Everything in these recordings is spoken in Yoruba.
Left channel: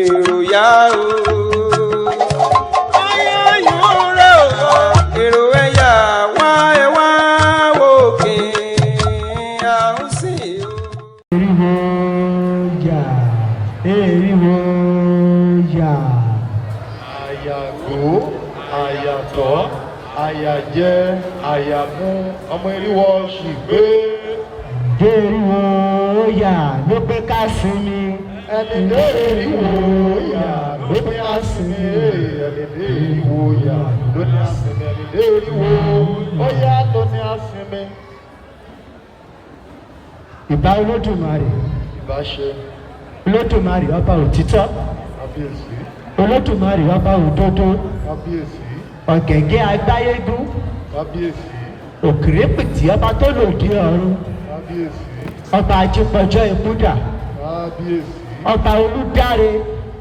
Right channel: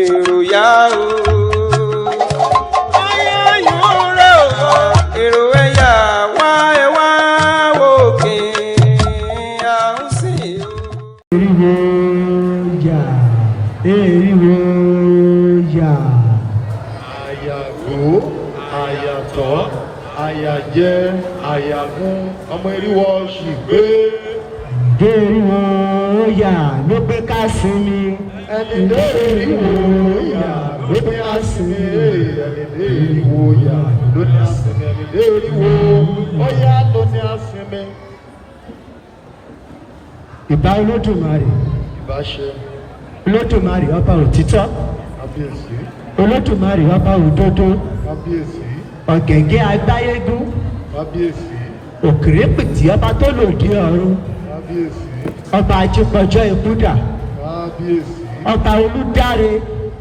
èrò yá o. Ayọ̀ rẹ̀ o, èrò ẹ̀yà wá ẹ wá òkè àhúnsì o. Eriwo yà, eriwo yà. Àyàgò, àyàtọ̀, àyàjẹ, àyàmú, ọmọ eriwo sì gbé. Eriwo yà ló pé ká sinmi. Ẹni dé eriwo yà ló pé ká sinmi. Ẹni dé eriwo yà ló ní sinmi. Ẹni dé eriwo ó yá ló ní sinmi. Ìbá Olódùmarè. Ìbáṣe. Olódùmarè ọba òtítọ́. Kábíyèsí. Olódùmarè ọba òdodo. Kábíyèsí. Ọ̀gẹ̀gẹ̀ agbáyégún. Kábíyèsí. Òkèrèpìtì ọba tó lòdì ọ̀run. Kábíyèsí. Ọba ajípọ̀jọ́ ìbúdà. Kábíyèsí. Ọba olúdáre.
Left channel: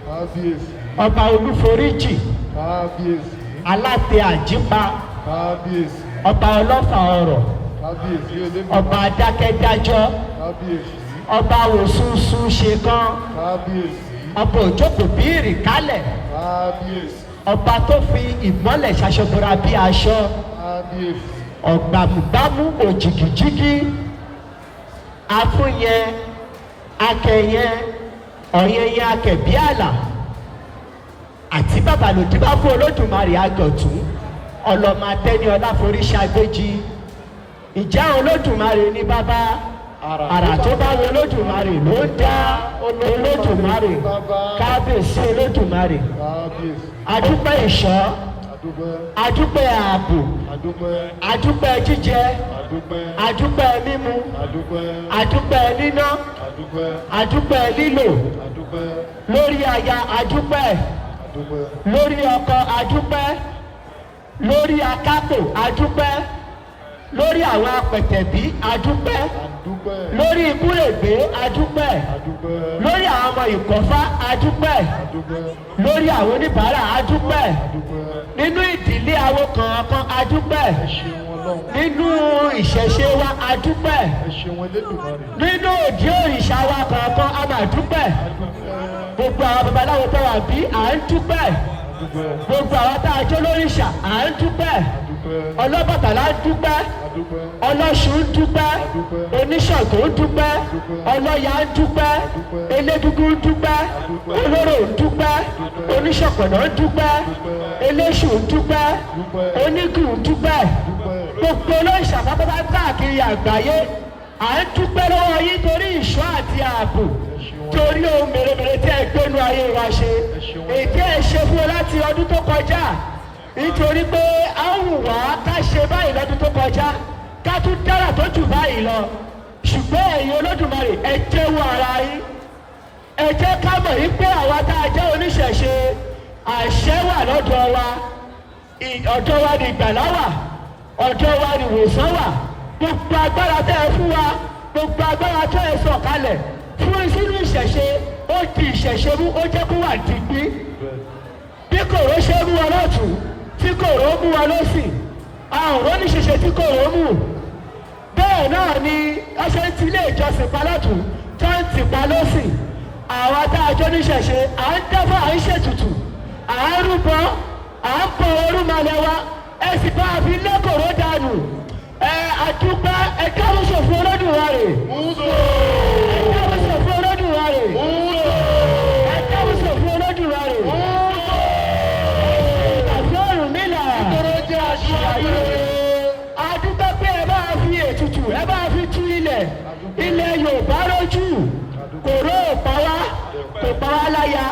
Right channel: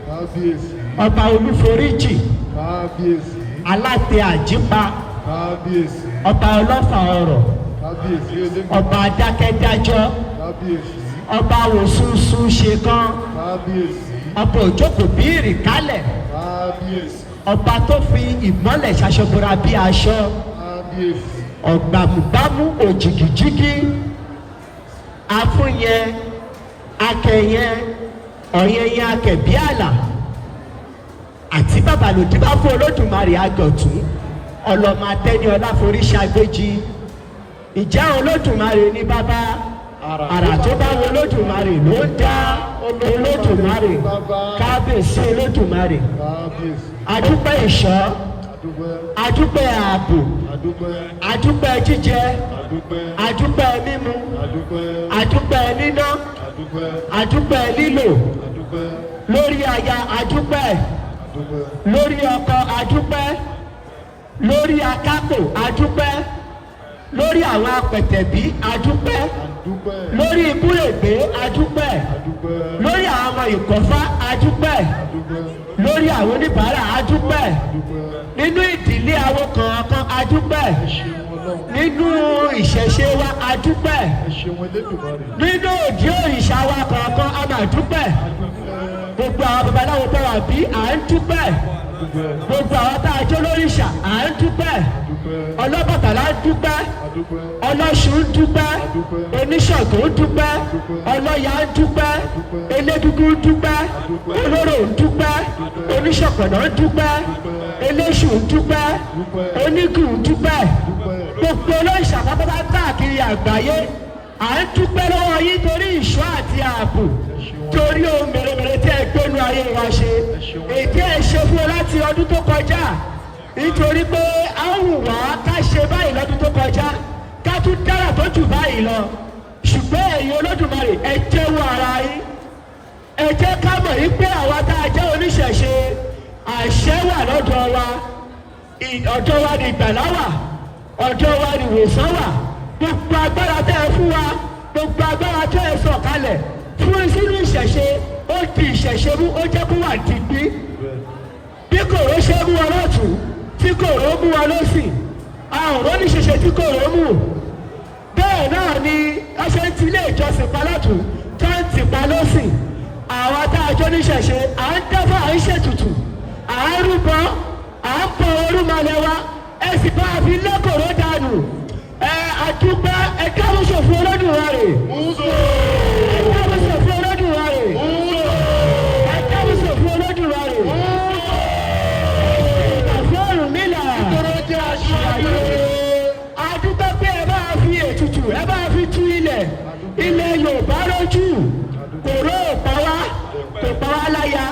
Kábíyèsí. Ọba olúforíjì. Kábíyèsí. Alátẹ àjípa. Kábíyèsí. Ọba ọlọ́fà ọ̀rọ̀. Kábíyèsí olóògbé. Ọba adákẹ́dájọ́. Kábíyèsí. Ọba òṣùṣù ṣe kan. Kábíyèsí. Ọba òjókòó bí ìrìkálẹ̀. Kábíyèsí. Ọba tó fi ìmọ́lẹ̀ ṣaṣọbora bí aṣọ. Kábíyèsí. Ọ̀gbàmùgbàmù òjìgìjìgì. Afúnyẹ, akẹyẹ, ọ̀yẹyẹ akẹ̀bí àlà. Àti bàbá lòdì bá fún Olódùmarè àgọ̀tún. Ọlọ́mọ atẹ́ni ọláforí ṣàgbéjì. Ìjà Olódùmarè ní bàbá. Àrà tó bá wọ Olódùmarè ló ń dá Olódùmarè. Kábíyèsí Olódùmarè. Kábíyèsí. Adúpẹ́ ìṣọ́. Adúpẹ́. Adúpẹ́ ààbò. Adúpẹ́. Adúpẹ́ jíjẹ. Adúpẹ́. Adúpẹ́ mímu. Adúpẹ́. Adúpẹ́ níná. Adúpẹ́. Adúpẹ́ lílò. Adúpẹ́. Lórí aya adúpẹ́. Adúpẹ́. Lórí ọkọ adúpẹ́. Lórí akápò adúpẹ́. Lórí àwọn apẹ̀tẹ̀bí adúpẹ́. Adúpẹ́. Lórí ibúrègbé adúpẹ́. Adúpẹ́. Lórí àwọn ọmọ ìkọ̀fá adúpẹ́. Adúpẹ́. Lórí àwọn oníbàárà adúpẹ́. Adúpẹ́. Nínú ìdílé àwọn kọ̀ọ̀kan adúpẹ́. Ẹ ṣeun Ọlọ́run. Nínú ìṣẹ̀ṣe wa adúpẹ́. Ẹ ṣeun Elédùmarè. Nínú òdì òrìṣà wa kọ̀ọ̀kan a máa dúpẹ́. Adúpẹ́. Gbogbo àwọn babaláwo tó wà bí à ń dúpẹ́. Adúpẹ́. Gbogbo àwọn tá a jó lóríṣà à ń dúpẹ́. Adúpẹ́. Ọlọ́bàtálá dúpẹ́. Adúpẹ́. Ọlọ́ṣun dúpẹ́. Oníṣàngó dúpẹ́. Ọlọ́ya dúpẹ́. Elégúngún dúpẹ́. Olóró dúpẹ́. Oníṣọ̀pọ̀nà dúpẹ́. Eléṣù dúpẹ́. Onígùn dúpẹ́. Gbogbo olóríṣà pátápátá káàkiri àgbáyé à ń dúpẹ́ lọ́wọ́ yín torí ìṣọ́ àti ààbò. Torí ohun mèremère tí ẹ gbénu ayé wa ṣe. Èdè ẹ ṣe fún ọ láti ọdún tó kọjá. Nítorí pé a ń wù wá ká ṣe báyìí lọ́dún tó kọjá. Ká tún dára tó jù báyìí lọ. Ṣùgbọ́n ẹ̀yin Olódùmarè ẹ jẹ́wọ́ ara yín. Ẹ jẹ́ ká mọ̀ yín pé àwa tá a jẹ́ oníṣẹ̀ṣe àṣẹ wà lọ́dọ̀ wa. Ọ̀dọ̀ wa ni ìgbàlá wà. Ọ̀dọ̀ wa ni ìwòsàn wà. Gbogbo agbára tẹ́ ẹ fún wa. Gbogbo agbára tẹ́ ẹ sọ̀ kalẹ̀. Fún sínú ìṣẹ̀ṣe ó di ìṣẹ̀ṣe mú ó jẹ́ kó wà dìgbì. Bí kòró ṣe mú wọn lọ́tún tí kòró mú wọn lọ́sì. Àwọn oníṣẹ̀ṣe tí kòró mú. Bẹ́ẹ̀ náà ni ẹsẹ̀ ti ilé ìjọsìn palátù tó ń tì pa lọ́sì. Àwọn tá a jọ níṣẹ̀ṣe à ń dáfà à ń ṣètùtù. À ń rúbọ à ń pọ orúmọlẹ̀ wa. Ẹ sì bá a fi lẹ́kọ̀ọ́ dànù. Àdúpẹ́ ẹ káwọ́ sọ̀fún Olódùmarè. Ẹ káwọ́ sọ̀fún Olódùmarè. Ẹ káwọ́ sọ̀fún Olódùmarè. Ẹ̀fọ́ Ọ̀rúnmìlà. Àdúpẹ́ pé ẹ bá fi ètùtù ẹ bá fi tú ilẹ̀ Yorùbá lójú. Kòró ò pa wá, kò pa wá láya,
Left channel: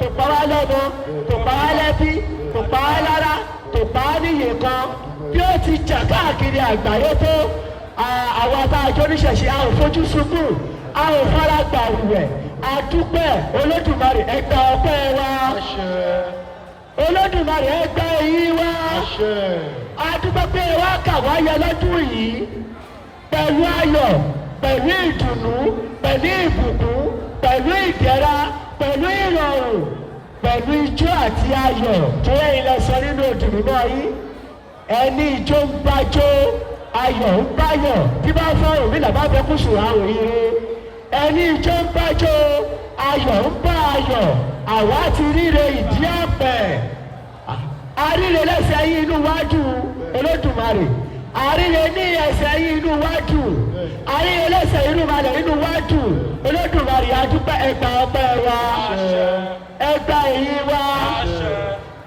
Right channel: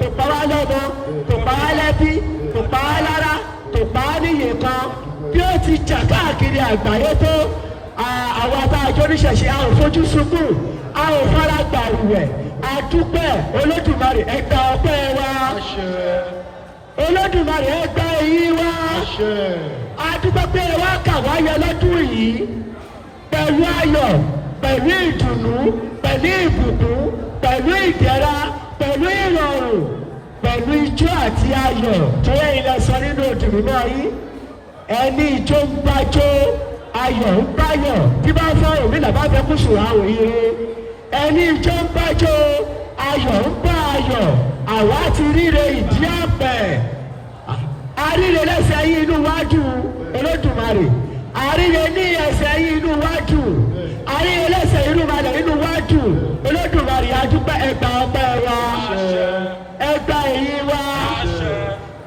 kò pa wá lọ́mọ, kò pa wá lẹ́bí, kò pa wá lára, kò pa wá níyè kan. Bí ó ti jà káàkiri àgbáyé tó àwọn ọba àjọ oníṣẹ̀ṣe a ò fojú sunkún a ò fara gbà rẹ̀ àdúpẹ́ Olódùmarè ẹgbẹ́ ọpẹ́ wa Olódùmarè ẹgbẹ́ èyí wa àdúpẹ́ pé wá kà wá yọ lọ́dún yìí pẹ̀lú ayọ̀ pẹ̀lú ìdùnnú pẹ̀lú ìbùkún pẹ̀lú ìdẹ̀ra pẹ̀lú ìrọ̀rùn pẹ̀lú ijó àti ayọ̀ tó yẹ ilẹ̀ sọ nínú òdùnnú náà yìí ẹni ijó ń bájó ayọ̀ ń báyọ̀ tí bá fẹ́ òmí làbá fẹ́ kú sùn àwọn ire ẹni ijó ń bájó ayọ̀ ń bá ayọ̀ àwa ti ríre ìdí ọ̀pẹ àríre lẹ́sẹ̀ yìí inú wájú Olódùmarè àríre ní ẹsẹ̀ yìí inú wájú àríre lẹ́sẹ̀ inú malẹ̀ inú wájú Olódùmarè adúpẹ́ ẹgbà ọpẹ́ wa ẹgbà èyí wa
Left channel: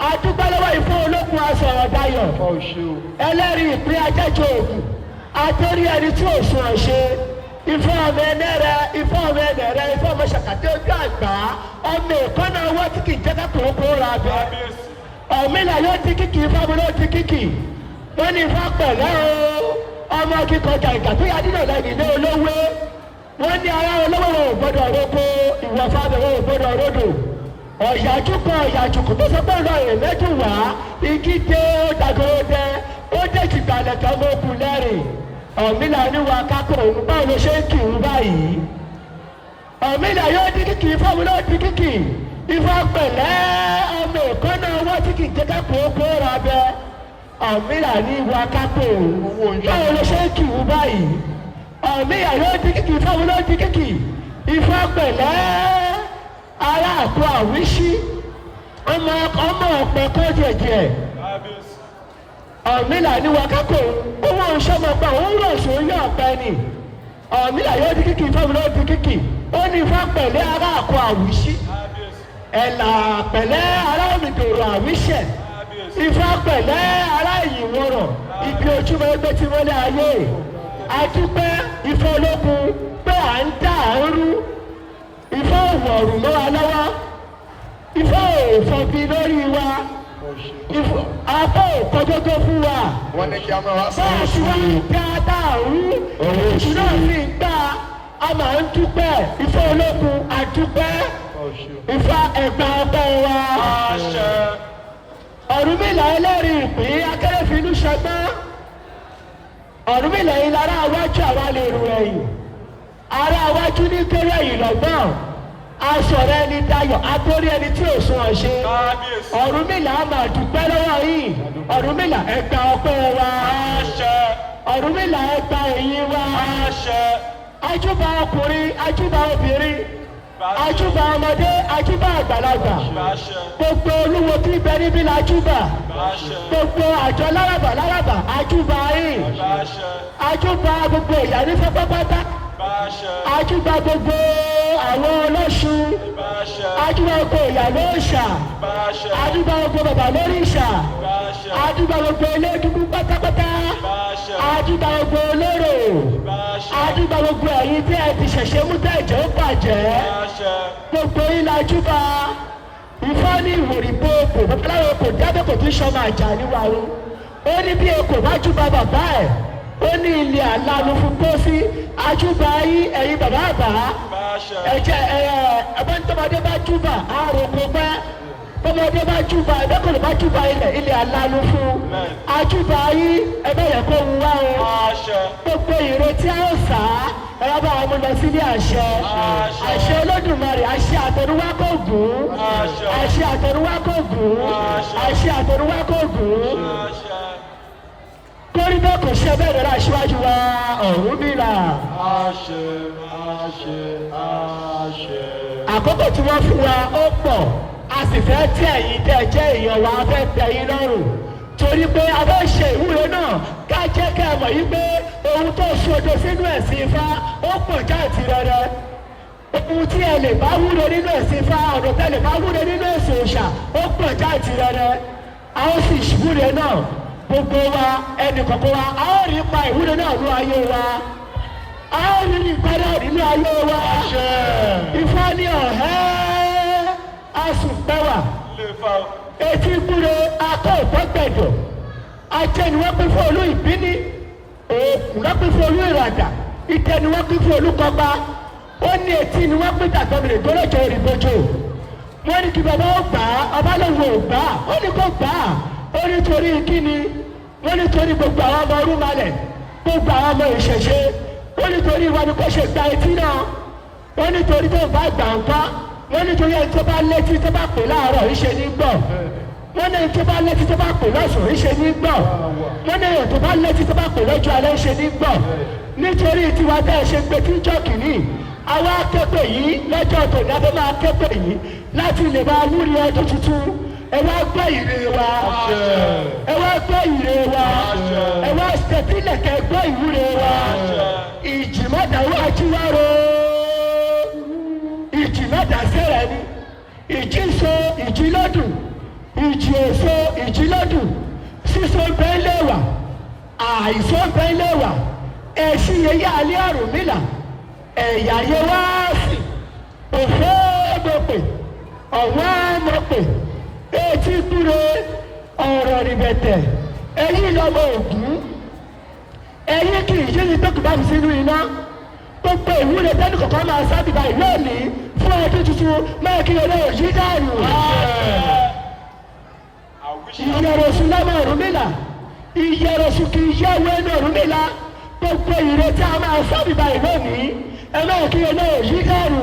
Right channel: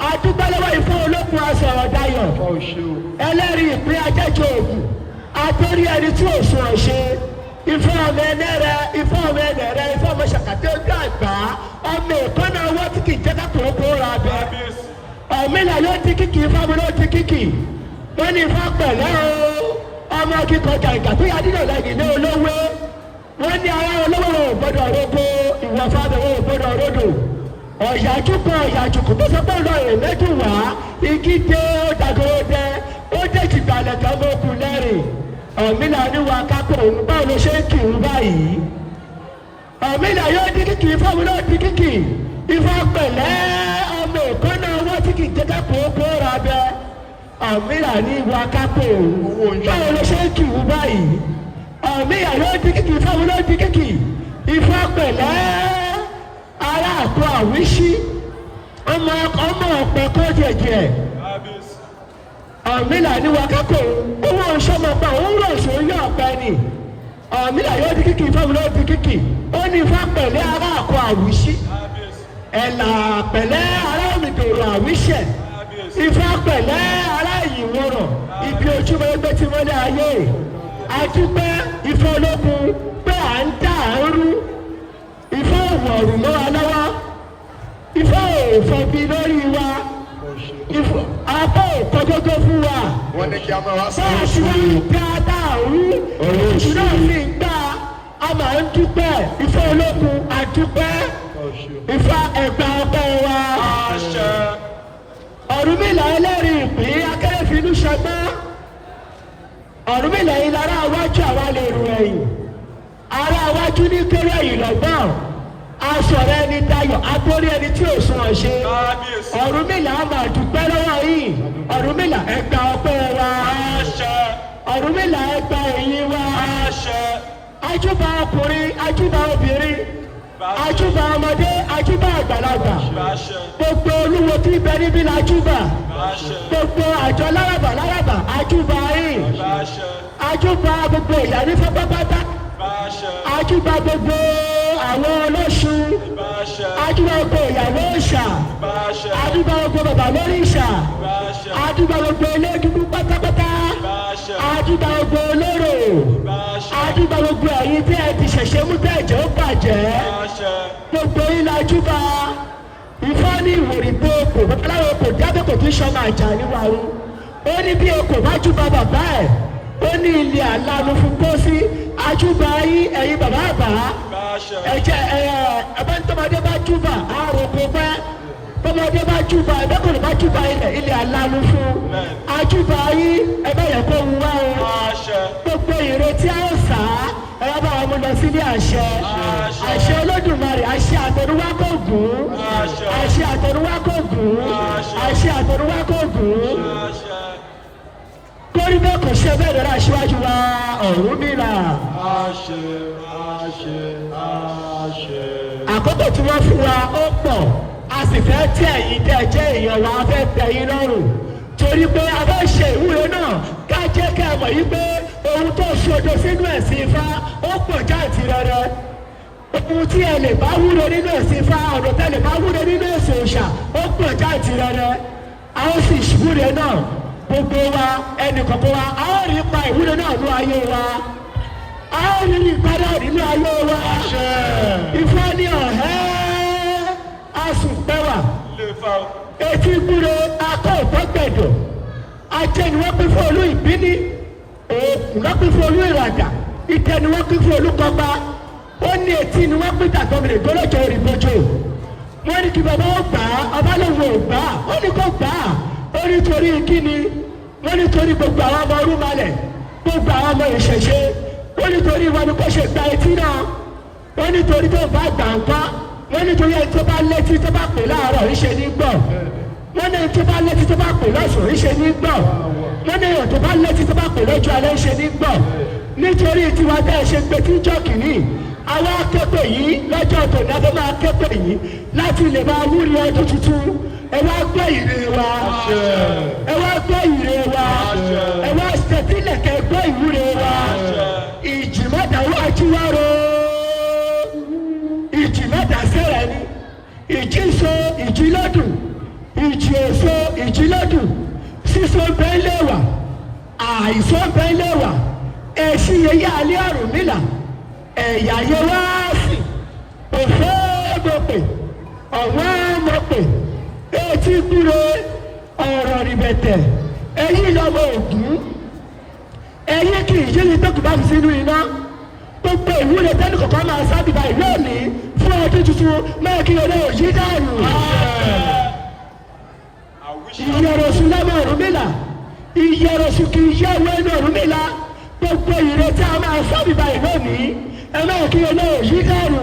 adúpẹ́ lọ́wọ́ ìfẹ́ olókun asọ̀rọ̀ dayọ̀ ẹlẹ́rìí ìpín ajẹ́jọ́ ògùn àtòrí ẹni tí ò sùn ọ̀ṣẹ́ ìfẹ́ ọmọ ẹnẹ́rẹ́ ìfẹ́ ọmọ ẹnẹ́rẹ́ ìfẹ́ ọmọ ṣàkàtẹ́ ojú àgbà ọmọ ìkọ́nà ọwọ́ tí kì í jẹ́ká kòókòó ra bẹ́ ọ̀mìnà ló ti kíkì ìfẹ́ ọmọ ló ti kíkì wọ́n ní ìfẹ́ pẹ̀lẹ́ o ọmọ kíkọ́ gàgà tó yà nínú ọ̀lẹ́yìn ní olówó wọ́n ní ara olówó ò gbọ́dọ̀ roko ìwọ̀fàdà ò gbọ́dọ̀ rodò ọ̀yàjúkọ ọ̀yàjúkọ tó sọ pé ọlọ́run méjì wá igi dé ó dàgbò dé ó dé jìgbàlẹ̀ kan mọ́ kú lẹ́rìn ọ̀mìnà níwà kápò òun báwo ló ṣe ń kì í báyìí ọ̀mìnà yóò di kíkì ìfọ́mu ló di kíkì ìfọ́ pẹ̀lẹ́ ọmọ ìkọ́nà owó tí kì í jẹ́ kápò ó kó ra bẹ́ ọ̀mìnà níwà kápò òun báwo ló ṣe ń kì í báyìí ọ̀mìnà yóò di kíkì ìfọ́mu ló di kíkì ìfọ́ pẹ̀lẹ́ ara àpò àwíṣí ọmọ ọ̀pẹ kó jẹjẹ ọ̀mìnà níwà kápò owó ọ̀ṣọ́mọpá òun rọ̀ sórí ọ̀pẹ ni ọ̀mìnà yóò di kíkì ìfọ́mu ló di kíkì ó ní ifá pẹ̀lẹ́ ara àpò àwíṣí ẹ̀là pẹ̀lẹ́ ara òmìnirò àwíṣẹ̀ ifá pẹ̀lẹ́ ara ìyìnwòrán ibi ojúmọ́ ẹgbẹ́ tí wọ́n lé ayé àdúpẹ́ ifá ológun pé à ń dá àárú ifá òwòrùn mọ́ wa lọ́wọ́ ifá òfòbí lórí wa apá òkọjọ́jọ́ fún wa báàsì wa ń dá dáàrú òṣù náà sì ń dá a máa ń dúpẹ́ ifá ológun àdúpẹ́ ifá ẹ̀gbà ọpẹ́ wa Ọ̀rúnmìlà ẹlẹ́rìí ìpín akérèfínú ṣẹgbẹ́ Ọ̀rúnmìlà yìí lára iwájú àwa lè rù ẹ̀yìn ara iwájú ní kéré ẹ̀yìn lọ́gbọ́n aṣọ̀rọ̀ ẹni dayọ̀ abórí ẹni tí ò sún ọ̀ṣẹ́ Ọ̀rúnmìlà á máa dúpẹ́ lọ́wọ́ yìí Ọ̀rúnmìlà ẹ̀gbà ọpẹ́ wa Ọ̀rúnmìlà ẹ̀gbà ẹ̀yìn wa ajúbà ọkùnrin ajúbà obìnrin ajúbà ọmọdé ajúbà àgbàlagbà gbogbo olúwo tí bẹ níbí la júbà gbogbo àjọ lárabà ajúbà yìí ajúbà gbogbo ìyá ní fẹ́pẹ́pátá ajúbà gbogbo àwọn ọlọ́sùn ajúbà gbogbo ìyàwó òòṣà ajúbà gbogbo bàbá lórí ìṣà ajúbà gbogbo elédùnú pátápátá ajúbà gbogbo olóró ajúbà gbogbo ẹ̀yin tí ẹ ti ṣẹ̀ṣẹ̀ mú tẹ̀jọ́ bàjẹ́ gbogbo ilà ajúbà ìfọ́ ní ìwòrìbó kò babaláwo kò jábọ̀ kò tún ṣọmọ àjà níwáwó ó ní bí o kò bá júbà bàbá ẹ̀ ó ní ilé àlànà fún pósí ajúbà yín ẹ̀yin bàbá àbá ẹ̀jẹ̀ ẹ̀bántọ́mọdé bá júbà àròkọ bá tọ́mọdé bá júbà ẹ̀bẹ́kọ̀ọ́ bá júbà ilé àlànà fún ajúbà yín ẹ̀bẹ́ yẹ kó wú wá o gbogbo ìrètí a ó sá ẹ̀rọ bá wọn lọ sílé àṣẹ Olódùmarè àṣẹ àtọ̀rúwá kò gùn àṣẹ àtọ̀rúwá kò gùn àṣẹ àtọ̀rúwá kò gùn torí bẹ́ẹ̀ kò ṣe bẹ́ẹ̀ lọ́la aṣíwájú wa Ọ̀rúnmìlà. Àkókò tí wọ́n fún wa ó pọ̀ a sì fẹ́ tí ẹ̀yin tẹ́ jẹ́ èèyàn wa fẹ́ tẹ́ yín lọ́rùn torí pé a fẹ́ ṣe ìwúre náà ká jẹ́ kí a mọ̀ yí pé ohun tó ṣodo sínú ẹ̀sìn Ifá ó pọ̀ jáàntìrẹrẹ ohun tí ẹ lè bá wúre nínú ẹ̀sìn Ifá ọ̀rọ̀ tẹ́ lè bá wúre nínú ẹ̀sìn òòṣà ó pọ̀ jáàntìrẹrẹ a ó sì ṣìwúre náà gbogbo wa ẹnì kọ̀ọ̀kan wa a ó rí ipa ìwúre náà ní ayé wa a ó rí ipa náà nínú ayé wa Ifá ní ọ̀hẹ́ asùnpẹ́wà etí gbúre akọ́ ìtọ́gbẹ̀dọ̀ ajẹ́niwọ́n pín fún olú ìbíní òògùn wọ́n pín fún olú ìràdà ìtẹniwọ́n pín fún olú kọba ó ní etí ni wọ́n pín tàgbọ́mìnrin tó lọ́jọ́ òrìbójò wọ́n ní kí bàbá ó gbà á ọba lóun ò gbà á ó ní kó gbà á ó ní torí kíni wọ́n ní torí gbogbo àwọn ọmọ orúmalẹ̀ gbogbo àwọn ọmọ ìṣẹ̀ṣe ó ní torí wọn kó ṣe gba etí náà wọ́n ní torí tó bá gbà ń pa wọ́n ní torí ẹni tó bá létí tó bá pè láàárọ̀ ìṣe ní gbọ̀ wọ́n ní ẹni tó bá létí tó bá pè lọ́sùn ìṣe ní gbọ̀ wọ́n ní ẹni tó bá létí tó bá pè lọ́jọ́ alẹ́ ìṣe ní gbọ̀ nítorí tiwa bẹ́ẹ̀ ṣe gbé tí jọ́ kìíní àwa akẹ́kọ̀ọ́ yìí lọ́jọ́ tó ní abẹ́ máa kẹ́kọ̀ọ́ yìí láti lè máa wúri ọdún tuntun ẹ wá gbé ìrè wa ẹ wá gbé ìrè wa ẹ wá ṣètìlẹ̀ kẹ́ gbé ìwúre wa ìjì mọ́tà wá jíwárò ìjì mọ́tà sẹ́rẹ̀ ni ìjì so ìjì lọ́dún ìjì òso ìjì lọ́dún sísọ bẹ́ẹ̀ lẹ́wà àìsàn bẹ́ẹ̀ lẹ́wà ẹ̀sìn yẹyẹ alẹ́ Ọ̀rúnmìlà ẹ̀yà yẹ wá sí òfò mọ̀pẹ̀ ọ̀wọ́n mọ̀pẹ̀ etí kúre ọ̀rọ̀ rìbẹ̀tẹ̀ ẹ̀yìn lọ́wọ́ Ògún ẹ̀yìn kì í yíyí tó kù bá mi sínú iná gbogbo ìwúre tẹ́lẹ̀ kọ̀ọ̀kan máa sábìbà ìlú òní fún ọdún tuntun máa kí ọlọ́ òyìn dànù. ìyẹ̀rọ̀sùn lọ́mọ Ọ̀rúnmìlà ìyẹ̀rọ̀sùn kì í yẹ owó ẹni Ọ̀rúnmìlà gbogbo ìrètí a máa sábìbà ìlú òní ẹ máa kí ọlọ́ òyìn dànù.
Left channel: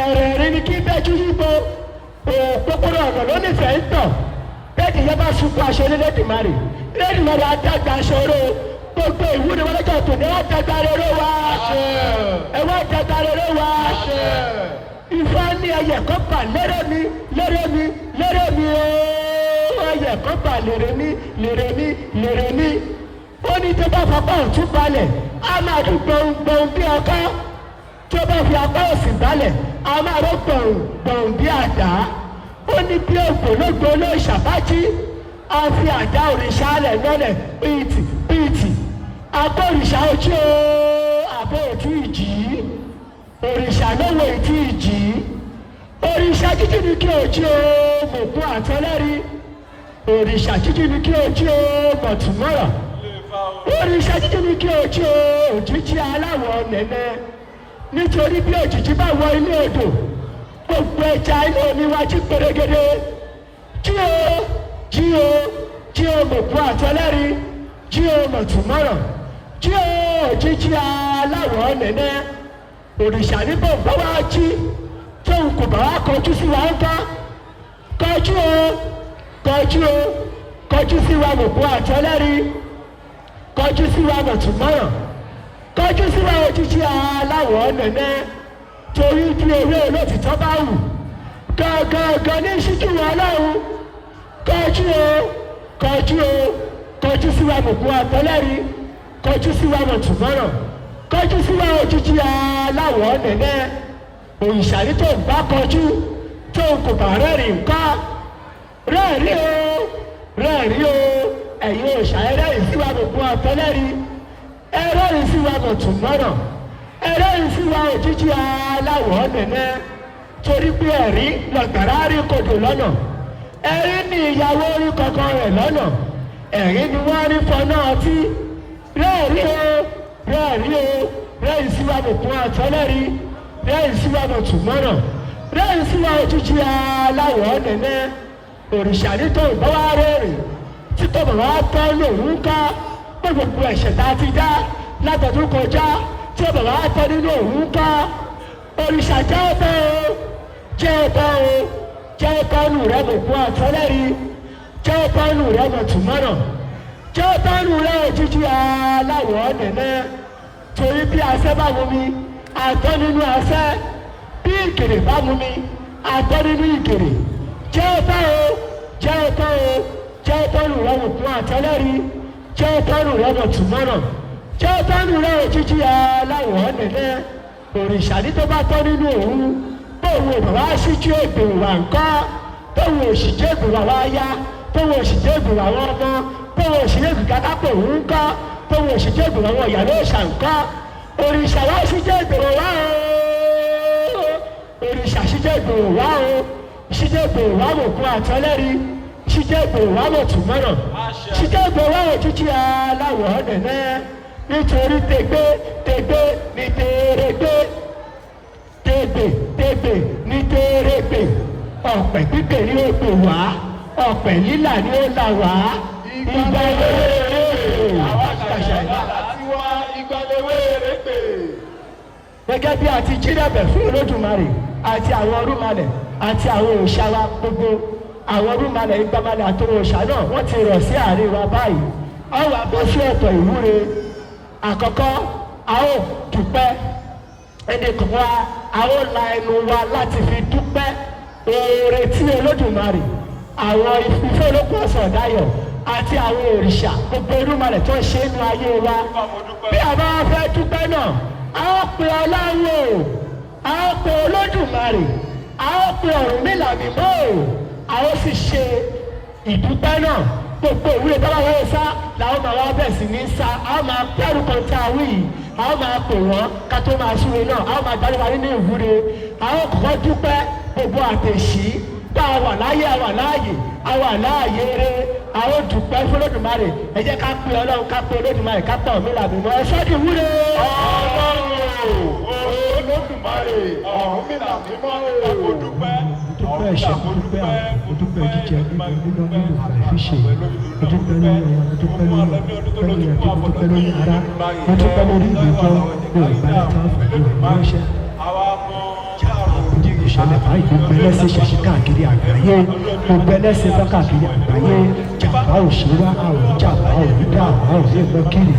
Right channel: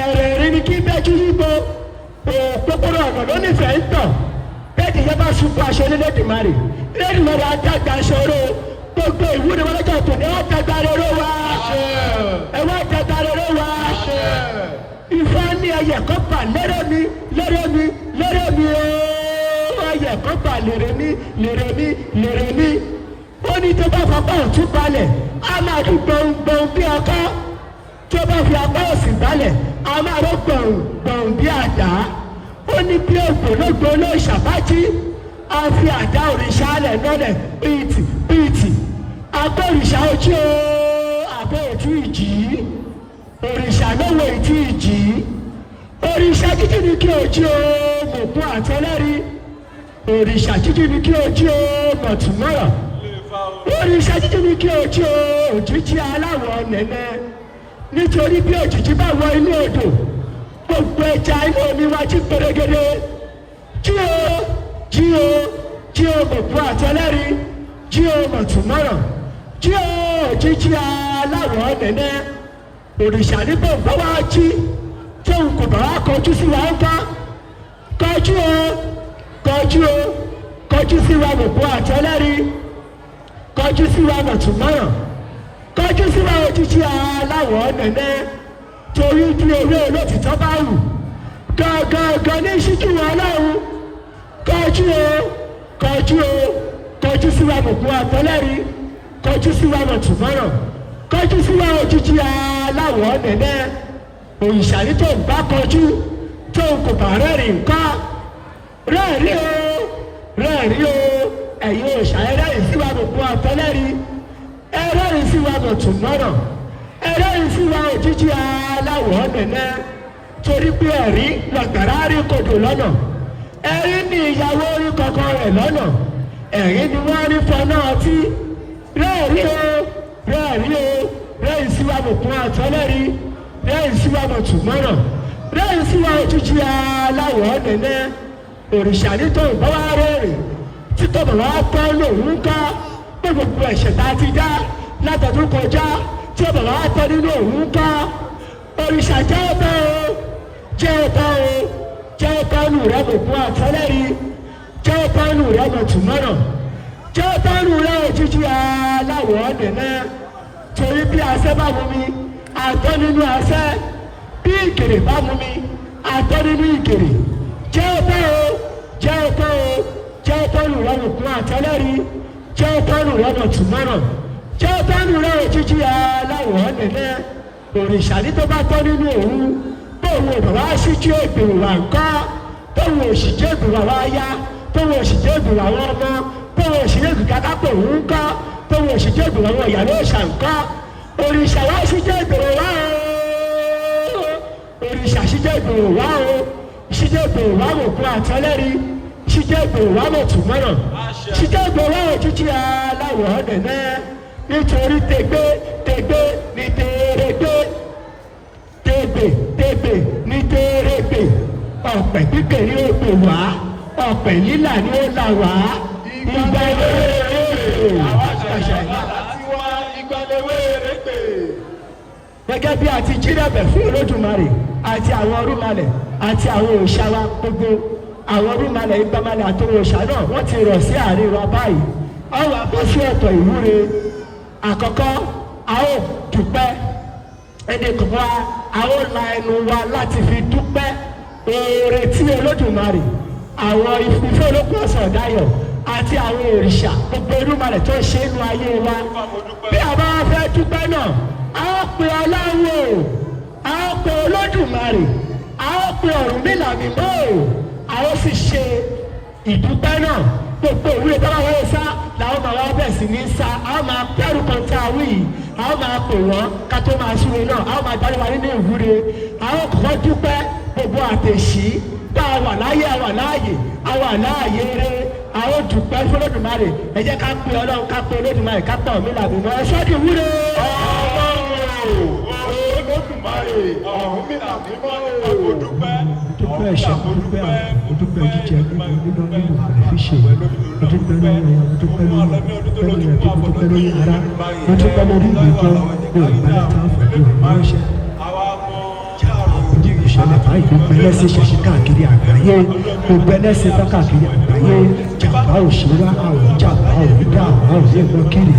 ẹ̀rẹ̀ rí ni kí bẹ́jú yíbo òpópónà ọ̀nà ló nífẹ̀ẹ́ ń tọ̀ bẹ́ẹ̀ni yẹn bá sunkún aṣọ Elédùmarè Elédùmarè àdàgbà aṣọ́rò gbogbo ìwúre wọn lọ́jọ́ tó ní àdàgbà rere wa ẹ̀wọ́n àdàgbà rere wa Ifá ní ẹyẹ kọ́pà lérè mi lérè mi lérè mi ẹyẹ kọ́pà lérè mi lérè mi lérè mi ó ní tó bá fapá òtún balẹ̀ á máa dún gbòǹgbòǹ bí ọkọ́ tó bá fi apá òsì balẹ̀ á máa rọ gbòǹgbòǹ bí àdá ó ní bí ògbólógbò ló ṣàbájí a fi àdá òrìṣà alẹ̀ lọ́lẹ̀ pìtì pìtì abọ́ òrìṣà ojú abọ́ òtún ìjì òrìṣà lọ́wọ́ ìtì ìjì òrìṣà jíjí ni kí ojú mọ̀kún àtọ́lẹ́rí òrìṣà jíjí ni kí ojú mọ̀túnmọ́rọ̀ òrìṣà jíjí ni kí ojú òjijì aláwọ̀ nẹ̀nẹ̀ nítorí bí òjijì bá wọ inú odò gbogbo ẹja inú omi wá jí pérégedé jí o mọ̀kún àtọ́lẹ́rí jí o mọ̀túnmọ́rọ̀ jí o òjijì aláwọ̀ nẹ̀nẹ̀ òrìṣà ní bọ̀ǹbọ̀ wá jí tóun kò bá wá kọjú sí wa ń bá kọjú sí wa mọ̀kún àtọ́lẹ́rí kọjú sí wa mọ̀túnmọ́rọ̀ kọjú sí wa òjijì aláwọ̀ nẹ̀nẹ̀ torí bí ewé olótìtọ́ bá wù gangan ní ìṣíjú wọn lọ́hùn kọjú sí wa mọ̀kún àtọ́lẹ́rí kọjú sí wa mọ̀túnmọ́rọ̀ kọjú sí wa òjijì aláwọ̀ nẹ̀nẹ̀ òrìṣà ní tó ń bá kọjú tó ń kò bá rẹ́rìn nǹkan rẹ́ẹ̀rí o ẹ̀yin òòṣà ẹlẹ́rìí sí wa mọ̀kún àtọ́lẹ́rí ẹlẹ́rìí sí wa mọ̀túnmọ́rọ̀ ẹlẹ́rìí sí wa òjijì aláwọ̀ nẹ̀nẹ̀ torí pé ẹ̀rí lọ̀gbàrá rí kodò lọ́nà ẹ̀rí ni ìyàwó orí kankan rẹ̀ lọ́nà ẹ̀rí ni wọ́n rí fọná ọtí rẹ́ẹ̀rí sí wa mọ̀kún àtọ́lẹ́rí rẹ́ẹ̀rí sí wa mọ̀túnmọ́rọ̀ rẹ́ẹ̀rí sí wa òjijì aláwọ̀ nẹ̀nẹ̀ òrìṣà ní tó ń bá wá rẹ́rìn tí tó bọ̀ wá tọ́ lòun ká pé gbogbo ẹ̀ṣẹ̀ tá a ti dá látọ̀dún kọjá tí ó bọ̀ wá tọ́ nínú òun ká òrìṣà jẹ́ ọ̀tọ̀ nù rẹ̀ mọ̀kún àtọ́lẹ́rí jẹ́ ọ̀tọ̀ nù rẹ̀ mọ̀túnmọ́rọ̀ jẹ́ ọ̀tọ̀ nù rẹ̀ òjijì aláwọ̀ nẹ̀nẹ̀ torí bí asẹ́ bá mú mi àtọ́ nínú asẹ́ bí ìgèrè bá mú mi àtọ́ nínú ìgèrè jẹ́ ọ̀tọ̀ nù rẹ̀ mọ̀kún àtọ́lẹ́rí jẹ́ ọ̀tọ̀ nù rẹ̀ mọ̀túnmọ́rọ̀ jẹ́ ọ̀tọ̀ nù rẹ̀ òjijì aláwọ̀ nẹ̀nẹ̀ òrìṣà ní tó bá tọ́ nínú òru tóun ò bá wá sí tí ó gbèrò wà ńkọ́ tóun ò sì jẹ́ gbèrò wá yá tóun ò sì jẹ́ gbèrò àwọn ọmọ tóun ò sì jẹ́ gbèrò káká tóun ńkọ́ tóun ò sì jẹ́ gbèrò àwọn ìyàwó ìṣà ńkọ́ òrìṣà wá sí jẹ́ gbèrò wá o òrìṣà sí jẹ́ gbèrò wá o sí jẹ́ gbèrò wá mọ̀kún àtọ́lẹ́rí sí jẹ́ gbèrò wá mọ̀túnmọ́rọ̀ sí jẹ́ gbèrò wá òjijì aláwọ̀ nẹ̀nẹ̀ nítorí tẹgbẹ́ ní tẹ́rẹ́gbẹ́ ní tẹ́rẹ́gbẹ́ ọ̀pẹ̀ pípẹ́ ni ó gbè wá ọ̀pẹ̀ lílà ni ó là wá ìgbà gẹ́gẹ́ bí a ti jírẹ̀bẹ̀ fún Olódùmarè àti àwọn Ọ̀rúnmọlẹ̀ àti àwọn òòṣà wa gbogbo àwọn Ọ̀rúnmọlẹ̀ Ìgbàmọlẹ̀ àti òòṣà náà wọ́n ti rọ̀ sí àárín wa báyìí ọ̀rọ̀ àbọ̀ sí ọ̀tọ̀ ìwúre àkọ́kọ́ a ó dúpẹ́ ẹni kan wá àwọn la ẹnu wa láti fi dúpẹ́ oore tí Olódùmarè àwọn ìfúnfẹ́ olókùn ọ̀sán ọ̀dáyọ̀ àti àwọn òrìṣà gbogbo Olódùmarè tó ṣe é nu ayé wa bí àbá fẹ́ dúpẹ́ náà a ó pe Ọlọ́run o a ó pe Olódùmarè a ó pe Ọ̀rúnmìlà mímọ́ o a ó sì ṣe ìdúpẹ́ náà gbogbo ìwé ìdárayá sá làwọn máa wá bẹ̀ sí ní sá a máa pẹ́rù kan tá a wí yìí a máa pè wọ́n ká tó máa ṣúre náà a máa darí wa nínú ìwúre a ó kọ́ dúpẹ́ gbogbo àtẹ̀sí tá a wà láyé a wà láàyè a wà láàyè rẹ a ó dúpẹ́ fún Olódùmarè ẹ jẹ́ ká pe Ọlọ́run ká pe Olódùmarè ká pọ̀ mí làbí mọ́ ẹ sọ́dí ìwúre. Olódùmarè ọ̀hún mi làbí mọ́ o. Dúpẹ́ ẹ̀ṣẹ̀ dúpẹ́ àwọn dúpẹ́ jíjẹ nínú àìfiṣe dúpẹ́ lórí dúpẹ́ lórí dúpẹ́ lórí ara dúpẹ́ lórí ìgbẹ́jọ́ ìgbẹ́ tó ń fẹ́ ìránṣẹ́. Ìṣẹ̀lẹ̀ báyìí gbogbo ẹlẹ́sìn ṣẹ̀ṣì káàkiri àgbáyé gbogbo ẹlẹ́sìn bá káàkiri àgbáyé jàmbá òṣèré àwọn jàmbá òrùdá àwọn òṣèré kiri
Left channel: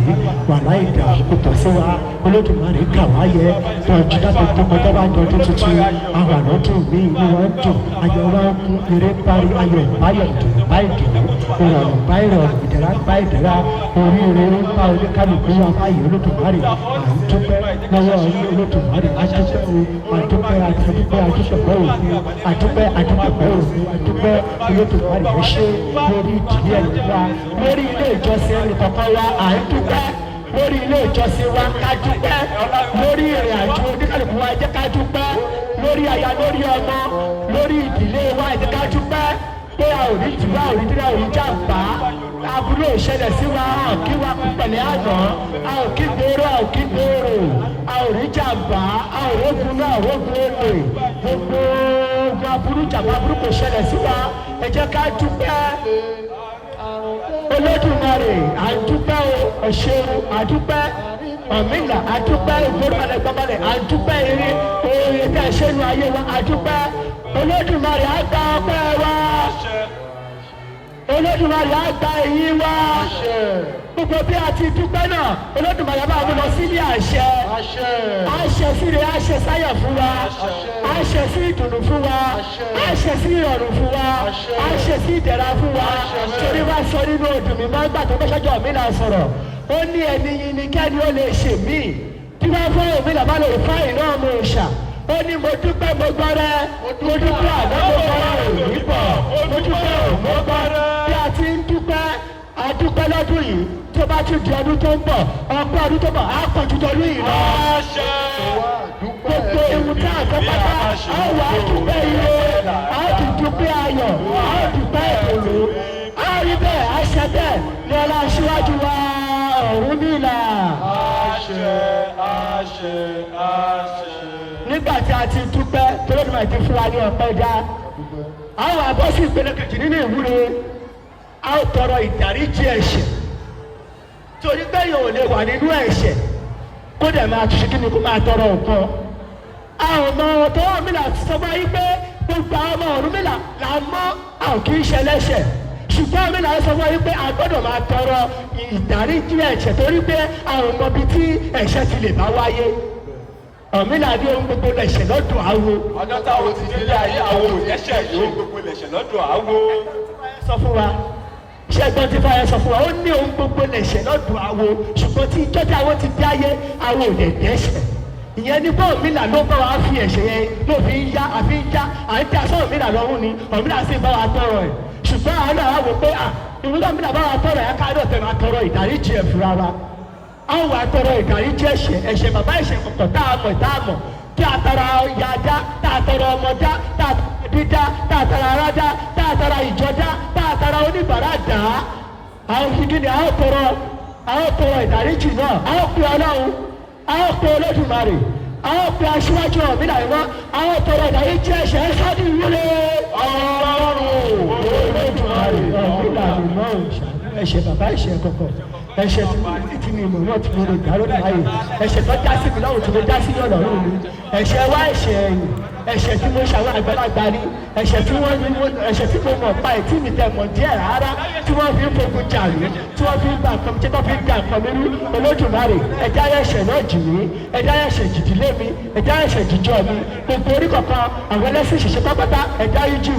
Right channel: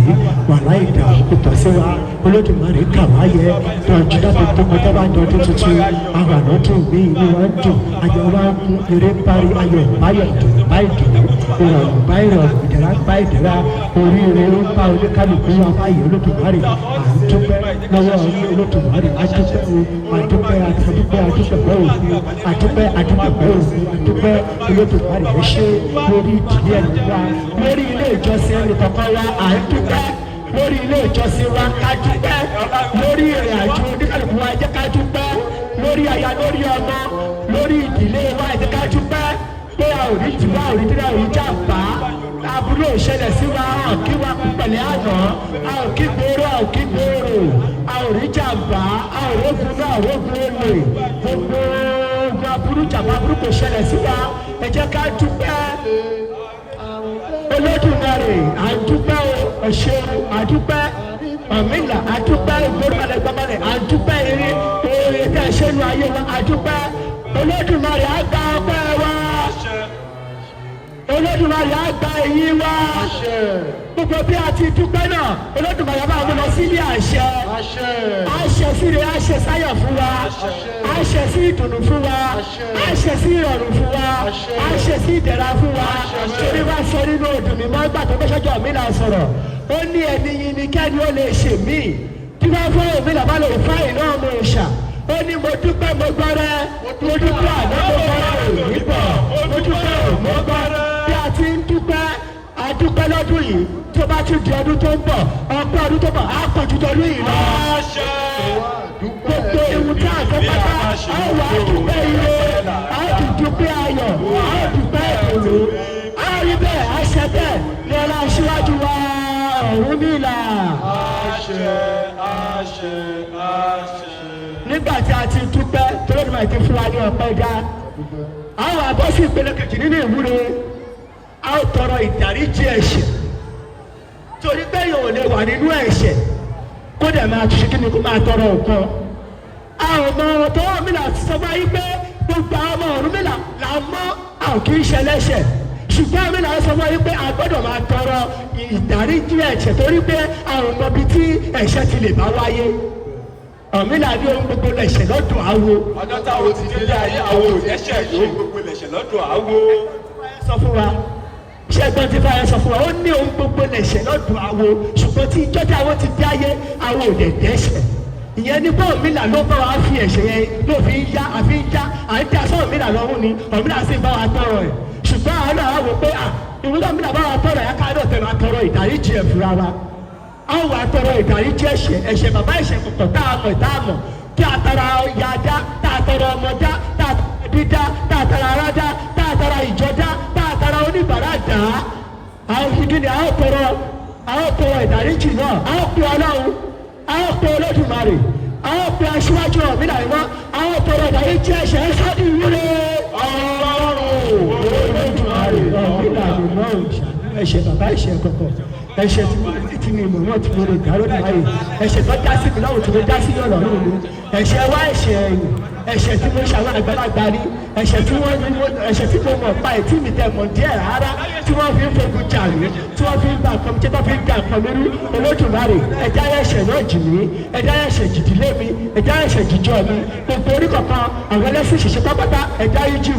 wàhálà ìdá òkúta sí wa Olódùmarè kà wáyé tọ́jú dábò tó kọjá bá jọ tó tuntun àwọn àná tó mí inú wọn dùn ayọ̀ wa mú eré parí ayọ̀ báyọ̀ dùn báyìí dùn ìrọ̀rùn báyìí rọrùn ìdẹ̀ra báyìí dẹ̀ra oríire ń bá oníkálukú wa báyìí Olódùmarè à ń dúpẹ́ lọ́wọ́ yín Olódùmarè adúpẹ́ Olódùmarè ẹ ṣé lórí ìdílé ẹni wa lórí ilé ìjọsìn ẹni kankan wa à ń dúpẹ́ lórí ilé ìjọsìn wa ká dúpẹ́ lórí ìrìn àjò oníkàlùkù wa jẹ́ ká dúpẹ́ lórí aya lórí ọmọ lórí ìdílé wa jẹ́ ká dúpẹ́ pé a ò rí jùlọ a ò rí jùlọ a ò rí jàmbá aburú ìṣẹ̀lẹ̀ sí wa a ò kí wa pẹ̀lẹ́ àmọ́ a ò kí gbóòrò a ò kí gbóòrò a ò rí jàmbá a ò rógun náà rógun olè gbogbo aburú jàmbá aburú kò ṣẹlẹ̀ sí wa ẹ jẹ́ ká dúpẹ́ Olódùmarè àdúpẹ́ ọ̀ṣẹ́ àdúpẹ́ Ọ̀rúnmìlà àdúpẹ́ ìgbóròmọlẹ̀ gbọ́mọlẹ̀ àdúpẹ́ eré oore tẹ́ ẹ ṣe lu ayé wa àdúpẹ́ Olódùmarè àgbà ọpẹ́ wa Olódùmarè àgbà ìyìn wa gbogbo bí a ti dúpẹ́ náà Olódùmarè máa mú lọ sí ilé àṣẹ àṣẹ síre àṣẹ sáyà fún wa àṣẹ sí ìdùnnú fún wa àṣẹ sí ìrọ̀rùn fún wa àṣẹ sí ìdẹ̀ra fún wa torí bá sọ nínú òdùn mi máa ń gbà tó bẹ́sẹ̀jọ́ mi là sọ̀rọ̀ ó ní ẹni yìí ni kẹ́ni ó lè ṣe mí tí wọ́n fọ́ òmí làbá lè fá iná ọmọ òòṣà ó ní mo dúpẹ́ mo gbọ́rẹ́ mo dúpẹ́ àmọ́ mo gbọ́rẹ́ òní bọ̀ mo dúpẹ́ mo gbọ́rẹ́ bí a ti ń dúpẹ́ adúpẹ́ lọ́dún yìí tó bá tún di ọdún tó ń bọ̀ ọgbọ́n ọdún tó bọ̀ á kò ju tọdún yìí lọ. Gbogbo ewu tí a fẹ́ pátá àwọn àdúpẹ́ ire àdúpẹ́ ayọ̀ àdúpẹ́ ìdòwò àrí bẹ́ẹ̀ àṣẹ bẹ́ẹ̀ ní ẹ̀rọ aṣíwájú wa Ọ̀rúnmìlà. Nígbà tí a ti dúpẹ́ tó lóògùn àti fún wa ní ọpẹ́ dá àwọn abọ́sí ìpele kejì nínú ìwúre a ó tọrọ ìdáríjì ẹ̀ṣẹ̀ torí pé yóò lè wà nínú ẹ̀ṣẹ̀ kó dẹ̀ máa tún ṣe kí ni kó máa tọrọ nǹkan. àwọn ọmọ ọ̀tọ̀ Ọ̀rúnmìlà ti sọ wáyé pé gbogbo àwọn ọmọ Ọ̀rúnmìlà là ń mọ́ àwọn kì í ṣe ẹlẹ́ṣẹ̀ ṣùgbọ́n Ọ̀rúnmìlà sọ wáyé pé a gbọ́dọ̀ máa tọrọ ìdáríjì ẹ̀ṣẹ̀ torí pé àwọn ọmọ bíi tí ẹ̀ṣẹ̀ ti lè bá wáyé. Ọ̀rúnmìlà ní ohun gbogbo lẹ̀ṣẹ̀ lọ́dọ̀ àwo. ọjọ́ táwọn ti délé ayé àwọn òṣìṣẹ́ yìí gbogbo lẹ̀ṣẹ̀ lọ́dọ̀ àwo. sọ fún wa ṣẹ́gbọ́n ti bá ẹ sọ fún wa ó ní ohun gbogbo lẹ̀ṣẹ̀ lọ́dọ̀ àwo ṣùgbọ́n tí ìjọ́jà àwọn ti dé ayé àwọn ò lè dẹ́ṣẹ̀ ìyẹn ní bọ́ Ọ̀rúnmìlà ló bá wa fi ẹ̀ṣẹ̀ yẹn ló fi ń yá àfi ń já à ń dá sọ Ọ̀rúnmìlà lọ́rùn ni Ọ̀rúnmìlà sì bá wa tọrọ ẹ̀ ṣùgbọ́n àwọn náà wò pé ìwúlò Ọ̀rúnmìlà bá wa tọrọ ẹ̀ káàdọ̀ tẹ̀ máa tọrọ ìdáríjì ẹ̀ fúnra wa àwọn àtọrọ ìdáríjì ẹ̀ṣẹ̀ bàbá ẹ̀ṣẹ̀ kọ̀kọ̀ táàmọ̀ tí a tara ọ̀yà dá tá a tọrọ ọmọ dá tá a tara dídá tá a tara ara dá tá a tara ìjọ dá tá a tara oníbàárà dá àwọn ìdílé àwọn tọrọ ìdáríjì náà àwọn pè Ọlọ́run àwọn pè Olódùmarè àwọn pè aṣíwájú Ọ̀rúnmìlà iná àwọn tọrọ ìdáríjì ẹ̀ṣẹ̀ ẹ̀ sábì wúlò Olódùmarè Ọ̀rúnmìlà iná ẹ̀ṣẹ̀ bàbá ẹ̀ṣẹ̀ kọ̀kọ̀ ẹ̀ṣẹ̀ tí mi mọ̀ wọ́n ti mo lè dá lọ́dún ayé ẹ̀ṣẹ̀ tó dá sí mi lọ́rùn tí mo dá sí ọ̀rọ̀ mi ẹ̀ṣẹ̀ wá ẹ̀ṣẹ̀ ẹ̀yìn ẹ̀ṣẹ̀ tí mo ṣàwọn àgbàlagbà rí ẹ̀ṣẹ̀ tí mo mọ̀ pa ẹ̀ tí mi tẹ̀ mọ̀ díẹ̀ rárá tí wọ́n fi ń fogun jà mí tí wọ́n fi ń bá àkọ́mi tí wọ́n fi ń ga àkọ́mi rú Olódùmarè ẹ̀dá ẹ̀ṣẹ̀ náà jì mí ẹ̀dá ẹ̀ṣẹ̀ jìdílé mi ẹ̀dá ẹ̀ṣẹ̀ jíjọ mi gbogbo orí kọ̀ọ̀kan àwọn ẹlẹ́sìn ṣiṣẹ́ pápátá ẹ̀dá yìí jù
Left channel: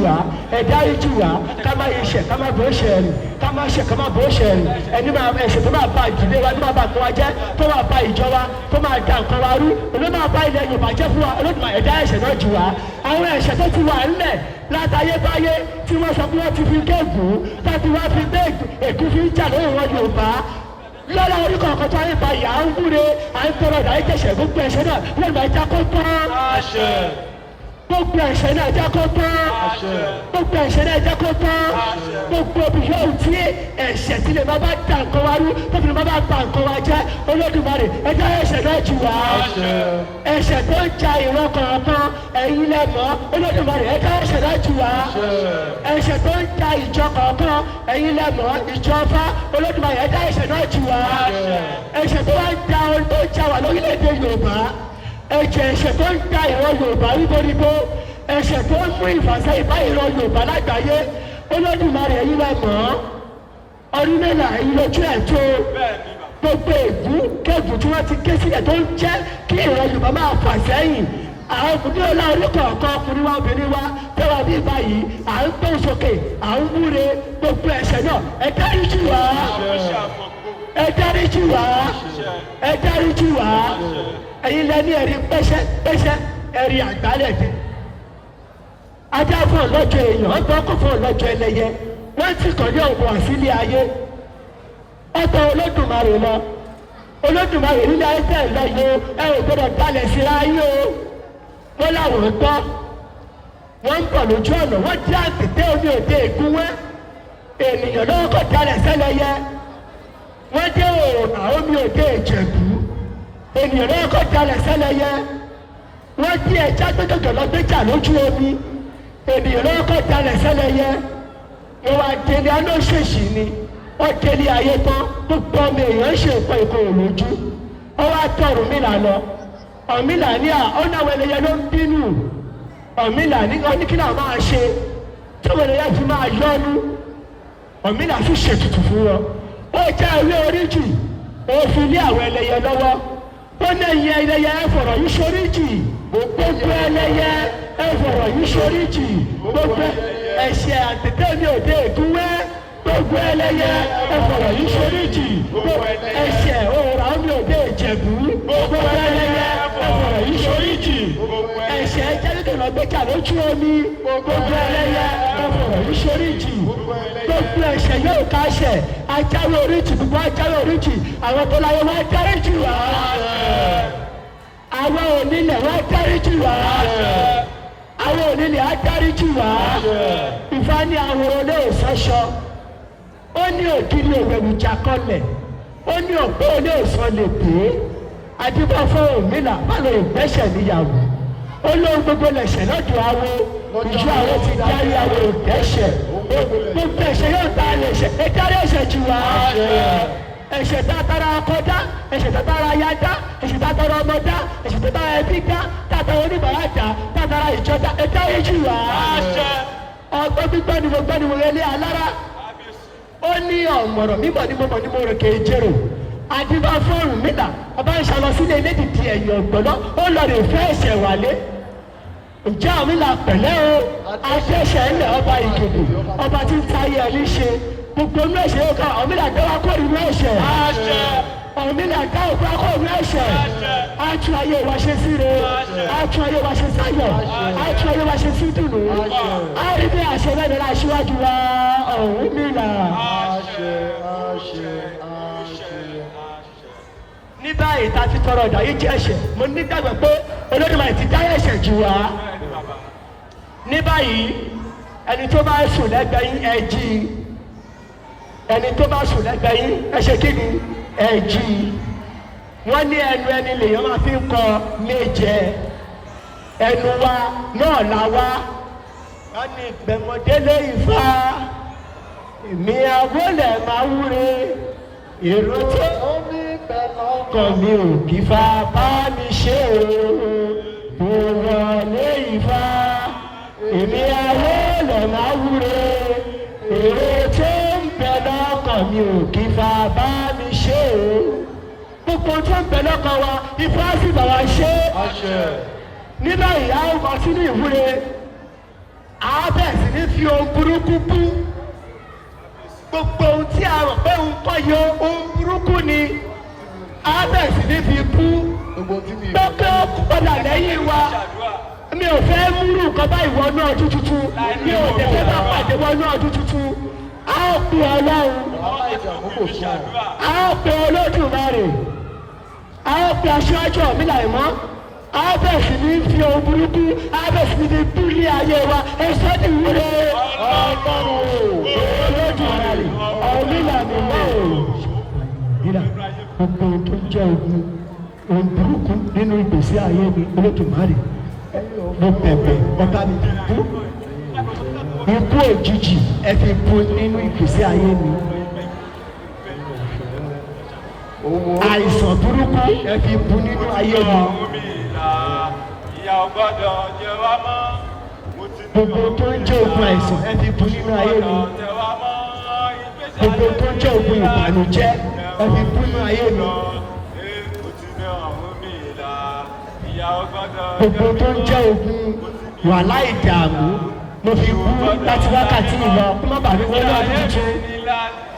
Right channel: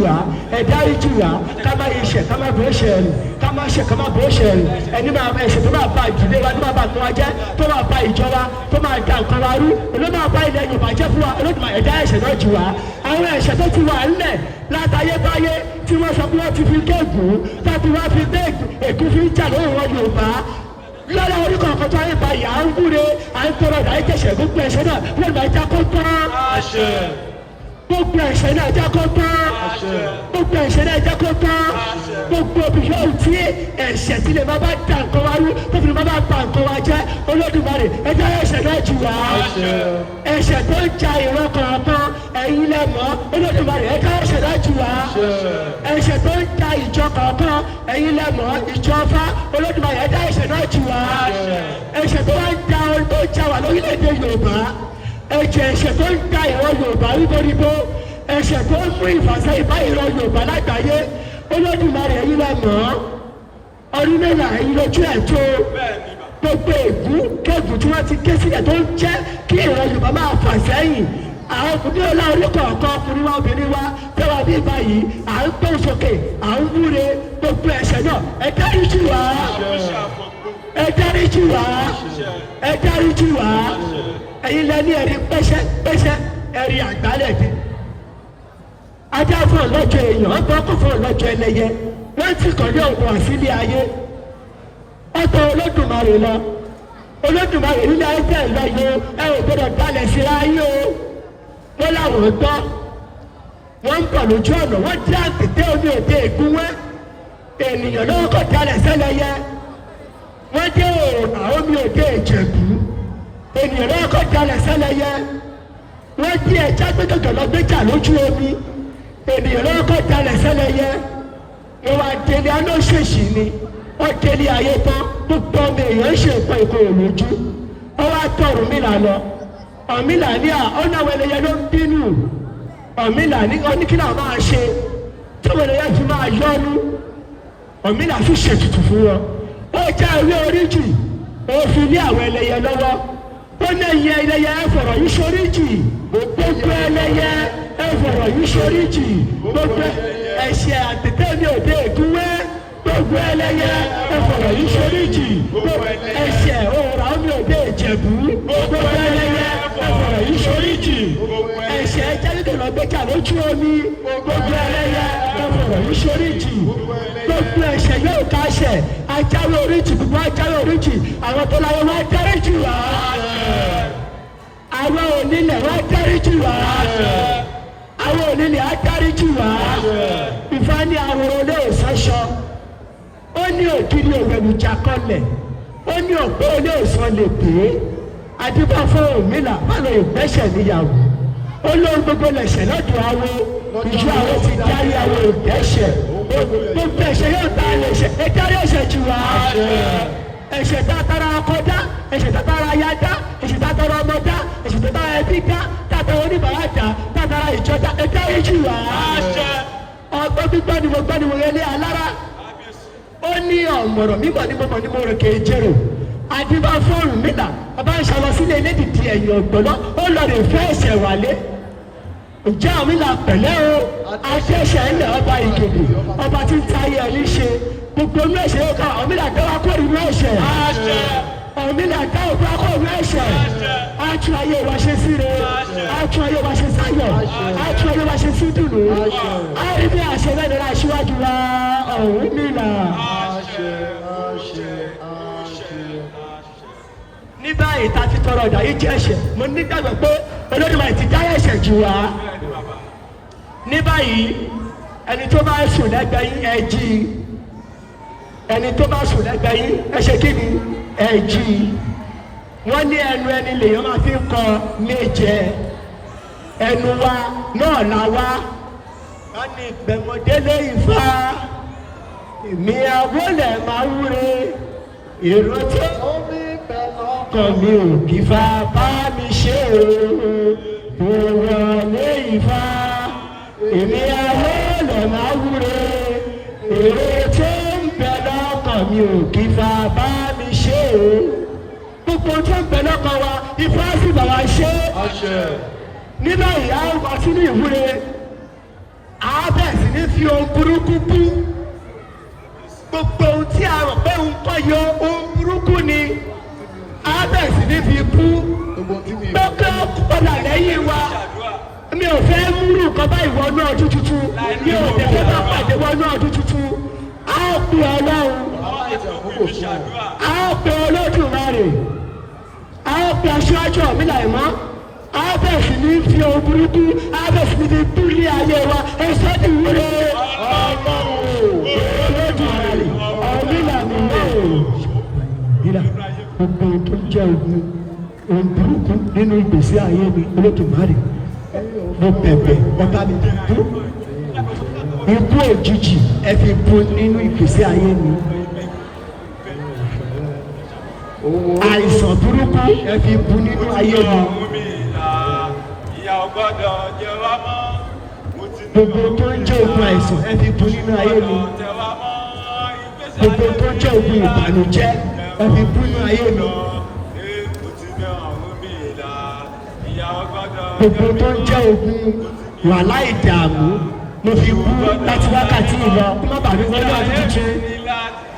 wá ká má yẹ ṣẹ̀ ká má bọ́ ṣẹ̀ rù ká má ṣe ká má bọ́ ṣẹ̀ rù ẹni máa ẹ̀ṣẹ̀ tó máa bá ìdílé wa tó máa bá nǹkan wa jẹ́ tó máa bá ìjọ wa tó máa da nǹkan wa rú ló máa bá ilẹ̀ ìbàjẹ́ fún wa Olódùmarè ẹ̀dá ẹ̀ṣẹ̀ náà jù wá àwọn ẹ̀ṣẹ̀ tó ti wà ńlẹ̀ látayébáyé tí wọ́n sọ pé wọ́n ti fi gégùn láti wọ́n fi èkú fi ń jà lórí wọn Yorùbá lọ́la orúkọ àkọ́tọ́ ayé báyìí à ń wúre à ń tọrọ ìdáyé jẹ̀ṣẹ̀ gbogbo ẹ̀ṣẹ̀ náà wọ́n máa já kó tán gbogbo ẹ̀ṣẹ̀ náà já kó tán gbogbo ẹ̀ṣẹ̀ náà já kó tán gbogbo obìnrin tí ẹ̀ṣẹ̀ tí lè má bá ta nǹkan wá rú tó fi má bá ta nǹkan wá jẹ́ Olódùmarè ẹ̀dá ẹ̀ṣẹ̀ náà jù wá ẹ̀ṣẹ̀ tó ń ja ìran kọ̀ọ̀kan ẹ̀yin lẹ mọ̀ Olódùmarè ẹ̀dá ẹ̀ṣẹ̀ náà jù wá ẹ̀ṣẹ̀ tó ń ja ìjọ kọ̀ọ̀kan ẹ̀yin lẹ mọ̀ ìjọ Ọ̀fà Olódùmarè ẹ̀dá ẹ̀ṣẹ̀ náà jù wá ẹ̀ṣẹ̀ tó ń ja ohun tó ń ja wà lórílẹ̀‐èdè Yorùbá ẹ̀ṣẹ̀ tó ń ja ìran Yorùbá ríboríbo ẹ̀ṣẹ̀ tó ń mú ìfàsẹ́yìn bá ìran Yorùbá lágbàáyé Olódùmarè ẹ̀yin lẹ mọ̀ ọdún mẹ́wàá ẹ̀yin lójú ẹ̀ tó gbogbo ègún kẹ́gùn tí wọ́n ti ké sílẹ̀ tó ń jẹ́ kí ìran Yorùbá máa fà sẹ́yìn àwọn òkùnkùn ọlá olókọ̀ ọ̀kan ọkùnrin wa obìnrin wa tẹ́wọ́ bí báyìí à ń gbé sókè à ń wúre gbogbo ẹ̀ṣẹ̀ náà ẹ dáríjì wá ẹ dáríjì wá ẹ dáríjì wá ẹ̀yin lẹ́ni ẹ̀rí pẹ́ṣẹ́ ẹ̀rí àgbálẹ̀ dé ajá fún ọlọ́jọ́ èèyàn ọkọ̀ ọkọ̀ fún ọlọ́jọ́ ẹlẹ́yẹ wọ́n ti tọ́jú ọ̀gbọ̀n sílé ayé ọ̀tọ̀ Olódùmarè lọ Olódùmarè nílẹ̀ ẹgbẹ́ ìlọ́yẹ ẹ ò gbọdọ̀ dalẹ̀ sí ayé o wọ́n láwọn gbọ́ wọ́n ń bọ̀ lójú ọ̀nà wọ́n dí àtẹ̀tẹ̀ omi òde ìgúnwẹ́ ènìyàn lọ́wọ́ kọ́ dalẹ̀ sẹ́lẹ̀yẹ wọ́n dé ọ̀nà omi òde Ìjẹ̀bú ènìyàn lọ́wọ́ kọ́ dalẹ̀ sẹ́lẹ̀yẹ wọ́n dí ẹja gbẹ́gbẹ́ lọ́gbẹ́jà lójú omi ènìyàn lọ́wọ́ kọ́ dalẹ̀ sẹ́lẹ̀yẹ wọ́n wá délé alóṣèṣì ni wọ́n délé ayé tán gbogbo ọmọ èèyàn ṣe nǹkan ìkòrò lójú wọ́n wá tọ̀ Ọ̀rúnmìlà lọ Ọ̀rúnmìlà ní ọ̀nà àwọn ẹlẹ́yẹ ló ń bínú Ọ̀rúnmìlà ní oníkìlà máa ṣe tí wọ́n lè fi máa yọ́nú Ọ̀rúnmìlà fi ṣètùtù fún wọn ó já ewé oríjì ó fi lé àwọn ẹlẹ́yẹ lọ́wọ́ ó ní ẹ̀yin ẹlẹ́yẹ ẹ fọ̀rọ̀ yìí ṣoríjì gbogbo ẹlẹ́yẹ ẹ fọ̀rọ̀ yìí ṣoríjì gbogbo ẹ̀ṣẹ̀ àtẹ̀tẹ̀ mi òde ìdúwẹ́ gbogbo ẹlẹ́yẹ ẹ fọ̀rọ̀ yìí ṣoríjì gbogbo ẹ̀ṣẹ̀ òòrà mi òde Ìjẹ̀bú gbogbo ẹlẹ́yẹ ẹ fọ̀rọ̀ yìí ṣoríjì ẹ̀ṣẹ̀ jẹ́rìndínlẹ̀ lọ́gbẹ́jà lójú omi gbogbo ẹlẹ́yẹ ẹ fọ̀rọ̀ yìí ṣoríjì gbogbo ẹ̀ṣẹ̀ yóò ká ṣẹ̀ ajáwé oríjì gbogbo ajáwé oríjì àwọn tó láyé wá dáríjì wá àwọn onílẹ̀ wá dáríjì wá àwọn onílẹ̀ á dáríjì wá Ifá ní àwòrán olè ìsọṣọ ó ní òkìrí òwèrùjà kọlẹ̀ ó ní ọ̀pẹ olè ìsọ lè pè é àdúgbò fún Ọ̀rúnmìlà báwo ìgbésẹ̀ níyàwó ó lóun gbogbo lẹ̀ṣẹ̀ lọ́dọ̀ àwọn ìjọ àwọn ti dárí àwọn ìgbésẹ̀ gbogbo ẹ̀ṣẹ̀ yóò ta ẹ̀ṣẹ̀ ẹ̀dárí ẹ̀ṣẹ̀ jù wá ẹ̀ṣẹ̀ tàtàrà akọ́dá ẹ̀ṣẹ̀ tàtàrà ayáda ẹ̀ṣẹ̀ tàtàrà ọmọdá ẹ̀ṣẹ̀ tàtàrà ẹbí dá tàtàrà oníbàárà dá tàtàrà ìjọba ẹ̀dárí jù wá ọgbọ́n gbígbọ́ ni mo gbọ́ ni mo yẹlé alára ó ní ọ̀mọ̀rọ̀ mímọ̀ ní mọ̀mọ̀ ní mo rò kéé jẹ́rò àdìbò fún Ọ̀rúnmìlà ọba ń ṣàlọ sílé elédìdì ẹ̀yìn ọ̀gbọ̀nọ́ ó lọ rè fẹ́ ẹ̀ṣẹ̀ wálé ǹjẹ́ Ọ̀rúnmìlà pẹ̀lẹ́ o àṣẹ̀ṣẹ̀ ńlẹ̀ ọba Ìgèdè ọba tí ń tayé ẹni ṣe gbogbo inú ẹ̀ṣẹ̀ yóò ká Ọ̀rúnmìlà dáwà kó inú ẹ̀ṣẹ̀ Ọ̀rúnmìlà dáwà kó inú ẹ̀ṣẹ̀ àtún ayé wa ṣe síre àtún ayé wa ṣe sáyọ̀ àtún ayé wa ṣe sí dùnú àrídé àṣẹ lẹ́nu aṣíwájú wa Ọ̀rúnmìlà. ní báyìí tá a ti tọrọ ọ̀dà yìí jẹ́ ẹ̀ṣẹ̀ mo nígbàgbọ́ pé Olódùmarè ti dára ẹ̀ṣẹ̀ jù wá ní báyìí ẹni tó bá sùn lẹ́gbẹ̀ẹ́ yín ẹ jí ẹni tó bá sùn lẹ́gbẹ̀ẹ́ yín ẹ ṣe kí ni ẹ jí wọ́n ní ẹnu ẹni lèèyàn máa fi ń kọ méje ẹnu wa náà la wá wọ́n ní gbẹ̀mọ̀délé Ifá èmi àwọlẹ̀ máa wúre èrò tí ó ní ọkàn mi ò kí fa bá mi ṣe o mo wọlé Ifá. nínú ìyá ọgbà sínú ìwúre àbẹ̀sí ní fi ohun burúkú bú gbogbo ohun tí a rò pé ohun tó yọ ohun burúkú ni àbẹ̀sí ní fi bú gbogbo padà lẹ́yìn wa mi ò fẹ́ múlù nǹkan bá ìwọ náà ọdún tuntun mi ò dẹ̀ fẹ́ bá pàdé wọ náà ọdún tuntun a ó pe ọlọ́run a ó pe Olódùmarè a ó pe aṣáájú mi láìmọ́ a bẹ̀ sí ní fi ohun burúkú a bẹ̀ sí ní fi bú ní ayé wa ẹ̀sọ́ ti wúre Olódùmarè ọ̀mílà mi ìlà gbogbo tó ń jẹ́ ohun burúkú nínú ìgbésí ayé mi Olódùmarè mo bẹ̀bẹ̀ ọba mi bú ikú òjijì ẹ fi bú nínú ìgbésí ayé mi àìsàn burúkú ẹ fi bú nínú ayé mi gbogbo tó ń jẹ́ ogun àìsàn ẹ fi bú nínú ayé mi gbogbo tó ń jẹ́ ogun ìbànújẹ́ ẹ fi bú nínú ayé mi. Gbogbo tó ń jẹ́ ogun wàhálà ìdààmú mo fi bú láti wákàtí ìlọ kí má bàa rí wọlé ọdún tuntun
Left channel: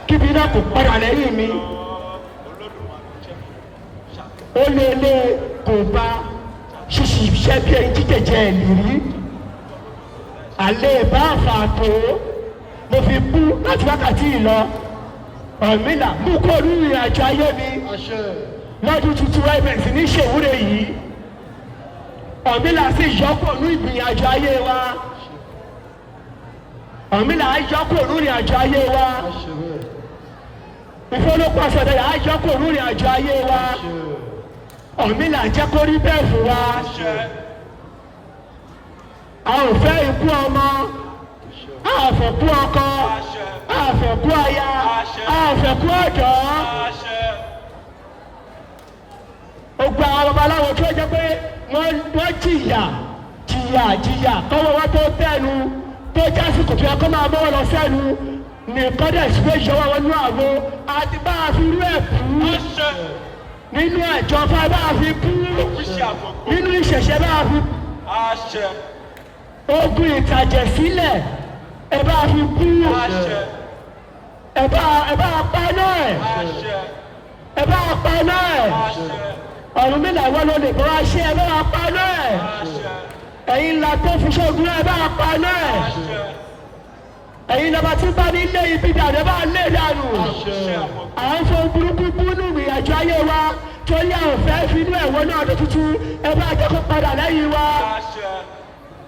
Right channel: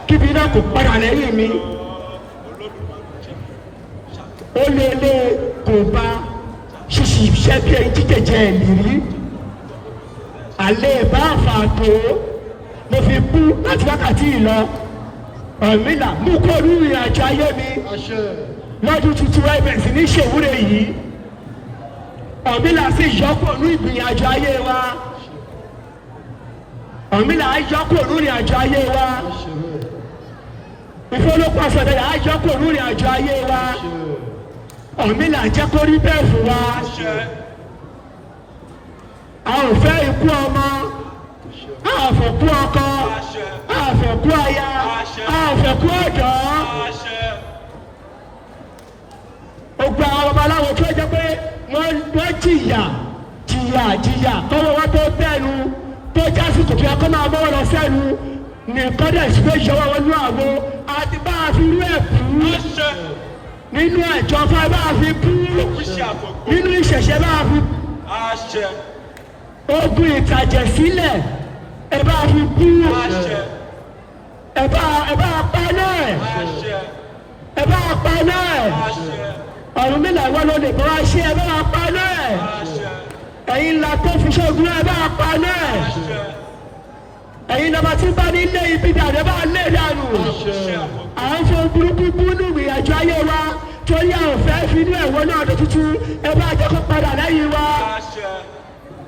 kíbi náà kò padà lẹ́yìn mi. Ó lé kò bá ṣíṣì iṣẹ́ bí ẹni jíjẹjẹ ìrírí. Àlẹ́ ìbá àfààtò mo fi bú láti wákàtí ìlọ. Ọ̀mílà mú kó orí ìrìn àjò ayé mi lọ́dún tuntun ẹgbẹ̀ sí ní ṣèwúre yìí. Ọ̀mílà sì yọkọ̀ ní ìgbìyànjú ayé wa. Ọ̀mílà á yọkọ̀ ní ìrìnàjò ayé wa. Ìfowópamọ́ sọ̀dọ̀ yà á yọkọ̀ ní ìrìnàjò ayé wa. Ọ̀mílà jẹ́ kó rí bẹ́ẹ̀ fún wa. A ò fẹ́ ikú ọmọ, a ò fẹ́ kú ọkọ, a ò fẹ́ kú aya, a ò fẹ́ kú ọ̀dọ́. Ògbà babaláwo tó jẹ́ pé wọ́n jìyà kọ́wọ́ wọn tó bẹ́ẹ̀nu tó jásí tuntun ẹ̀kọ́ máa mọ́ ọ̀rọ̀ sẹ́nu nìkan dẹ̀ sí pé ìṣọwọ́ wọn ní àgbo àti bá a fi rú ẹ̀ kú nínú ẹ̀jọ́ fún ẹ bá a fi kú nínú ìṣẹ̀ṣẹ̀ bá a fi ogun ìtàjẹ̀ sílẹ̀ ẹ bá a fi kú ẹ bá a pa náà ẹ bá a pa náà Ọ̀rúnmìlà wọn ló lè bọ́ wá ṣe ẹ bá a pa náà ẹ̀yin ńlá tó fi ṣoògùn ẹ bá a pa náà ẹ̀yin lọ́ba tí bá ní ilé ibi dàrú ẹ bá a lé dànù à ń fọ burúkú bú ní ìrìnàjò ayé wa tó yẹ àwọn fẹ́ fi ní ẹ̀wọ̀n náà ọdún tuntun ẹ bá a jẹ́ kó padà lẹ́yìn wa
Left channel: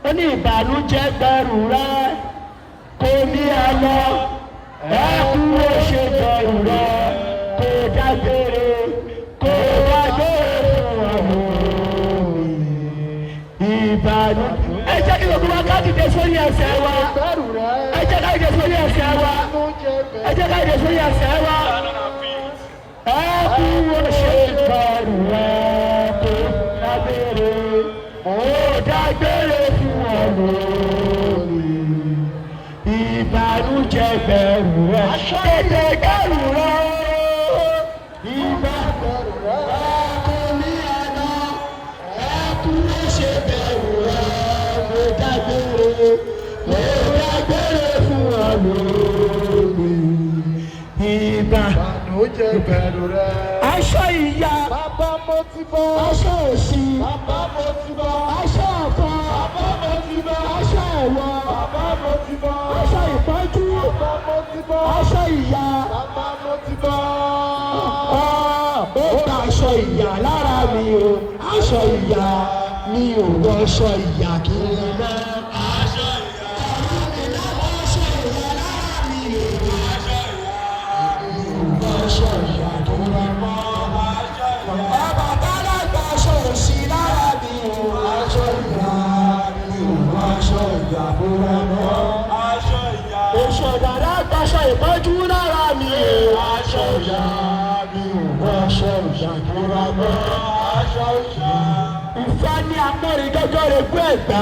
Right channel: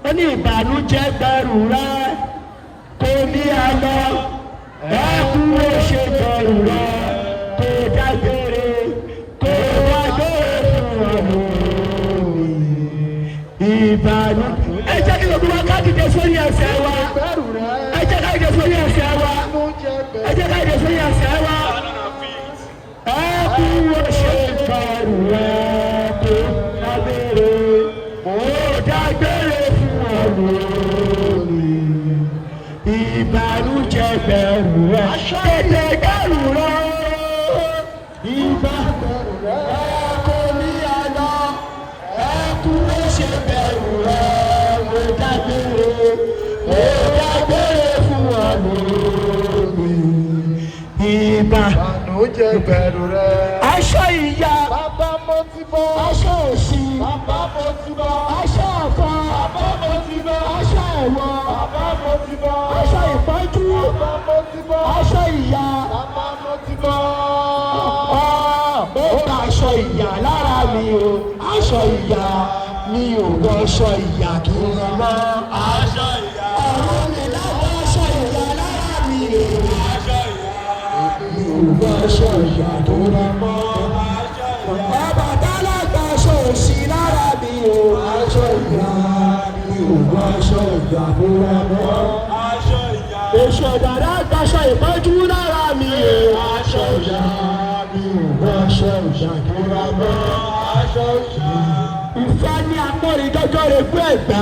ó ní ìbànújẹ́ gbẹrù rẹ kò ní ẹ lọ ẹ kúrò ṣe gbẹrù rẹ kò dágbére. Ìbàdàn ẹ jẹ́ kí gbogbo wa ká dìde sórí ẹsẹ̀ wa ẹ jẹ́ ká dìde sórí ẹsẹ̀ wa ẹ jẹ́ ká dìde sórí ẹsẹ̀ wa ẹ kú wo ṣe ìbàdàn rẹ kó dágbére ó dágbére fún ọ̀rọ̀ ìbànújẹ́ bẹ̀rù rẹ kéde kẹrù rẹ ìbàdàn rẹ. Aṣọ ìyá, aṣọ òṣì, aṣọ ọ̀fọ̀, aṣọ ẹ̀wọ̀, aṣọ ìpọ́njú, aṣọ ìyá. Aṣọ ìyá lára mi o, aṣọ ìyá mi ò gbọ́ aṣọ ìyá kí n lọ mọ́. Aṣọ ìyá. Ọ̀run mi lábọ́ aṣọ ìyá lára mi o. Aṣọ ìyá tó rẹ mọ́. Bàbá tálẹ̀ gba aṣọ òṣì lára mi o. Aṣọ ìyá mi ò gbọ́ aṣọ ìyá tó rẹ mọ́. Aṣọ ìyá. Oṣù ọ̀dàdà gba aṣọ ìpọ́njú lára mi o. Aṣọ ìyá mi ò gbọ́ aṣọ ìyá tó rẹ mọ́. Aṣọ ìyá. Ìfẹ́ ní akọrin jọjọ́ rẹ̀ gbọ́ ẹ̀gbá.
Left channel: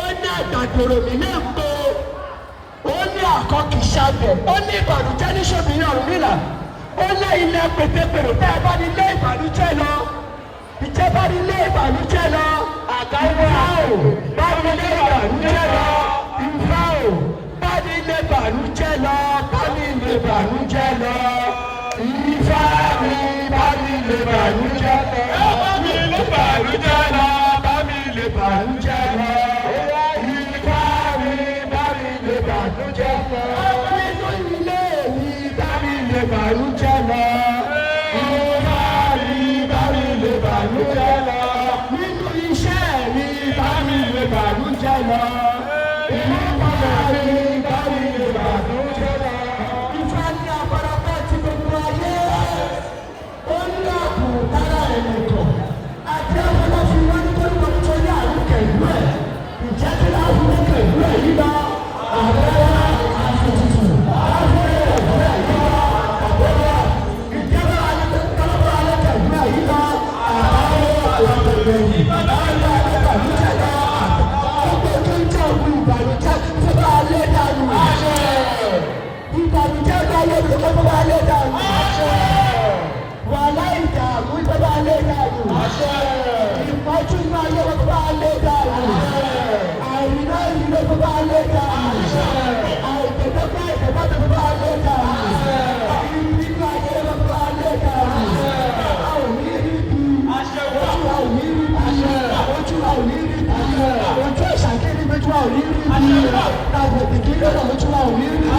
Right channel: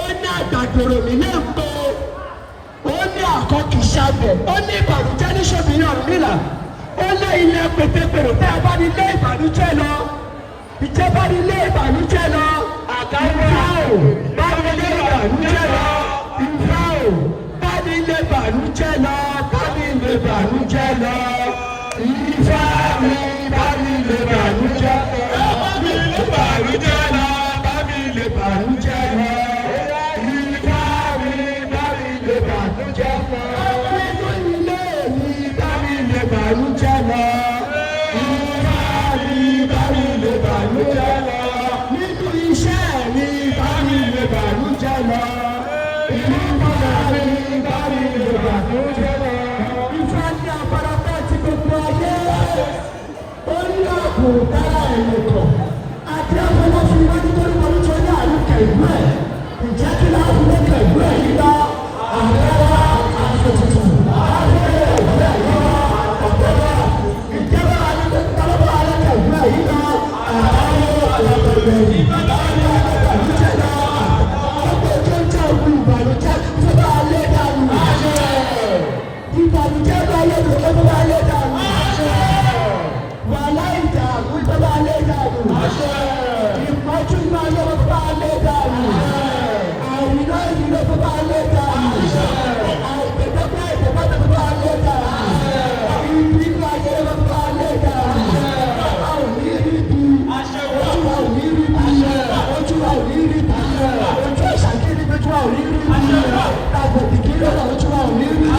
Ó ní àgbàdòrò mi náà gbọ́. Ó ní àkọ́kìṣàbẹ̀, ó ní ìbànújẹ́ ní ṣòbìnrin Ọ̀rúnmìlà, ó ní ilé pètèpèrè tẹ́ ẹ bá ní ilé ìbànújẹ́ lọ, ìjẹ́ bá ní ilé ìbànújẹ́ lọ, bàrújẹ́ lọ bá mi lè bàrújẹ́ lọ. Ifá mi bá mi lè bàrújẹ́ lọ. Nínú ilé mi bá mi lè bàrújẹ́ lọ. Ifá mi bá mi lè bàrújẹ́ lọ. Nínú iṣẹ́ mi bá mi lè bàrújẹ́ lọ. Ifá mi bá mi lè bàrújẹ́ lọ. Ifá ní àpárapọ̀ ti gbogbo ayé. Ó ní àpò dára ẹ̀yìn kan. Àti àpárapọ̀ fi wọ́n ní kọ́ni wọ́n tó ní àrùkè ìlú ẹ̀. Ìjẹ́ kí náà fi lókè ìlú ẹ̀ yìí lọ. Àgbẹ̀dá àfòtútù. Àgbẹ̀dá ìlú ẹ̀ yìí lọ. Àgbẹ̀dá ìjọba àlejò àlejò ìlú ẹ̀ yìí lọ. Àgbẹ̀dá àlejò yìí. Àgbẹ̀dá àlejò lọ. Ọgbẹ́ tó ń jẹ́ òkú ìbànújẹ́ tó bá ayé dànù. Ìbànújẹ́ bá ayé dànù tó bá ayé dànù. Wàhálà ìdààmú tó bá ayé dànù. Ìpọ́jú náà yẹ kó bá ayé dànù. Àìrìnà ìrìnà tó bá ayé dànù. Àìtẹ̀tẹ̀tẹ̀ ìtẹ̀tẹ̀ tó bá ayé dànù. Ìrìnà ayé tó bá ayé dànù. Àwọn ìrìnà ojú àwọn ìrìnà ojú àwọn ìrìnà ojú ìṣàkíyèsí ojú àwọn ìrìnà dàgbò ìdílé ojú àwọn ìrìnà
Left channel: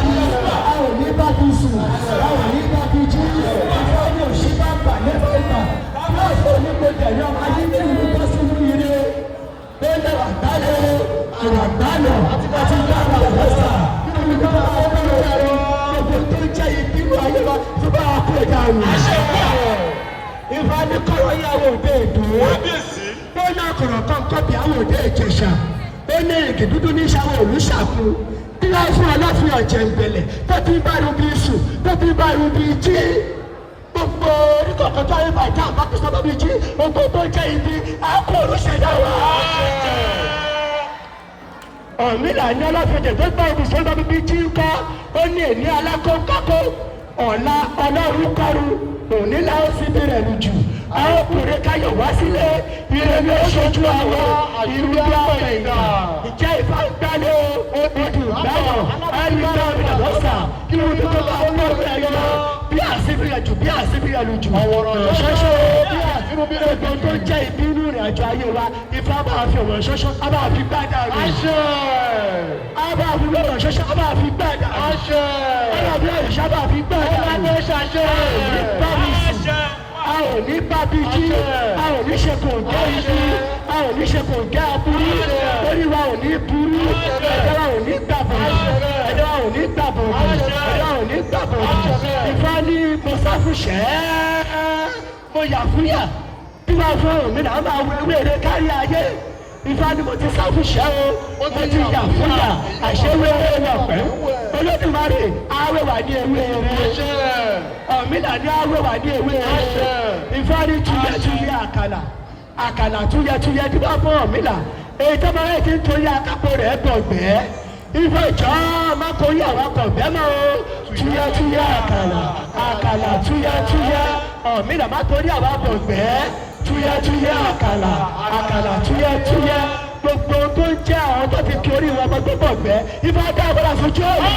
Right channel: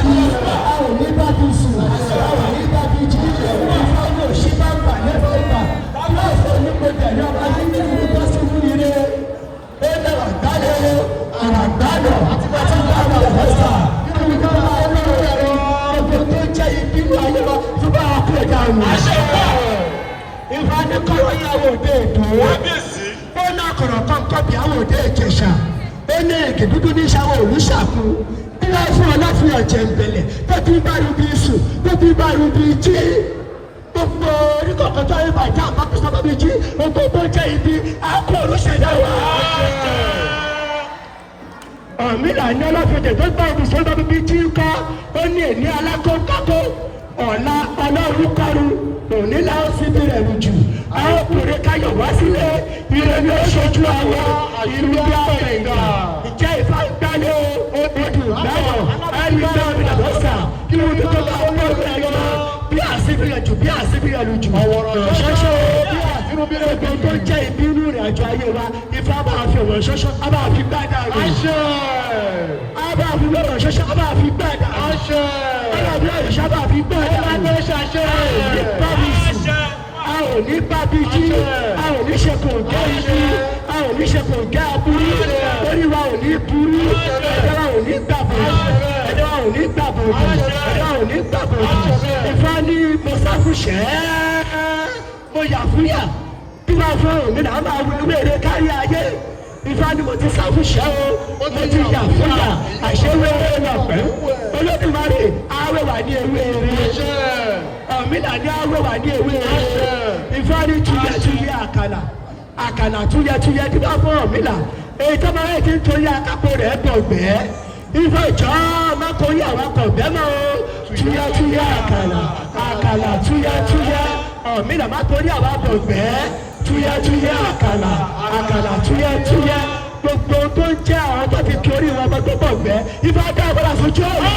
àwọn onígbà tó sùn àwọn onígbà tó jí ìfọwọ́ òṣìṣẹ́ ọ̀pá lẹ́fẹ̀ẹ́fà àwọn ẹ̀fọ́ onígbà tẹ̀lé ọ̀pá nígbà tó bọ́ sínú ilé ó lè wà gbálẹ̀ àgbàgbálẹ̀ àti láti ní àwọn ọ̀fẹ́sà nínú ìgbà tó wà ní ọ̀rẹ́ ọ̀gbẹ́ tó jẹ́ ìpínlẹ̀ ayọ̀ tí bá a kú ẹ̀dá mi. Ìfọ̀ ní kọ́wé àwọn òde ètò ó ní ọkọ̀rọ̀ tó ń tọ́bi àwọn òde Ìjẹ̀ṣà ó ní èdè dúdú ní sáwọn olùṣàkó tí wọ́n fún ọ láti ọ̀jẹ̀ ìbẹ̀lẹ̀ tó ti bá rúbi sùn tó ti bá rúbi jí gbogbo orúkọ kan tó ń bàjẹ́ àpapọ̀ sábà bí jí gbogbo tó jẹ́ ibi àpò olùṣèdá wà. Ọ̀mìnà ní ọlọ́fẹ̀jẹ̀ tó bá ibi sọ́dọ̀ bíbí jí ń kọ́ ó ní èní alákọ̀ọ́kọ́ ọ̀la ọlọ́rùkọ́rù òní làwọn fi bẹ̀rẹ̀ lù jù àwọn ọkùnrin káyọ̀ wá sílé ìrẹ̀lẹ̀ oṣooṣù àwọn ìlú ọ̀rẹ́ náà ìjẹ́ ìfàgbálẹ̀ odò ìgbàlọ̀ ẹni tó ń bẹ̀rẹ̀ lọ́sà kí wọ́n tó bá wọn lọ́wọ́ ayọ̀ bí àṣìbìrẹ̀ jù bí àṣìbìrẹ̀ lù jù ṣoṣo bí àṣìbìrẹ̀ tó jẹ́ ìbínú rẹ̀ àjọ ayé wa ifá bá fi ọ̀rọ̀ ṣoṣo á bá fi gbádà rẹ̀ á bá fi ọ̀rọ̀ ṣoṣo á bá fi gbádà rẹ̀ á bá fi ọ̀rọ̀ ṣoṣo á bá fi gbádà rẹ̀ a ò ní bábí jí a ò ní ṣe kò gẹ́ ibi a ò ní ṣe kò gẹ́ aburú orí wa ò ní burú ẹ̀dá wa ò ní gbàbọ̀ ẹ̀dá wa ò ní gbàbọ̀ ẹ̀dá wa ò ní gbàbọ̀ ìfọ́ ní mo sáfùṣẹ́ mo yà fúyà bí wọ́n fún òmìn náà máa wú ilé eré kárí ayé ìfọ́ ní mo ti sáfùṣẹ́ o mo ti yà fúyà àṣẹwé wà pẹ́ olódùmarè àwọ̀ wà ní ewé rẹ̀ ọ̀mìnà ní àwọ̀ wà ní ewé rẹ̀ ìfọ́ ní túyẹ́túyẹ́ àkàlà túyẹ́túyẹ́ tí wọ́n fún ọ̀mìnà èyí tó máa ń ti torí akápò rẹ̀ bọ̀ gbẹ́ ìfọ́ ìjọ máa torí àwọn akọ̀ bẹ́ẹ̀ mọ́ túyẹ́túyẹ́ àkàlà túyẹ́túyẹ́ ọ̀mìnà máa torí àwọn akọ̀ gbẹ́ túyẹ́túyẹ́ àkàlà túyẹ́túyẹ́ gbogbo tó ń jẹ́ àwọn tó ti torí wọn bọ́ tó bọ̀ gbẹ́ ìfọ́ dá àgbàdà fojú ọ̀nà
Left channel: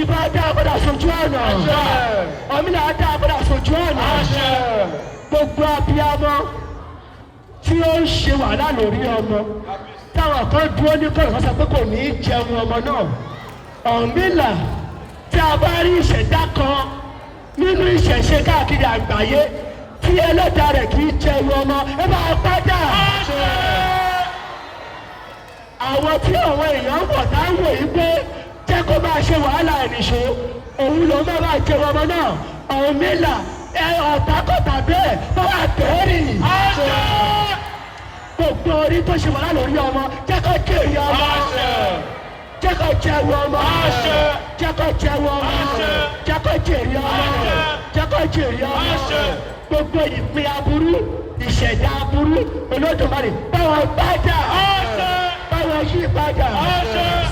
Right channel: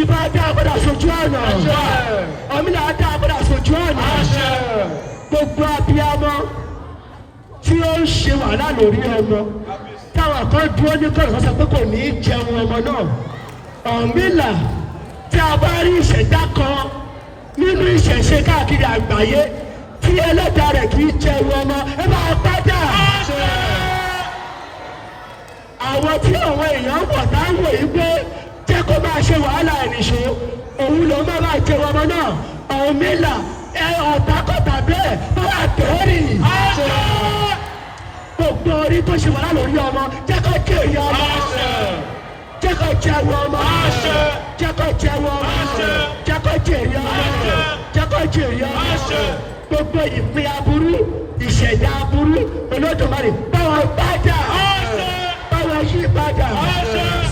ìfọ́ dá àgbàdà fojú ọ̀nà ọ̀mìnà dá àgbàdà fojú ọ̀nà gbogbo abiyamọ tí ó ń ṣe wàhálà lórí ọmọ táwọn kan dúró ní kọ̀ọ̀kan sọ pé kò ní í jẹun ọmọ náà ọ̀mìnà tí a bá rí ìṣẹ̀dá kan nínú ìṣẹ̀ṣe káàkiri àgbáyé tí ẹlẹ́dàá rẹ̀ kì í jẹun ọmọ ẹ máa padà. Àwọn tí àwọn èèyàn ń bọ̀ táwọn èyí pé jẹ́ kó máa ṣe wàhálà ìnìṣó òun ló máa jẹun ọmọ náà ọ̀mìnà ọ̀tàkọ̀tà bẹ́ẹ̀ tó wà tẹ́rì. Gbogbo orí tó ṣe wàhálà lórí ọmọ jẹ́ kó jèrè ọmọ jẹ́ kó jẹun ọmọ jẹ́ kó jẹun ọmọ jẹ́ kó jèrè ọmọ jẹ́ kó jèrè ọmọ gbogbo ìpín aburú ìṣẹ̀dá aburú Olódùmarè báwọn bájà báwọn yí padà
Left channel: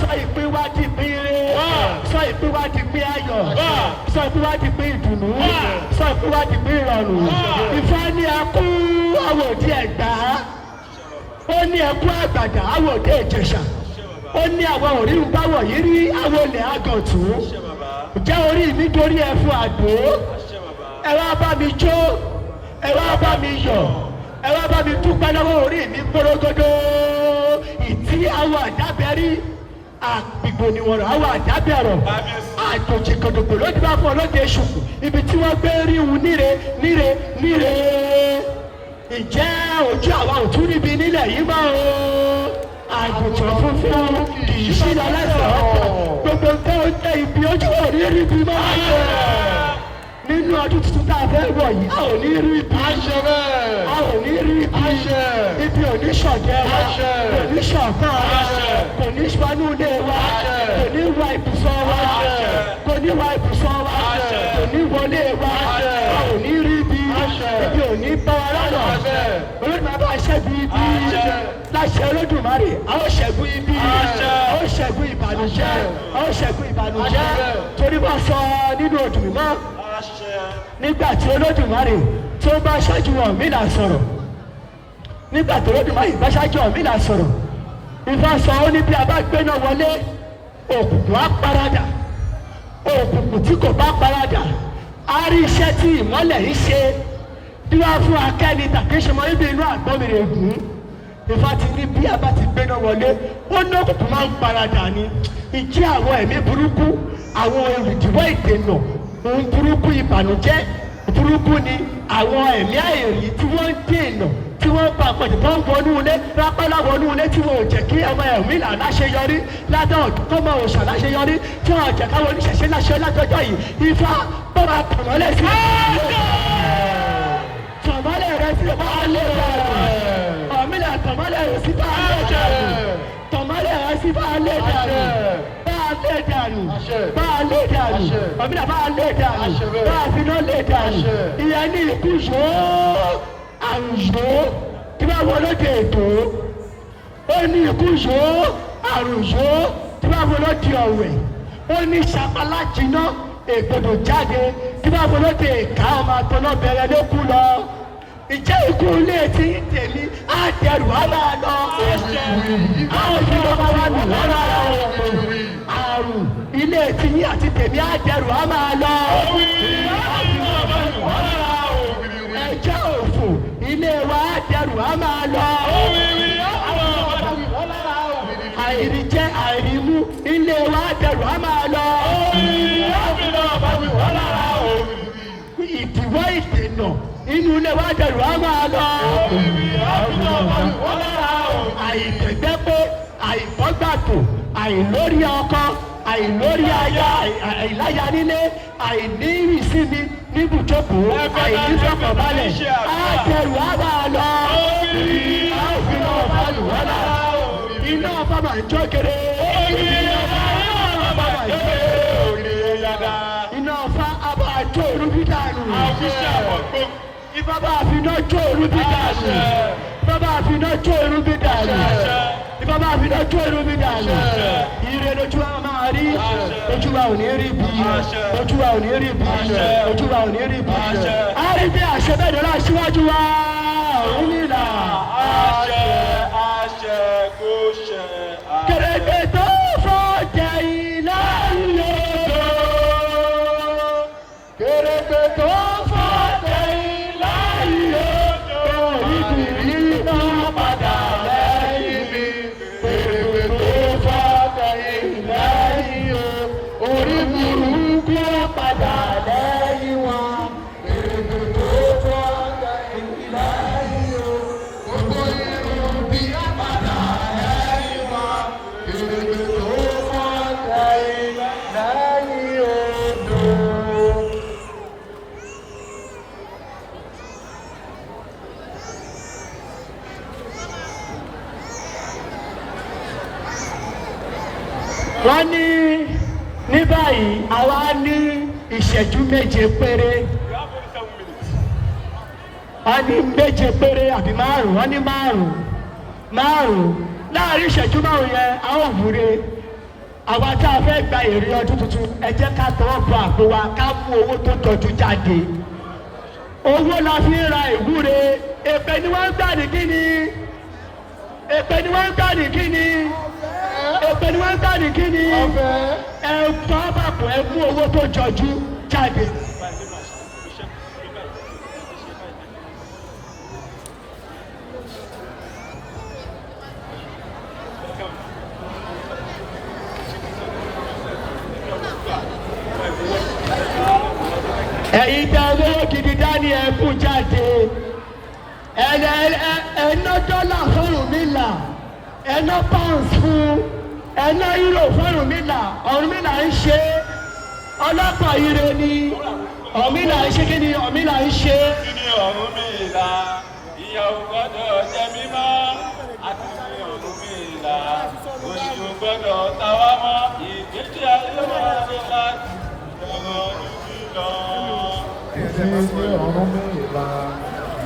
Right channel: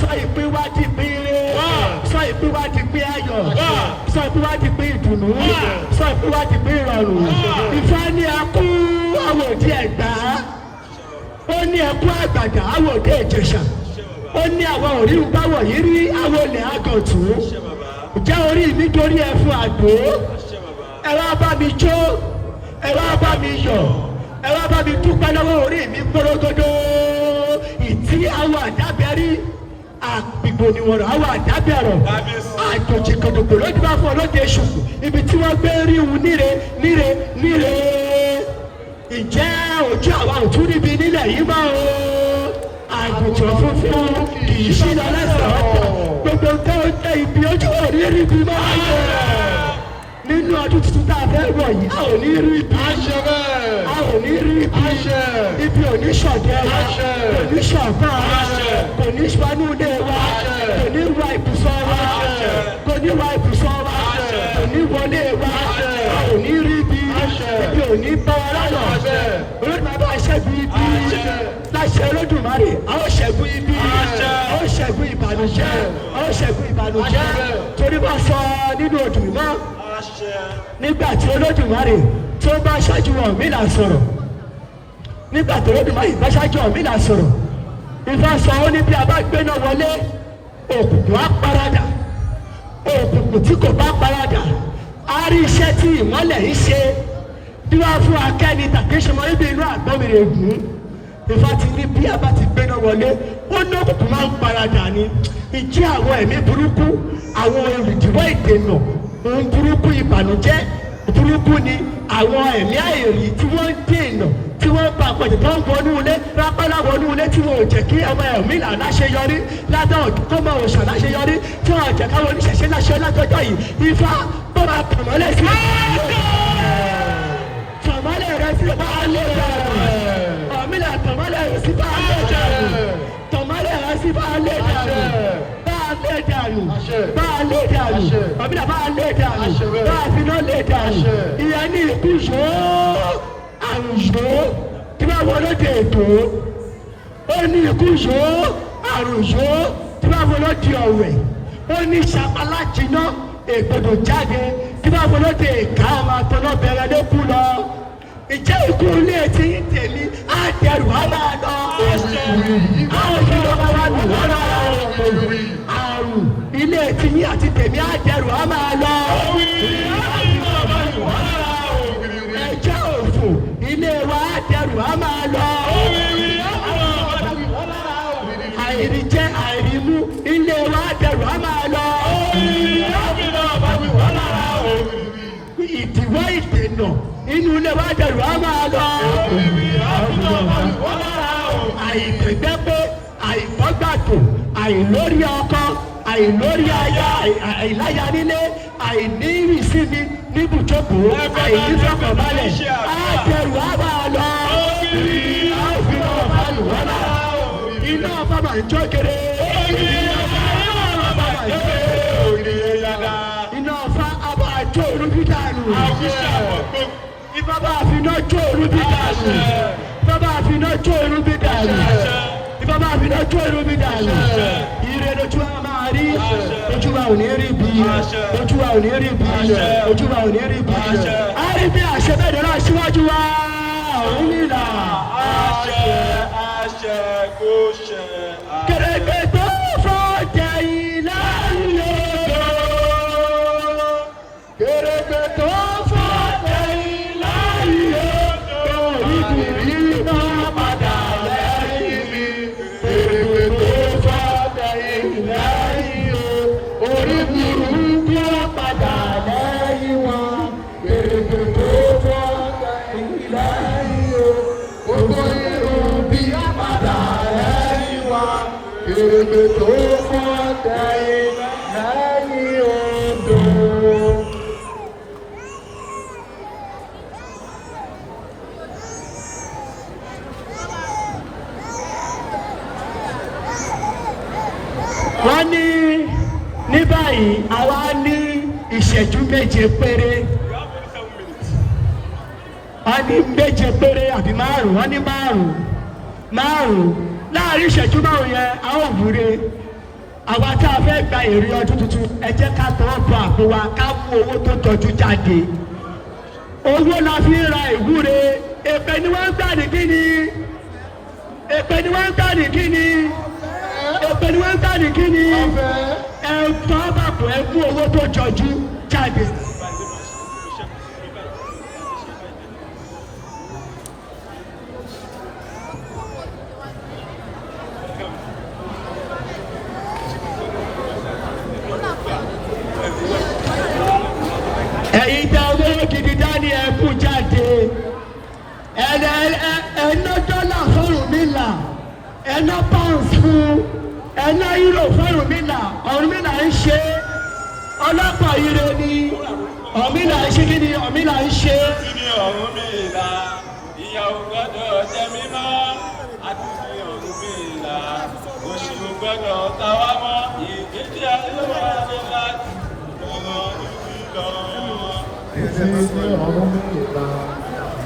sọ ìpín wá di pín sọ ìpín wá di pín ayọ̀ sọ ìpín wá di pín ìdùnnú sọ ìpín wá di pín ìrọ̀rùn Ifá ní ẹkú àwọn òde Ẹ̀gbá ó ní ẹkú àgbàdà àwọn òde Ìjẹ̀ṣà ó ní àwọn òrí báwọ̀ yìí rí àwọn olè àgọ̀tù ìjà orí mi torí ẹ fún àdó ẹ wá bá mi jó ẹ wá bá mi yọ̀ ẹ wá bá mi dúpẹ́ lọ́wọ́ orí mi gbọ́dọ̀gbọ́dọ̀ ìtí àwọn àdábẹ́rí àgbègbè níwọ̀n àwọn àdábẹ́rọ̀ àjòjì kòtòkò ló dúpẹ́ fún ọlọ́dẹ ṣùkú ibi tí wọ́n gbé rí wu níre ìjẹ́ ojú àwọn òtún níbi nílẹ̀ yìí máa ń àgùntàn funfun kì í sí lọ́lẹ́sẹ̀ ọ̀pọ̀ gbogbo nǹkan ó jẹ́ ibi ojú òrírí ibi máa ń yọ nínú ọdún tuntun tá a fẹ́ wọ̀ yìí a ò ní rí ibi a ò ní rí ibi ibi oníṣọ̀jẹ́ oníṣọ̀gbọ́n kò ní spanú ilé wa kò ní wá ibùsọ̀ wa kò ní wá ibùsọ̀ wa kò ní wọlé wa kò ní rí ibi ibi ò ní bá wa lọ́nà olódùmarè bá ṣẹ́gun ibi láṣẹ olódùmarè a ó ṣẹ́gun ibi a ó ṣẹ́gun ìbànújẹ́ a ó ṣẹ́gun ìbànújẹ́ torí wọ́n sọ nínú Òdùmọ́ nígbà tí olódùmarè tí ó bá ṣáájú Ọ̀rúnmìlà sọ̀rọ̀ nígbà tí olódùmarè bá ṣáájú Ọ̀rúnmìlà sọ̀rọ̀ Ifá sọ ó ní bí a bá gbéná wọlé òkùnkùn á paradà òkùnkùn tí kò bá paradà á rí iṣẹ́ tí ìmọ́lẹ̀ yìí ṣe bí wọ́n fún akẹ́ni tàbí ṣọmọ ibi inú àgbẹ̀mìrì ògùn Ifá ti ní bí a bá ti gbéná wọlé ó ní òkùnkùn máa ń paradà ni ìjẹ́ àwọn ẹ̀mí burúkú àwọn olùdíwọ́ ìdènà ohun burúkú ìbànújẹ́ burúkú ni àwọn ẹ̀mí àìrí tí wọ́n ń dènà tí wọ́n bá pẹ̀lú tó ń wọnú ilé rápálá wọnú ilé tí wọ́n ò jẹ́ kí ọmọ ẹ̀mí là láṣeyọrí ládà ọ̀dùnkọ́mọ òòṣà láṣeyọrí tí wọ́n ò jẹ́ káwọn oníṣẹ̀ṣẹ̀ láṣẹ lájọjọ́ yìí Ifá bọ́ra tọ̀mọ́lẹ̀ sí tọ̀mọ́lẹ̀ rẹ sí bá a lè bẹ̀rẹ̀ ọ̀mílà tọ̀mọ́lẹ̀ rẹ sí bá a lè bẹ̀rẹ̀ tọ̀mọ́lẹ̀ rẹ sí bá a lè bẹ̀rẹ̀ bá a lè dànù bá a lè dànù ọ̀mílà bá a lè dànù bá a fi náà lè dànù ìyẹn ní ikú yòó àrùn yòó tí wọ́n wọlé dé ètò ó ní ikú yòó àrùn yòó tí wọ́n wọlé di ọ̀wẹ̀ ó ní sàpàlà jìnnà ègbòdò jáde tí wọ́n wọlé dé èka ọmọ àtọ́nà bẹ̀rẹ̀ lókù lọ ìjẹ́ ikú ilé tí ń tẹ̀lé àdẹrù wàhálà lọ àrùn ilé tí yín àti tẹ̀mí àdẹrù wàhálà lọ ẹjẹ́ òfò ilé wa àdẹrù wàhálà lọ àìríjẹ àìrímú ilé wa àdẹrù wàhálà lọ ìdíwọ́ ìdènà inú ilé wa dẹrù á máa lọ. àìtẹ̀gbẹ́pẹ́ àìkọ́gbàtò àìlórí ọkọ àìlórí aya àìláya nílé àìní ìsinmi níbùjókòó àìnífọ̀kànbalẹ̀ á dẹrù á máa lọ. iná ọba máa ń jó kéré. iná ọba àbá àjò olùbíjà nù. Bàbá àfiná jó orúbí dànù. Bàbá àfiná jó orúbí dànù. Bàbá àfiná jó orúbí dànù. Ire lójú wa máa rí. Ojú wa ò ní rí bí. Ojú wa ò ní rí bí. Ojú wa ò ní rí bí. A rí bí àṣẹ bẹ́ẹ̀ dọ́là síwájú wa. Òun nìlà. Àṣẹ kò ṣẹ. Kẹ̀rẹ̀kẹ̀ tó fọ́jà ìlà ìlú. Kẹ̀rẹ̀kẹ̀ tó fọ́jà ìlà ìlú. Ìbìrì náà padà lẹ́yìn mi. Kẹ̀rẹ̀kẹ̀ tó fọ́jà ìlà ìlú. Orí burúkú padà lẹ́yìn wọn. Kẹ̀rẹ̀kẹ̀ tó fọ́jà ìlà ìlú. Gbogbo irun bí a padà lẹ́yìn wọn. Kẹ̀rẹ̀kẹ̀ tó fọ́jà ìlà ìlú. Wọ́n ní báyìí àwa ní ìṣẹ́jú méje péré. Wọ́n ní méje péré àbí márùn-ún. Wọ́n ní márùn-ún. Láàárín ìṣẹ́jú márùn-ún yẹn a ó wúre. Àwa tá a fẹ́ gba èrè ọdún tuntun ẹ jẹ́ ká tọwọ́ bọ àpò wa ká mú owó tó jọjú jáde. Owó la fi ń ra ìwúre. Èpè ni wọ́n ń gbà ní kíni? Èpè ni wọ́n ń gbà ní kíni? Èpè ni wọ́n ń gbà ní kíni? Ẹ tọ́ bàbọ̀ ẹ mú owó tó jọjú jáde. ẹ̀ná dọ́là fọ́rùn mi là ẹ̀ná pounds fún ẹ̀ná euro fọ́rùn mi là Ọ̀rúnmìlà ń ṣe ọlọ́pàá ire ni Ọ̀rúnmìlà ń ṣe kí ni Ọ̀rúnmìlà ń ṣe. kí ni Ọ̀rúnmìlà ìyàwó gbọ́dọ̀ jẹ́ mímọ́ àti Ọ̀rúnmìlà oṣù gbọ́dọ̀ tọwọ́ mọ́ ìdíje ayélujára wá ọmọ ìlú lọ. Èsì ní Ọ̀rúnmìlà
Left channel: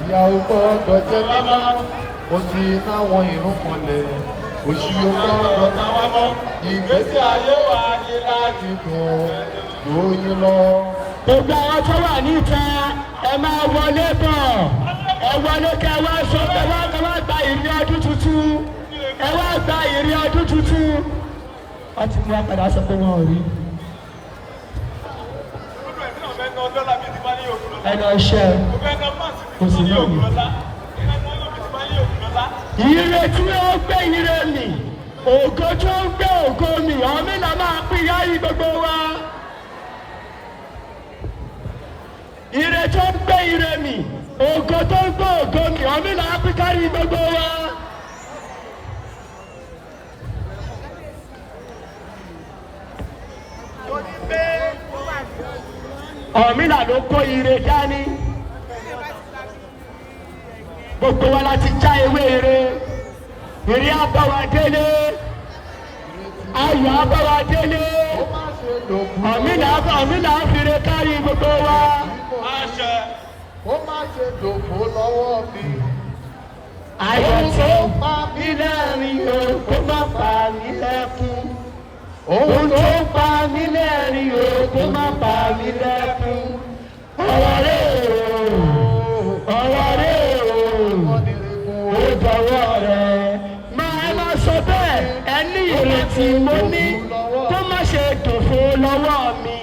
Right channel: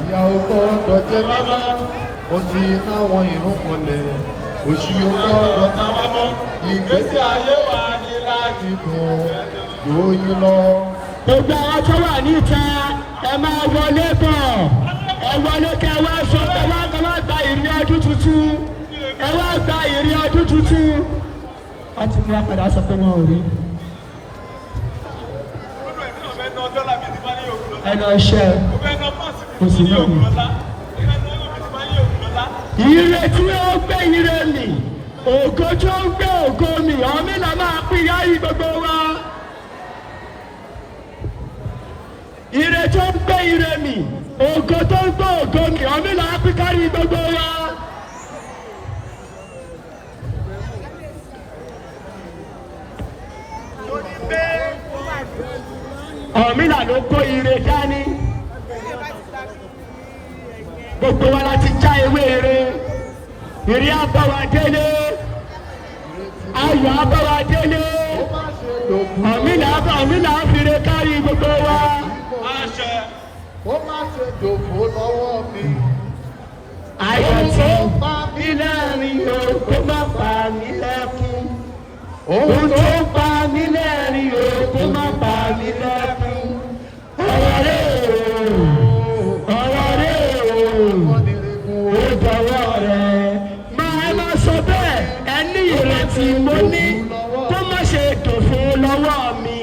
ìyàwó gbọ́dọ̀ jẹ́ mímọ́ ó ti náwọn ìrún kanlẹ̀ oṣù gbọ́dọ̀ tọwọ́ mọ́ ìgbésí ayé wa ní láti bẹ̀rẹ̀ lóyún lọ. Gbogbo àwọn tó wà níta ẹ máa wọlé bọ̀ ẹ wọlé kẹ wá sọ pé wá gba ìrìn ọdún tuntun ẹ wá gba ìrìn ọdún tuntun. wọ́n ti ní apẹ̀rẹ̀ aṣọ pé wọ́n ò rí. ẹnu ọṣẹ kò sí ní òní. ire tí ó gbé ire mi ògo tó ń gbé ògo mi Ọ̀rúnmìlà máa pín yáyí gbogbo wa. ire tó ń gbé ire mi ògo tó ń gbé ògo mi Ọ̀rúnmìlà á pín kárí gbogbo wa. Ọ̀rúnmìlà ló kó ire dání. Gbogbo wa láti já ewé ire. Ire abáwa délé. Ayọ̀ abáwa délé. Ọ̀rúnmìlà fìrè kárí gbogbo wa. Ó má ṣe dòfò lọ́wọ́ mi. Ayọ̀ tí ó pa mí lẹ́rìn o, kó má pa mí lẹ́kún. Ohun tó pa mí lẹ́rìn o, kó má pa mí lẹ́kún. Ọ̀rọ̀ rẹ̀ ó dọ̀wọ́ rẹ̀. Máa má sọ bẹ́ẹ̀, ẹni ìrètí mo ní tó má ṣe dòfò lọ́wọ́ mi.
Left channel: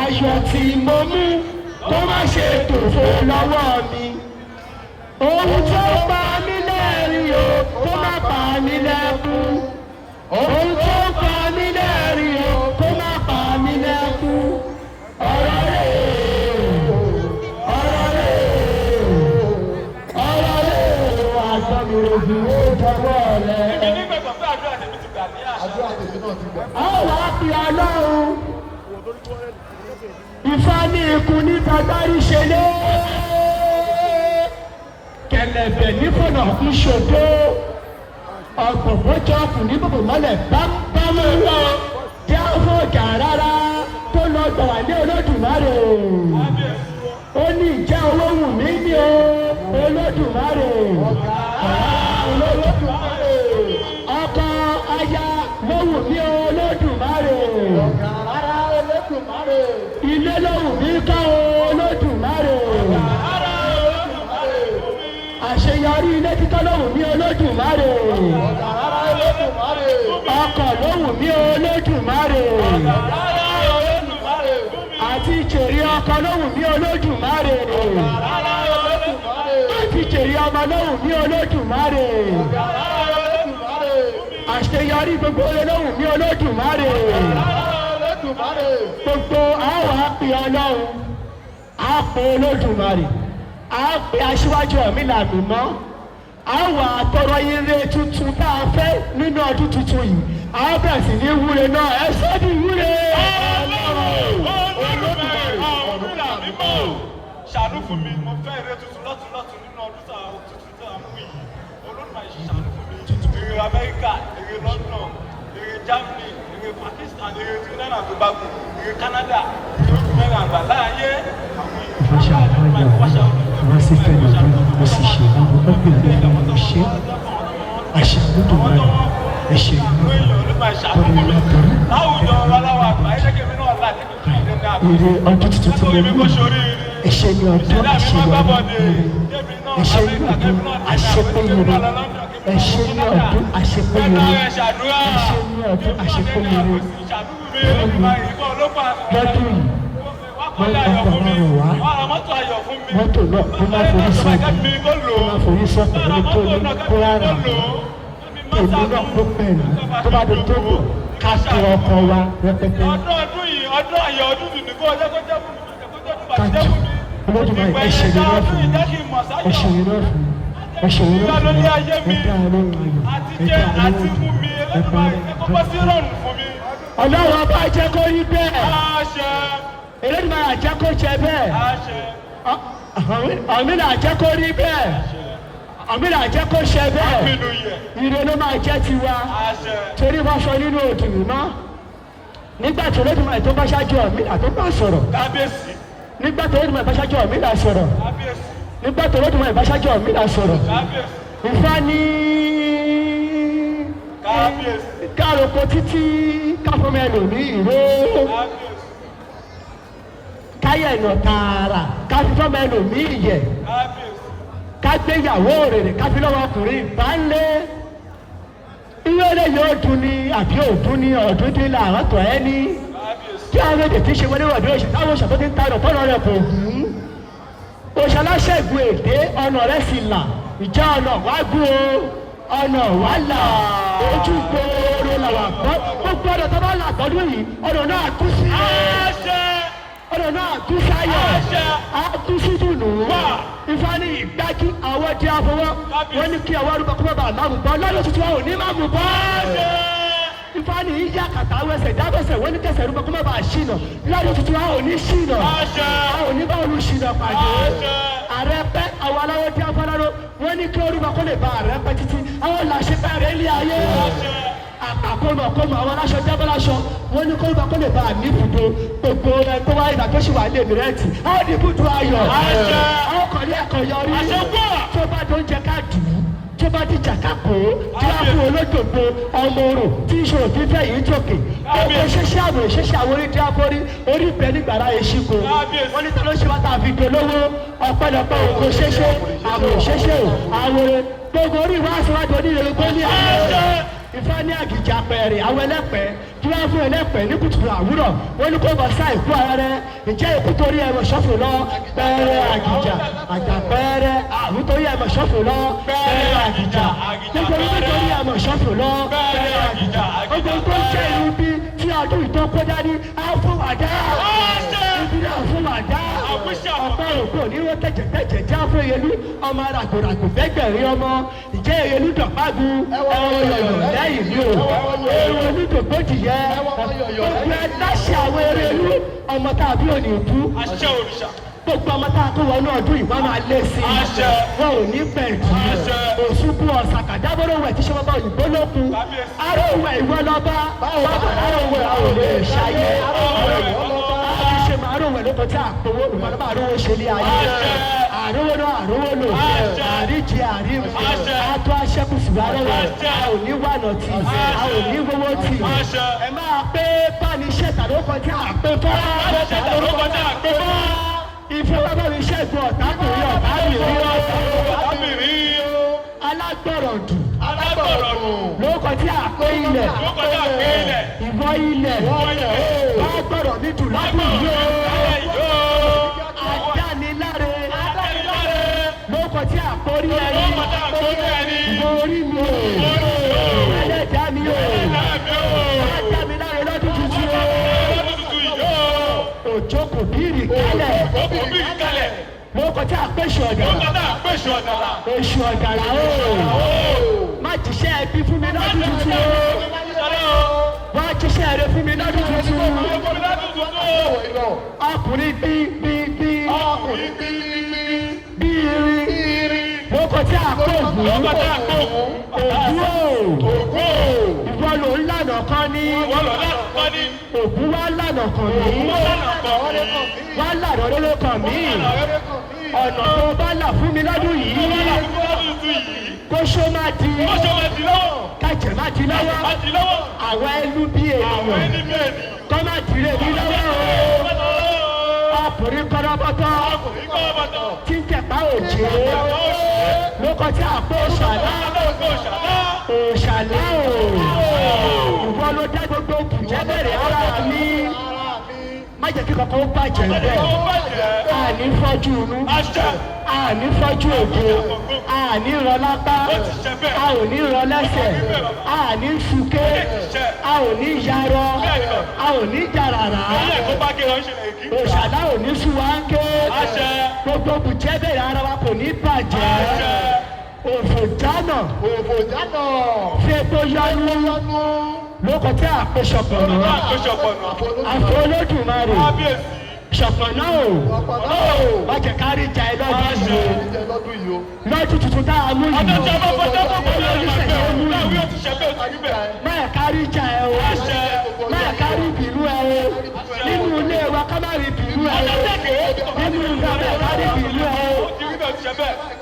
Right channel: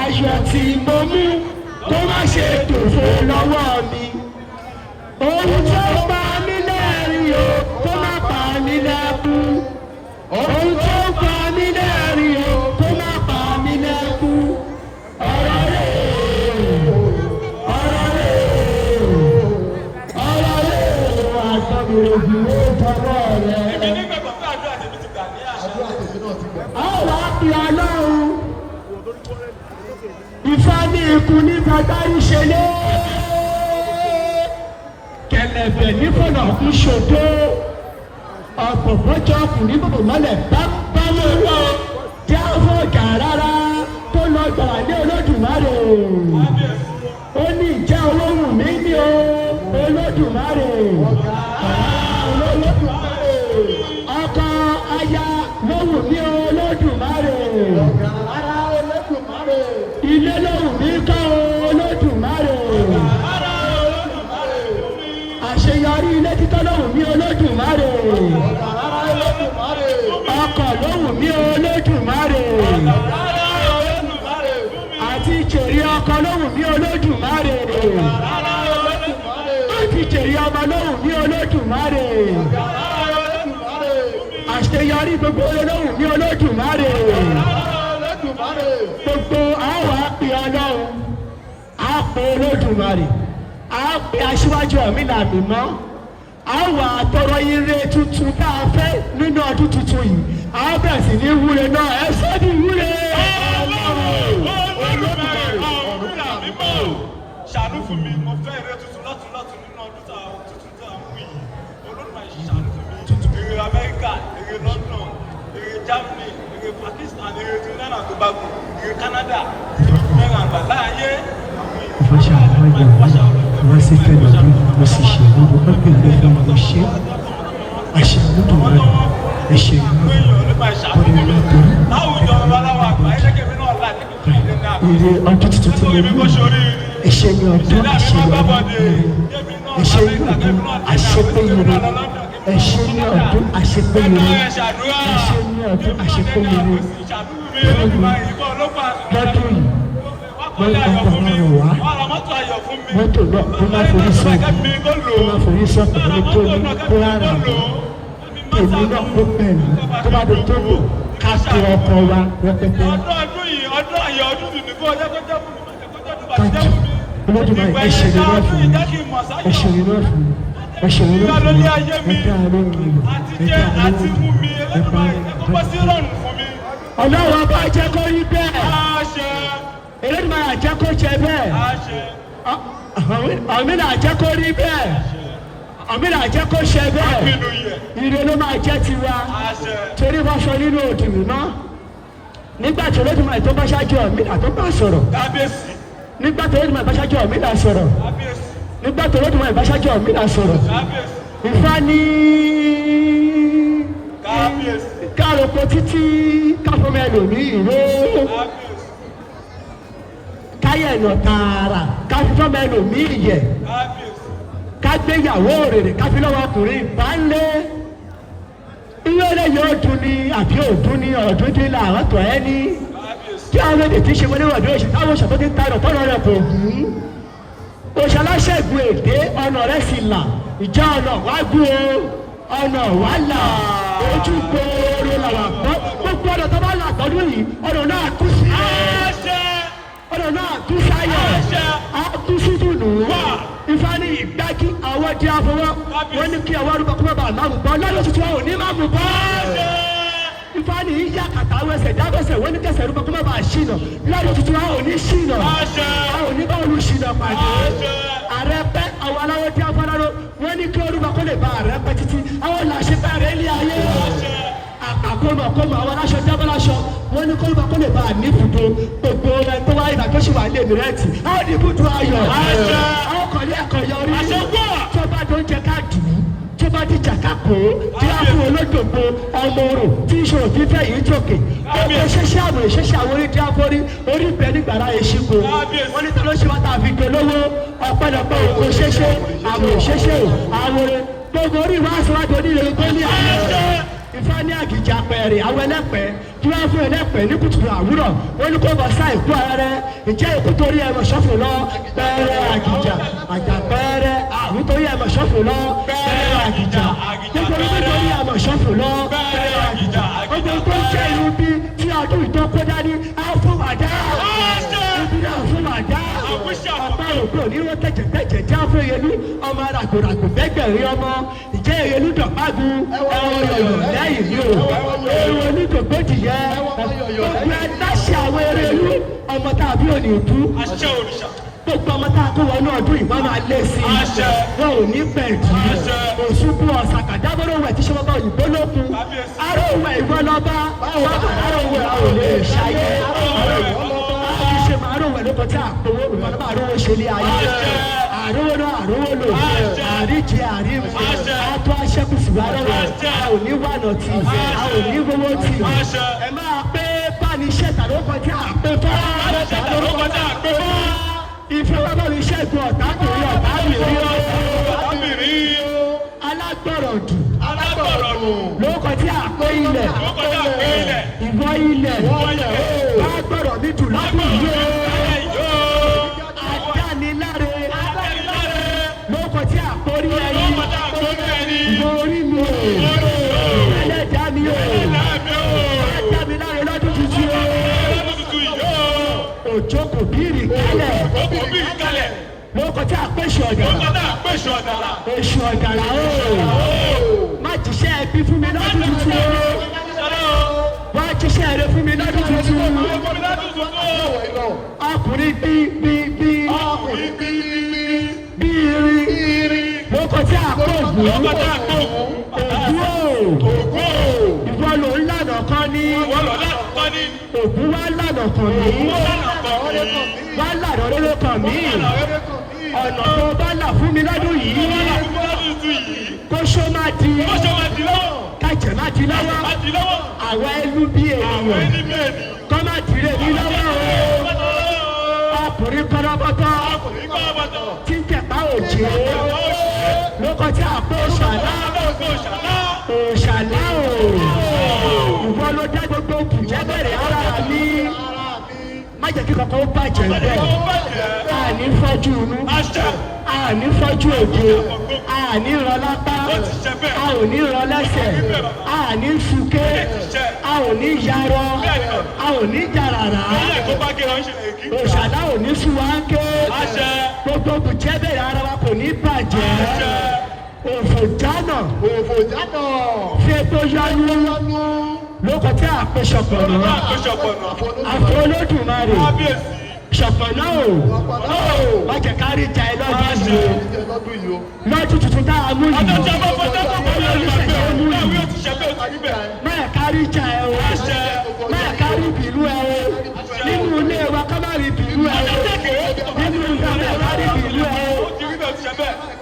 Ayọ̀ tí mo mú tó má ṣe dòfò lọ́wọ́ mi. Ohun tó pa mí lẹ́rìn o, kó má pa mí lẹ́kún. Ohun tó pa mí lẹ́rìn o, kó má pa mí lẹ́kún. Ọ̀rọ̀ àgbọ̀nì òbí ló tọ́gbọ́ rẹ̀. Àdúrà tèmi náà ti gbà. Àwọn àpè Ọlọ́run Ifá ní ikú ní tọ́gbọ́rú ṣe lé. Kẹ̀lẹ̀bẹ̀ ní fọ̀nà kú ṣògo. Ọ̀pọ̀pọ̀ jọ ọkùnrin bòbò mọ́lẹ̀ bá lọ́wọ́. Tí a fọ́ ọjà rárá tó lọ gbà ní Olódùmarè. Ó ní ìjà owó wù mí ní o Olódùmarè. Ọkọ aya ló wù mí o Olódùmarè. Ilé ló wù mí kọ́ o Olódùmarè. Àṣeyọrí ilé kíkọ́ ló wù mí Olódùmarè. Ọkọ̀ ló wù mí Olódùmarè. Àti ìjèrè ọkọ̀ ló wù mí Olódùmarè. Àti ìjèrè ọmọ ló wù mí Olódùmarè. Àṣeyọrí gbogbo ló wù mí Olódùmarè. Gbogbo àwọn àpè Ọlọ́run àpè Olódùmarè àpè Aṣíwájú Ọ̀rúnmìlà mímọ́ àwọn àtọrọ ire tuntun tá a fẹ́ nínú ọdún tuntun yìí àwọn bẹ̀rẹ̀ sí ní wúre náà ẹ sọ́dí wúre. Ṣàánú fún mi, mo fẹ́ ire tuntun lọ́tún nínú ọdún tuntun tá a wù yìí. Olódùmarè ṣàánú fún mi. Ire Amẹ́ríkà, ire London, ire Germany, ire Pakistan, ire Trinidad and Tobago, ire Canada, ire àgbàlá ayé. Wọ́n sì fẹ́ lọ́dún mo sì ṣe gbogbo pẹ́pẹ́ ìgbẹ́fẹ́ mo ṣe àṣẹ lódò rẹ̀ ẹ̀ṣẹ̀ ìlú ọ̀rọ̀ ìlàtọ̀ ire ọdún tuntun tí mo mú ẹ̀ṣẹ̀ ní ọdún àṣẹ ìyàwó ẹ̀ṣẹ̀ ní ọdún àṣepéyere ẹ̀ṣẹ̀ ní ọdún àṣepéyere ẹ̀ṣẹ̀ ní ọdún àṣepéyere lọ́dún yìí wọ́n ń gbà wọ́n wá mọ́tò náà tó máa forí sọ́ọ̀bù ní tó ní kó rárá mi èmi náà kó pẹ̀lú tó bá dé tó lò ká tó ọkọ̀ wa rẹpẹtẹ. káàkiri Olódùmarè ẹ ṣe lè wá fún mi ẹ ṣe iná fún mi ẹ ṣe iná fún mi ẹ dá àárọ̀ mi ẹ dá àárọ̀ mi ẹ bá mi. ọlọ́run ọba jẹ́ kó rí bẹ́ẹ̀ eléyìí máa jẹ́ kó jẹ bẹ́ẹ̀ àmínà jẹ́ kó rí bẹ́ẹ̀ àmínà jẹ́ kó ṣe bẹ́ẹ̀ ire ló máa jẹ́ tiwa torí wọ́n sọ nínú òdùnnú náà nígbà tí olódùn máa tó bá ṣáájú àmínà tó bá sọ̀rọ̀ nígbà tí olódùn máa bá ṣáájú àmínà sọ̀rọ̀ nígbà tí olódùn máa bá ṣáájú àmínà sọ̀rọ̀ Ifá ní kárọ̀pọ̀ títí káfọ́mọ́ ẹlòmíì ìwé káyọ̀ ẹ̀nà tààrà káfọ́mọ́ ẹlòmíì yẹ kágbéyàwó òrèrè káfílọ́wọ́ ọkùnrin ìbálé ìrẹ́lẹ̀ yóò dún ní àbí òdún ní ọ̀dún dín láàárọ̀ tọ̀ ẹ́ ní tí àwọn èdè tí ń ṣe wọlé wọ̀dé oṣù táwọn oṣù tó ti ń tarọ̀ tọ́lọ́ rẹ̀ kò hù ú òṣèlásẹ̀gùn èdè ọ̀nà rẹ̀ sì là ìjà ọ̀nà wá gún o ọ̀nà wá là ojú gbòòrò làwà gbọ́ gbogbo ọ̀nà tó bá là gbọ́dún yìí ọ̀nà náà kú sí ọ̀nà náà kú sáyọ̀ á kú sí dùnú Ifá ní ìgbájú àwọn di afọwọ́ wọ́n ní kí àwọn arúgbó kúmọ̀ bá máa mú bọ́ lọ́dún tuntun àwọn ò ní máa mú bọ́ Ifá ní yíyá kàtà wẹsẹ̀ dábẹ́sẹ̀ wọ́n ní kẹsẹ̀ arúgbó kúmọ̀ bá ṣìnà lọ́dún tuntun àwọn ò ní ṣìnà àwọn ò ní bá olú ṣìnà pàdé ààrẹ pẹ́ àwọn aláwọ̀ di afọlọ́rọ́ wọ́n ní kí orúkọ kó lè ba ààrẹ pẹ́ títí àwọn làṣẹ pẹ́ rẹ̀ ní ayé àkómọ̀ àwọn aláṣọ jábọ́láṣọ wọ́n ní kó orúkọ kó lè ba àní ibùdó gbogbo ẹ̀ tó wáyé ìgbà tó ṣì wà ní èmìrẹ́tì àwọn ní ibùdó ayọ̀ ọkọ̀lẹ́ àkọyọrí tó bá tó ń jẹ ká dùn tó bá ti jà ká kó tí a fún olódòdó ọmọ orò tí ìṣòro fífẹ́ yìí jòkè ọmọ ìṣẹ́ṣẹ́ àwọn ìṣẹ́ṣẹ́ àwọn orí tí a forí orí ìbẹ́ nígbàrá èṣìkò wọ́n ní tọ́lọ́ ṣe wá tàbí dolówó ọ̀pọ̀lọpọ̀ ìkó ṣẹ́ṣẹ́ àwọn ìṣẹ́ṣẹ́ àwọn gbogbo orí wa síwájú onílé tó ní àwọn Ifá ní àgìjà pẹ̀rẹ̀ àwọn ẹlẹ́pẹ̀ tí wọ́n fún ẹlẹ́pẹ̀ ní kùtùkùtù àwúrọ̀ ó ní kó bọ̀ sá ìkú ara rẹ̀ ìjẹ́ ìkú torí ẹ̀rọ ṣọ́fù lọ pẹ̀rẹ̀ àgìjà àjà pẹ̀rẹ̀ àwú torí ẹ̀rọ ṣọ́fù lọ pẹ̀rẹ̀ àgìjà nítorí nítorí ẹ̀rọ ṣọ́fù lọ pẹ̀rẹ̀ àgìjà ọjọ́ tó jẹ́ irú bí tí ọdún ìtọ́ kọjá ní àfọwàdá ìbílẹ̀ àfọwàdá ọ̀pọ̀ òkú onírò tẹ̀jẹ̀tẹ̀jẹ̀ já fún ìyẹlú ọmọ ràgòràgò bẹ́gbẹ̀rin ọmọ ìjẹ́ ìyẹlú dọ̀gbágun ẹ̀rọ yọ̀yọ̀ lẹ́yìn ní o ẹ̀rọ olùdókòtì yẹ ọ̀gbẹ́ aláṣẹ àwọn erelu ọmọ tá a bí òní ìbú gbogbo ọmọ tá a kó wọnú ọdún ìbọn máa lé sí i wọn ò ní pẹ̀ntì òṣùpù ọ̀sàkà dábọ́rọ̀ wẹ̀ tí ṣe wọ́n bá òyìnbó lókun aróòwẹ̀ ìwọ lọ́ba aróòwẹ̀ àwọn olè ṣayé ṣe máa róòwẹ̀ lóko tí a kówó ìwọ̀n bá róòwẹ̀ ṣe ní ayé àrówó náà àrówó lò àríjì àríwú àtọ aṣẹ́kùsù arẹwà a ò ní wànà tì a ò ní gbowó tì ẹ máa pé báni iṣẹ́ tàbí ọkọ̀ tí a pé tó ìfẹ́ wá bá mi ṣẹ́gun ọ̀tá kò rí ọ̀tá mi rí alágbọ̀rọ̀ dù lóko tí a pé ilẹ̀ ìwọ ilẹ̀ bá gbọ̀rọ̀ mi dù lábẹ́ ìlú adániláre lóko tí a kórí ẹyin ìwọ orí mi o ẹlẹ́dàá mi o adániláre lọ́dún tuntun o òjò kò bírì kálẹ̀ lóko tí a pèsè ọ̀dàlà oṣù ọ̀dàlà o má jíṣẹ́ ẹbí fún mi lọ́dún tuntun o wá jíṣẹ́ rẹ fún mi lọ́dún tuntun ọkùnrin bí lóko tí a kó ògùn ìwọ ló ń lànà kan ní ògùn wá lànà kan ní wá lànà ló kàn mí ọ̀nà tó bá là fún mi lọ́dún yìí kó ṣó má di kájẹ̀ má di lọ́wọ́ àwọn ẹlú bí ènìyàn kọ́ má di rè mí lọ́wọ́ ọkùnrin kọ́rọ́bọ́tọ́ tí ń tẹ̀pá òjò lóko tí a kó òṣàlá ìwọ ló dá gbogbo kùjẹ́ bẹ̀rẹ̀ rárá ní má jẹ́ kí kankan ó bàjẹ́ bẹ́ẹ̀ àní fọ́jú inú àní fọ́jú ògo àní rọ lápá a ò ní rọ lẹ́sẹ̀ àní súké a ò ní yarọ a ò ní jàràrà òṣàlá ò ní súwáńké gbogbo kùjẹ́ bẹ̀rẹ̀ ara wa kò ní bàjẹ́ òfò jámọ̀ fẹ́tò yánú lóko tí a pè ṣọ̀pọ̀nà àfọ Olódùmarè ṣọ̀pọ̀nà o wọ́n jẹ́ kárí jà ẹ lọ́dún yìí lọ́dún tuntun tá a mú yìí olùṣèṣẹ́ mú yìí máa kárí jà ẹ o máa kárí bìrú ẹ o nínú ilé wa ká má rí bìrú ẹ o nínú ìgbà máa kárí bìrú ẹ o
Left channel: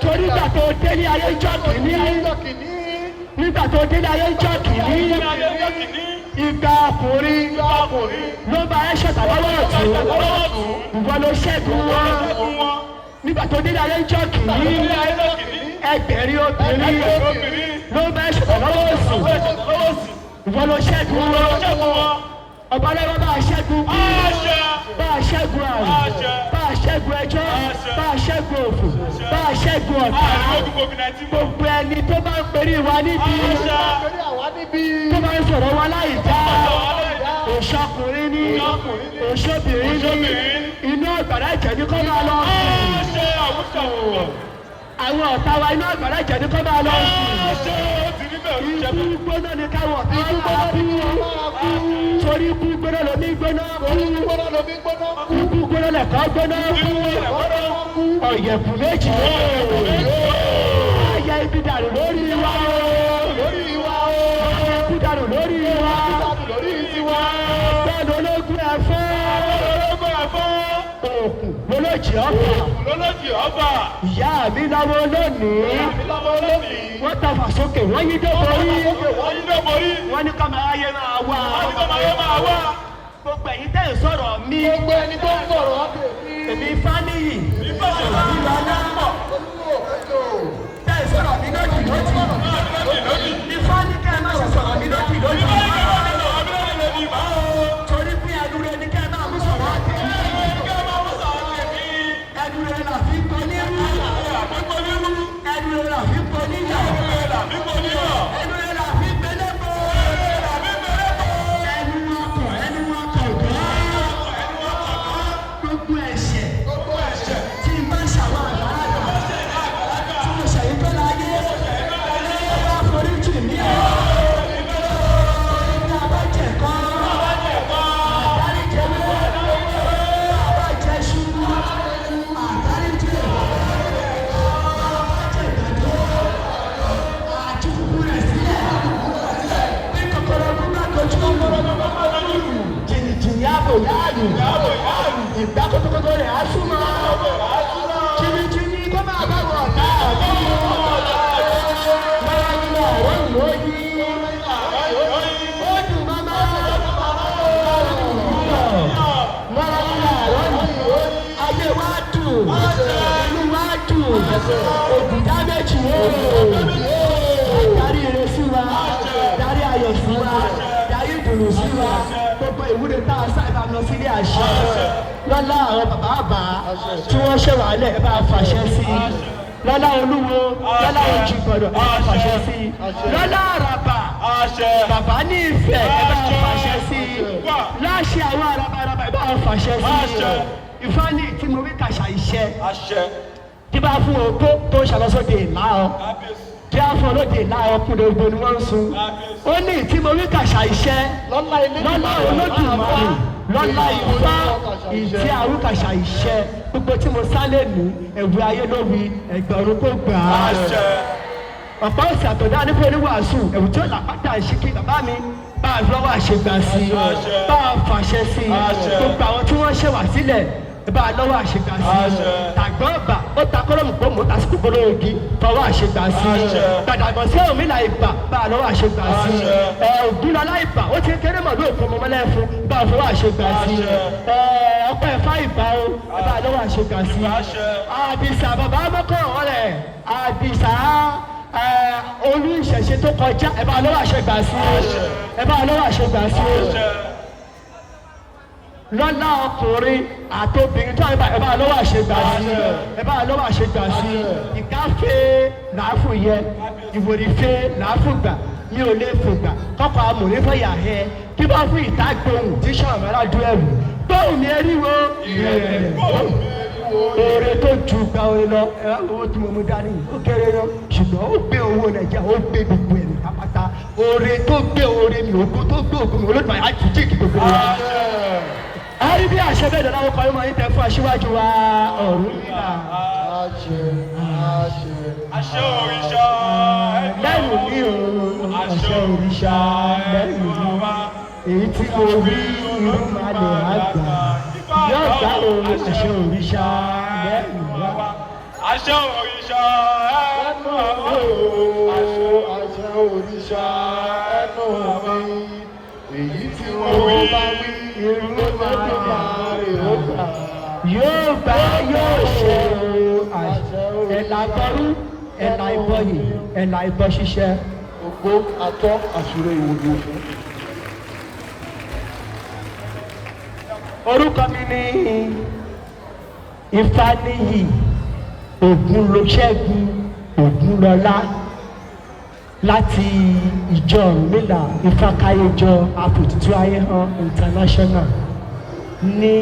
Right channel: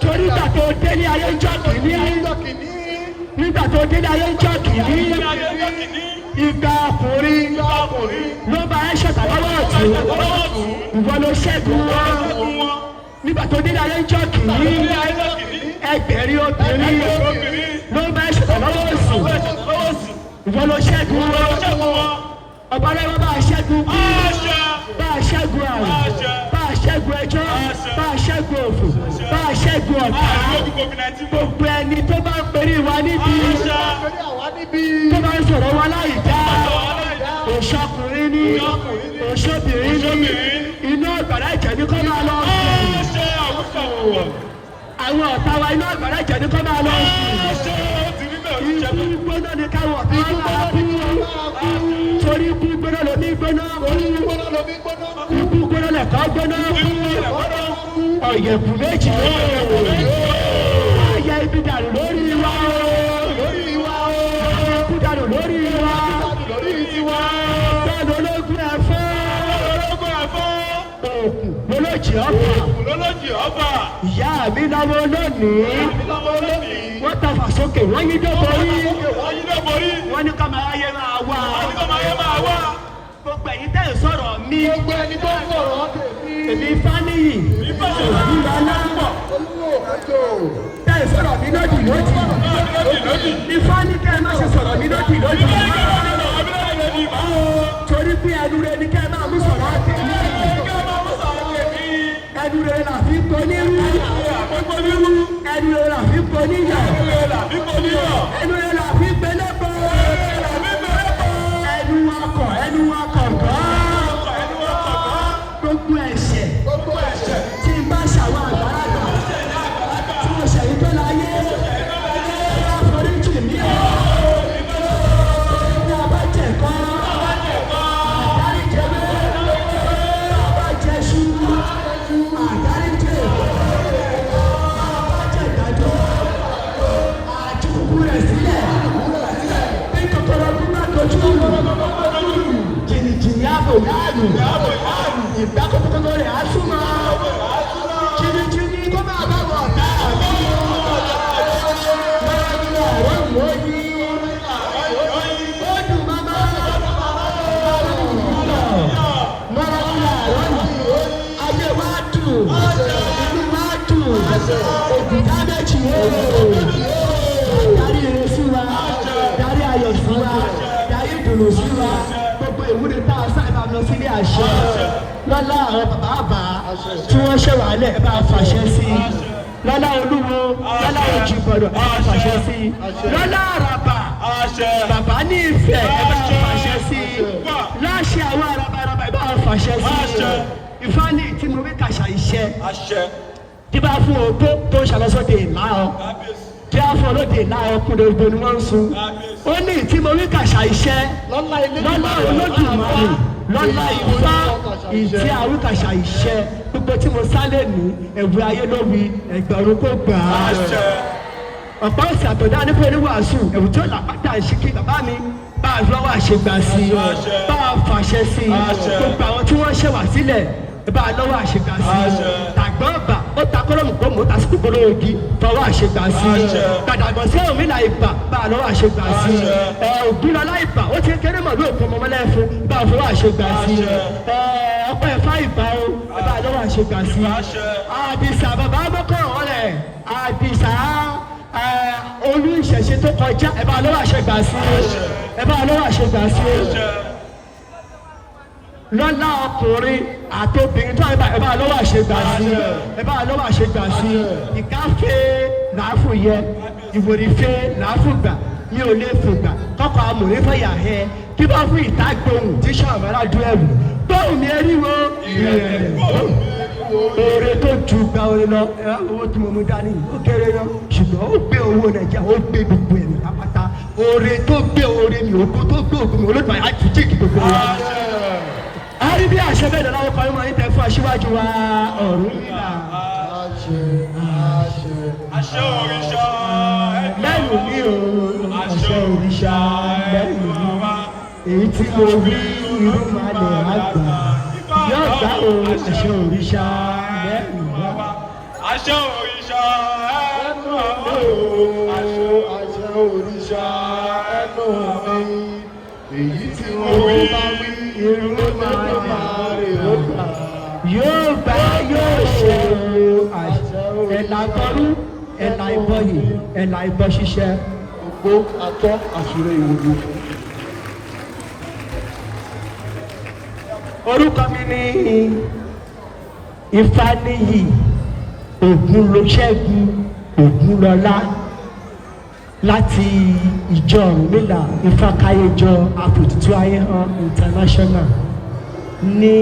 torí gbà tó délé ayé ń jọ kìíní nígbà tó délé ayé ń jọ kìíní ìgbà ọkùnrin ló bá ẹ ṣọ̀tà lọ́wọ́ ọ̀tún ìwọ ló ṣẹ́gun wọn nígbà tó délé ayé ń jọ kìíní ẹgbẹ̀rin obìnrin ló bá ẹ ṣọ̀tà lọ́wọ́ ọ̀sùn ìwọ ló ṣẹ́gun wọn ọba lọ́wọ́ bá a ṣẹ́gun bá a ṣẹ́gun àrùn bá a ṣẹ́gun ẹjọ́ bá a ṣẹ́gun òfò bá a ṣẹ́gun ọ̀pá gbogbo ẹni tó bá ń perí wa níbi tó bá ń sọ̀rọ̀ wa láì dá òṣọkùnrin ní òṣobìnrin ní iná ọ̀gbàrá ìjẹ̀bi kọ́ máa lọ sí àwọn ọ̀tá wa iná ọ̀gbàrá ìjẹ̀bi kọ́ máa lọ sí ikú gbóná ní káwọn ọ̀tá máa kú torí ikú gbóná ló ní gbóná ikú gbóná lẹ̀kọ́ gbóná ọ̀yẹ̀kù méjì ayé ibi dànù lórí wa ibi dànù lórí wa bẹ́ẹ̀ni ológun ẹ̀fọ́ òkú lọ́lọ́jì ọ̀fà ìyá mi lọ́wọ́ lónìí wọ́n tàfà sókè wọ́n yí dóborí wọ́n ní ká máa yẹ máa wá gbogbo ẹ̀yin tẹ́ ẹ̀ sọ̀rọ̀ mi èmi Fáníyì ìlú aláàbọ̀ tẹ́ ẹ̀ sọ̀rọ̀ mi lódì Ifá ní kẹ́ ẹ má ṣe sọ̀rọ̀ mi lódì torí pé ẹnu rẹ ni kẹ́ ẹ máa mú sọ̀rọ̀ tèmi ẹnu rẹ là fi gbóní rú ẹnu rẹ là fi gbóní yọ ẹnu rẹ là fi gbélé bọ́ ẹnu ọkọ̀ gbọ́ gbogbo ẹ̀ṣẹ̀ tí n bá ṣàwọn àgbàlagbà tí mo ṣẹ̀yìn tó láyé àforíjì mi ní abájẹ̀kọ́ àdáríjẹ̀wé abájẹ̀ṣu àdáríjẹ̀ abájẹ̀gbàdo àjùkú rẹ̀ sílẹ̀ bí kòkòrò gbígbà dojú jìnnìjìnnì àbò yáàlù ìgbà kòkòrò rẹ̀ á súnmọ́ jìnnìjìnnì tó máa bá wọ̀ ọ̀tá ayé wa dùn inú wa dùn òkúta méjì darí ire sí wa darí ayọ̀ sí wa darí ìdùnnú sí wa gbogbo ìwúre tá a sábà lọ sílé àṣẹ lọ́lá àwọn bàbá tí wọ́n ṣe wà lẹ̀ bá a fàṣẹ sí lọ́lá olúwo lọ́lá òjìgbọ̀rọ̀ ẹ bá a fàṣẹ sí lọ́lá àràbà bàbá ní ìfẹ́ ẹ bá a fàṣẹ sí láṣẹ àwọn àràbàràbà ẹ bá a fàṣẹ sí Ifá ní tí mo rí kàṣà iṣẹ́ tí bá fún opó tó ń ṣàlọ́sọ́dẹ̀ ìlà ọ tí a fún olóde ìlà ọkùnrin ògbó ni wọ́n ń sun ó ní tí mo rí kàṣà iṣẹ́ lọ́lá Olódùmarè lọ́lá Ifá ìtí àwọn kàṣà iṣẹ́ gbogbo tí mo sálè nù ẹ̀wù ayé lórí ẹgbẹ̀rún kó gbà á ọ̀pọ̀ ọ̀sẹ̀ àtọ̀dá nípa oníwàásù ẹ̀wù tí ó làpàtà ìṣìkí bàbá mi bá a lọ́wọ́ àṣegbà sí i bá a fàṣẹ sí i gbogbo àwọn tí wọ́n ṣẹ̀wà sílẹ̀ bá a lọ́wọ́ àṣegbà sí i tàgbọ́ ọ̀bà ó ta kọ́lọ́mù kó mò ń tasí kókó lóògì fọwọ́ àṣegbà sí i gbàdàgbọ́ sí òmìnira ìbà bá a lọ́wọ́ àṣegbà sí i ògúnlọ́lá ìbà ó ti kéré mọ̀ ní òkú ọmọmọlẹ́ fún bá a fọwọ́ àṣegbà sí i ọ̀pọ̀ ẹ̀fá ìbà ó bá a lọ́wọ́ àṣegbà sí i àdìsá bàbá mọ́kọ̀ ọ̀rẹ́ àdìsá olú ìṣẹ̀ṣe tó kọjá ẹ bá lọ́wọ́ àṣegbà sí ẹ bá lọ́wọ́ àṣegbà sí lọ́lá ọkùnrin àti obìnrin tó ẹ bá lọ́wọ́ àṣegbà sí ẹ bá lọ́wọ́ àṣegbà sí ìkáfẹ́ làáfù yẹ ìwòrìfẹ́ làáfù gbà mi ò lè fò gbà kọ́kọ́ amòrè fẹ́yà ẹ kí bá fún ìta gbóhùn tí sọ̀rọ̀ ládùú ẹ̀rù bóun ni eriwo ìrẹ̀lẹ̀ oore tó ju gba orin lọ owó tí mo mú dání ó kéré lọ ṣùgbọ́n ó gbé owó nàìjíríà ó gbé gbogbo ẹ̀mí pápátá oore tó gbé oore mi òkú tó gbé òkú mi olóògbé àjíjíkì gbogbo wa. ẹ̀rí bí àṣẹ bẹ́ẹ̀ dáná ọkọ̀ ọmọ yìí tẹ fún aṣíwájú wa Ọ̀rúnmìlà. àṣẹ òrìṣà lẹ́nu mi ò àṣẹ òrìṣà lẹ́nu mi èyí tí mo rí irú máa lè àgbà yóò gbá o àṣẹ òrìṣà lẹ́nu mi. àṣẹ òrìṣà ẹnu mi àṣẹ òrìṣà ẹnu mi èyí tí mo rí irú máa lè àgbà yóò gbá yóò ṣe ẹ̀là bọ́lú ẹ̀là ìbọyè ẹ̀là ìbọ ṣiṣẹ́. ògbó atọ́ àṣírí ìwòye. orúkọ mi ní Ifáníyì Ògúnlọṣẹ́gun Ògúnlọlá láti ìjọ Ọ̀rúnmìlà Ifákáyéjọ Àfètùtù Ayéhàn International ní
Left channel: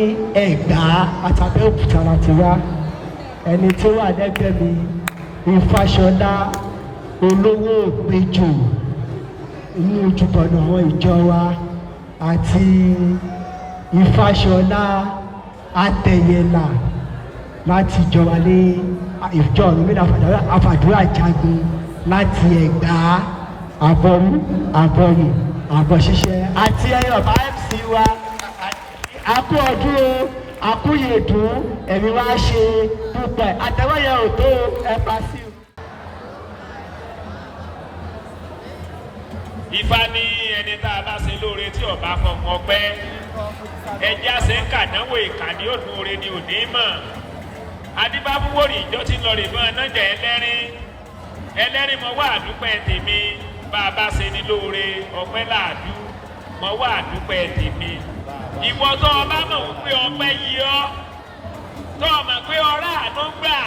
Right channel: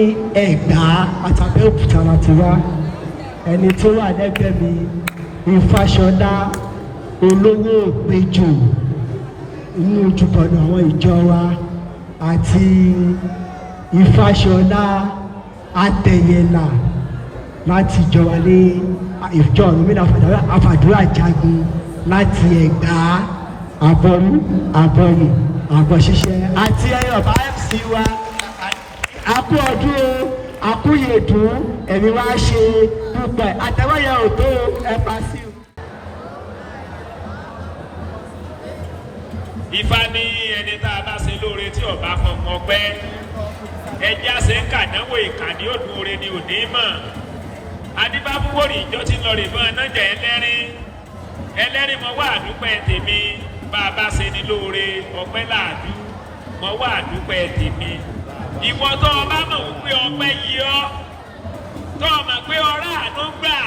Ẹ̀gbá àtàbẹ́òkúta láti wá. ẹni tí ó wà lẹ́gbẹ̀ẹ́ mi Ifáṣọlá olówó òpéjò inú ojúbọ̀nà àwọn ìjọ wa àti Ifáṣọlá Atẹ̀yẹlà láti ìjọba ní ìjọ Ọ̀rúnmìlà Àfàdúrà Jagun láti Ẹ̀gbá Àbọ̀rú Àbọ̀yè Àbọ̀ṣiṣẹ́ àti ẹyọ bá MC wa àkú ọdún àkúyèdùn ẹ̀mí wá ṣe púpọ̀ àtẹwáyà òtó ẹ̀pà sí. Ifá ní ẹni tá a bá ṣe lóore tí ọba fọmọ pẹ́ ẹjẹ́ àṣẹ ń kàdánwò ìkànnì òdùn oore ni òní mọ̀ adébáfúwòrì ìjọ ti lọ rè fún anájà ẹlẹ́rìí mo wá àdúpẹ́ tèmi bá a bá ṣe ní lóore ọpẹ́ láàdú mo wá àdúpẹ́ tèmi ìwọ tó ọba mọ̀ pé ọpẹ́ yìí ọ́ tó ọmọ pé ọ̀rá àánú gbà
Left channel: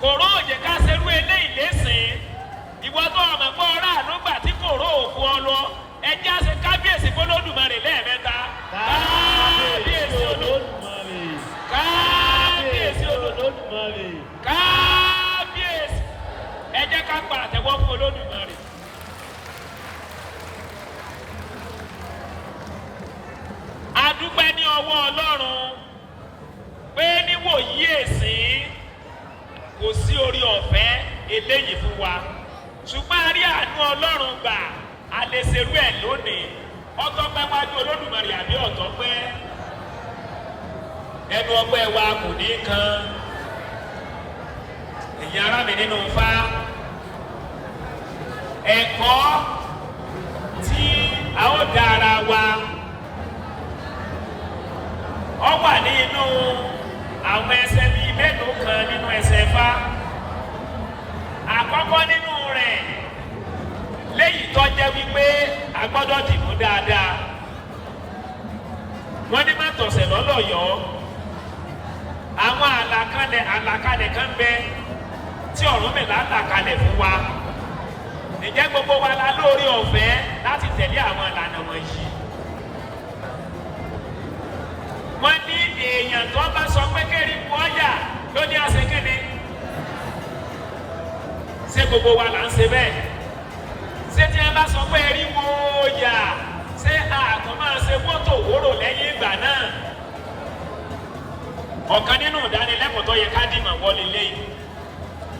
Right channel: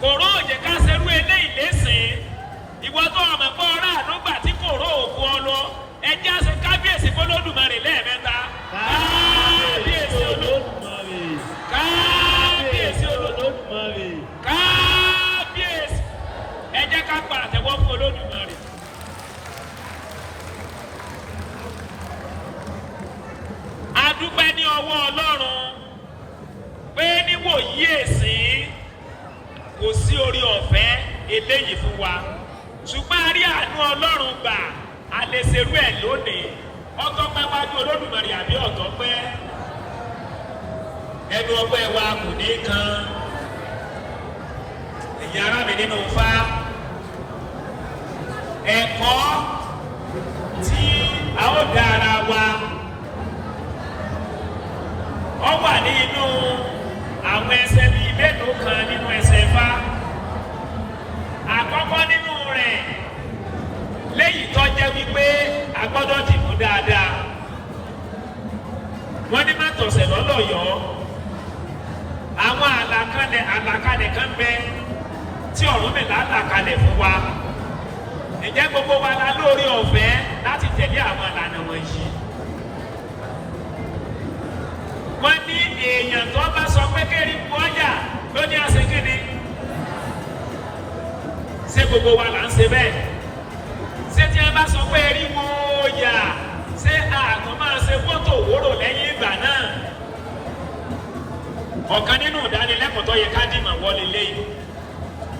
kòró òjè ká ṣerú eléyìí lẹ́sìn ìwọ tó ọmọ pé ọ̀rá àánú gbà tí kòró òkun ọ lọ ẹjẹ́ àṣẹ kábíyèsí fọlọ́dúnmarè lẹ́ẹ̀mẹ́ta kábíyèsí olódùmarè kábíyèsí olódùmarè kábíyèsí ẹjẹ́ ká pa àtẹ́wọ́ fún olódùmarè. adúpẹ́ ní ọwọ́ Ọlọ́run pé níwòyí èsìn kò sí orí ọ̀fẹ́ eléyìí fún wa ṣùgbọ́n a rí àánú Ọlọ́run gbà a lè ṣerú ẹ̀ lónìí ọtọ́ pápájú Olódùmarè àbí ọ̀tọ́ pé ẹnu ọgbẹ́ wa kò ní kan ìyá ara mi nínú Ifá ẹ̀kọ́ tí a ó dá ara wa ọ wà ní inú àwọn ẹsẹ̀ bíi mélòó kan nínú ẹsẹ̀ Ifá àkọ́kọ́ nínú rẹ̀ léyìí tó jẹ́ wípé a gbọ́dọ̀ dìbò dáadáa wọ́n ní má tọ̀sẹ̀ lọ́lọ́yọ̀ àwọn àlàkalẹ̀ kan bẹ tí Ọ̀rúnmìlà àlàkalẹ̀ fún wa ǹjẹ́ gbogbo wa la lórí ọ̀fẹ́ láti tẹ̀lé àwọn ìlànà wọ̀nyí. wọ́n ní èèyàn tó bá sọ pé kéré wọ́yà ló ní àṣekínni ṣé gbogbo wa là ń ṣe bẹ́ẹ̀ ṣé tí ẹ bá sọ pé erí wọ́yà ṣé àmọ́ máa ṣe fọ́tò òwúrò lẹ́yìn ìgbà náà. ọ̀kan nínú ìdánilẹ́kọ̀ọ́ tó yẹ ká dìmọ̀ wọlé lẹ́yìn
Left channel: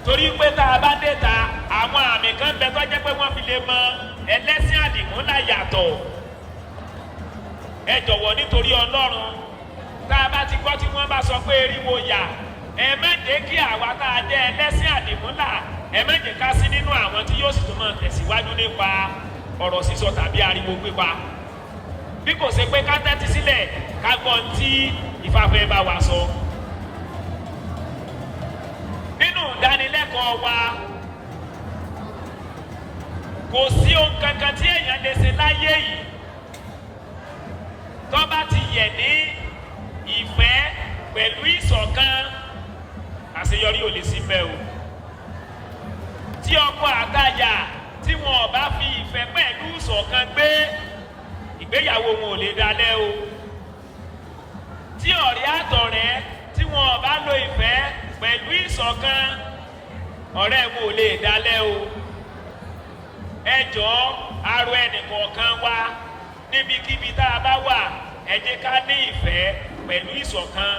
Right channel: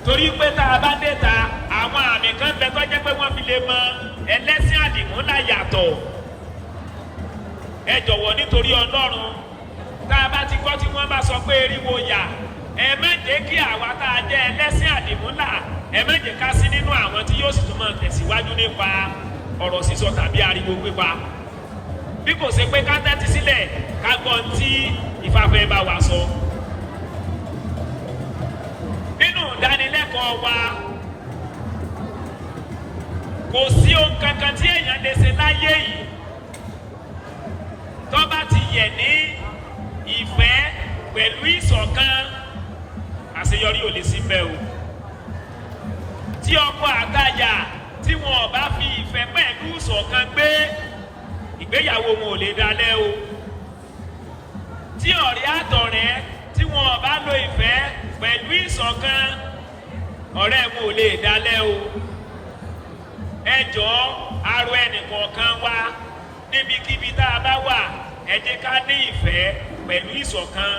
torí pé tá a bá dé ta àwọn àmì kan bẹ tó jẹ́ pé wọ́n fi lè mọ ẹlẹ́sìn àdìmúlà yàtọ̀ ẹ jọ̀wọ́ nítorí Ọlọ́run tá a bá ti gbọ́ tí wọ́n bá sọ pé eriwo yà ẹ má jẹ́ kí àwa tá a jẹ́ ẹlẹ́sìn àdìmúlà ẹ má jẹ́ ká sí nínú àwọn tí yóò sì tún máa tẹ̀síwájú nípa ọ̀rọ̀ sísọ tàbí ariwo pípa bí kò ṣe pé ká tẹ́tí sílẹ̀ ká gbọ́ tí Ifá fẹ́ bá wa sọ. nínú ìdánilẹ́kọ̀ọ́ wa kò sí ohun kankan tí èèyàn lè ṣe láyé yìí tó bá ti yẹ̀ ní ìfẹ́ pẹ̀lú ìṣọ̀kan àṣeyọrí ò lè sí bẹ́ẹ̀ o. tí ọkọ àtaya tí wọn ò bá fi ìfẹ́ pẹ̀lú ìṣọ̀kan gbé ìgbéyàwó wọn ò lè dalẹ̀ o. tí ọ̀rẹ́ àtọ̀rẹ́ tí wọn bá lo ìfẹ́ pẹ̀lú ìṣọ̀kan ọ̀rẹ́ kò lè dalẹ̀ o. ẹ jọ̀ọ́ arọ ẹnìkọ̀ọ̀kan wa níbikíbi tá a bá wà ẹ jẹ́ ká ní ìfẹ́ pẹ̀lú ìṣọ̀kan.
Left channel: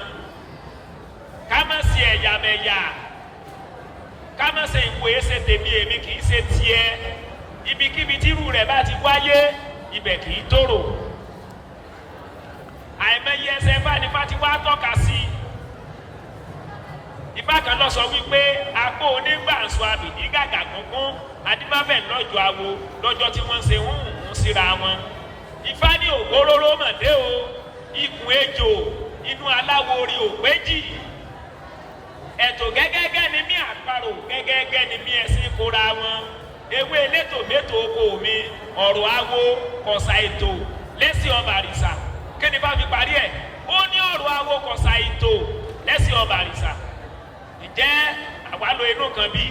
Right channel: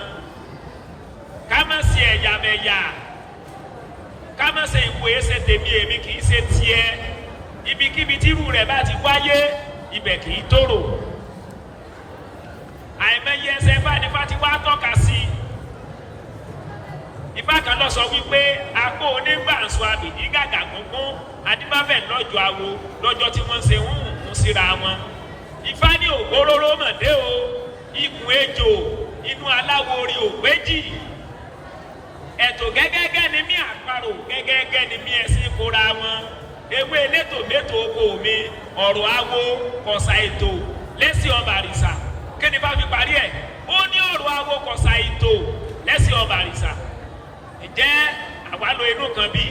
ká má ṣe ẹ̀yàmẹ̀yà, ká má ṣe ìwé ṣe tèmi èmi kì í ṣe tiẹ̀. ibikíbi tí irú rẹ̀ bá ti wáyé ibẹ̀ kì í tòrò. àìmọye ẹsẹ̀ fánífà ti wá tọ́ka sí i. Ifá kan lọ sọ wípé agbó onígbàǹsọ àbìdí gàgà gúngún adímábẹ̀ lọ́jọ́ awo lọ́jọ́ tí wọ́n ṣe ń síra wọn. Ifá ní ògbóróró mọ̀dé o ikùn ejò inú aláwo orí ògbéjì. ẹ̀tò gẹ́gẹ́gẹ́ ni mí àparò gẹ́gẹ́gẹ́ ni mí ẹ̀sìn kóra wọn. ewé elétò métò oko mi ọ̀rọ̀ awo kọ̀sà ètò lẹ́sìn ọba àrìsà. kí ni bá fi parí ẹ̀? ó ní ọ̀rọ̀ awo kọ̀sà ètò lẹ́sìn ọba àrìsà. Ǹjẹ́ àwa lo inú kan bí?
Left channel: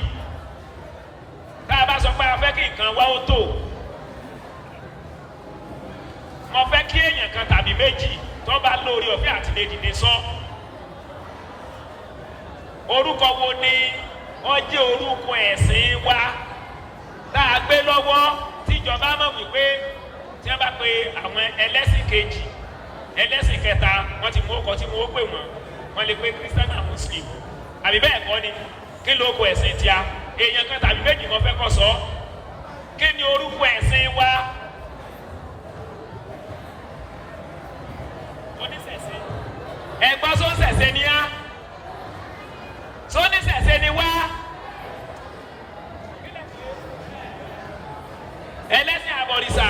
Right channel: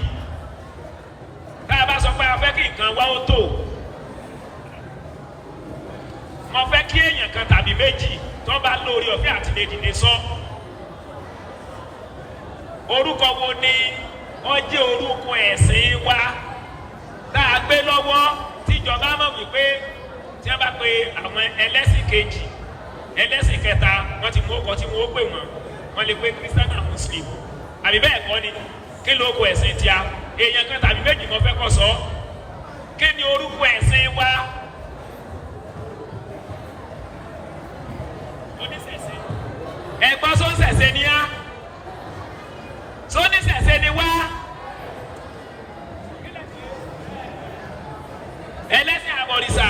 Tá a bá sọ pé a fẹ́ kí nǹkan wá ó tò, mo fẹ́ kí èèyàn kan tàbí méjì tó bá lórí ọ̀fẹ́ àti lè dìde sọ. Orúkọ wo ni wọ́n jẹ́ orúkọ ẹ̀sìn wa tá a gbé lọ́wọ́ tíjọba náà wípé tí wọ́n bá pe àwọn ẹlẹ́sìn kejì ẹlẹ́sìn kẹta wọ́n ti mú ọkọ̀ tí wọ́n pè wọ́n lè pe Christian and Muslim. Àbí bẹ́ẹ̀ kọ́ ni kí ló kọ ẹ̀sìn tí a èèyàn kan tàbí méjì kan fẹ́ kọ́ sọ kí ni orúkọ ẹ̀sìn wa? Oníṣẹ̀ṣe ẹ̀gbọ́n sọ́nsẹ̀ṣe ni á sọ́níṣẹ̀ṣe ni wá ẹlẹ́sìn àbọ̀rìṣà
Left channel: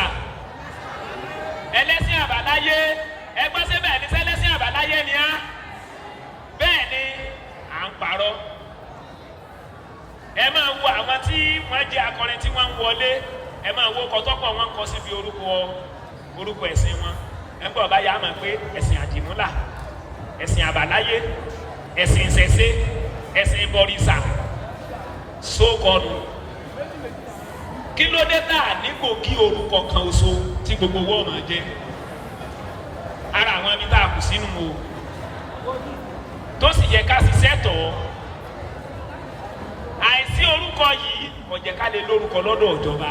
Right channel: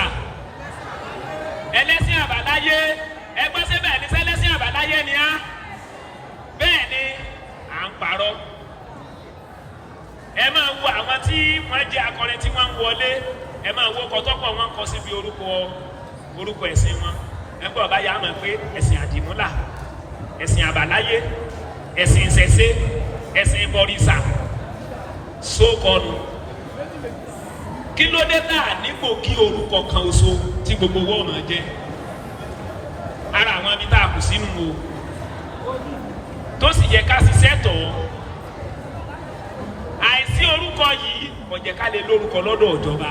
ẹlẹ́sìn àbáláyé ẹgbọ́n sẹ́bẹ̀ ní sẹ́lẹ́sìn àbáláyé ni á bẹ́ẹ̀ ni parọ́. ẹ máa wo àwọn tí wọ́n jẹ́ akọrin tí wọ́n ń wọlé ẹ máa wo kọ́tọ́pọ̀ wọn kọ síbi orúkọ ẹ̀sìn wọn. ẹgbẹ́ ọba yà máa pé ẹ̀sìn àdìmúlà ẹ̀sìn àbáláyé ẹ̀sìn ìṣẹ̀ṣe ẹ̀sìn ìbọ̀rìṣà sókọlù. kí ló dé tá a nípò kí orúkọ kan oṣù tí gbogbo wọn máa jẹ? ara àwọn ibi tá a kù sínú o tó sì yẹ ká ṣiṣẹ́ tọ̀ ọ́. àìsí orúkọ yìí kò jẹ́ ká lè lórúkọ lọ́dọ̀ ìjọba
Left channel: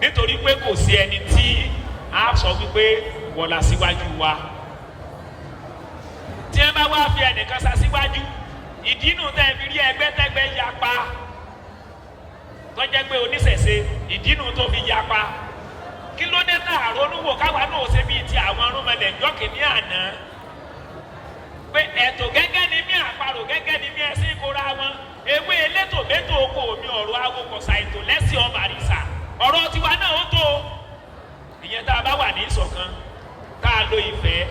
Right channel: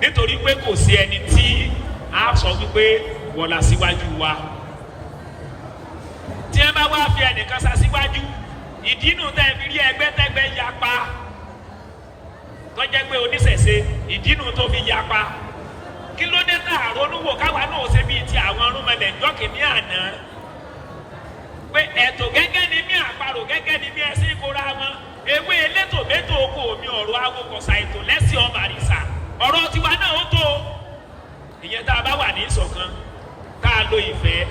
nítorí pé kò sí ẹni tí a sọ wípé wọ́n la síwájú wa. tí ẹ bá wá fi ẹnìkan sa síwájú ìdí inú tẹ́ fi rí ẹgbẹ́tẹ́gbẹ́ yapa tó jẹ́ pé oníṣẹ̀ṣe ìdí inú tó fi yapa. kí ló dé tá àrònúwò káwa náà ṣe bíi ti àwọn arúmọlẹ̀ jọ́kì ní àná pé ẹ̀tò gẹ́gẹ́ ni mí àparò gẹ́gẹ́ ni mí ẹ̀sìn ìkóra wọn. ewé elétò métò oko mi ọ̀rọ̀ awokọ̀sà ètò lẹ́sìn ọba àrìsà ọ̀rọ̀ tiwa náà ó tó. ìyẹn tá a bá wà ní ìṣọ̀kan tá a lo ìfẹ́.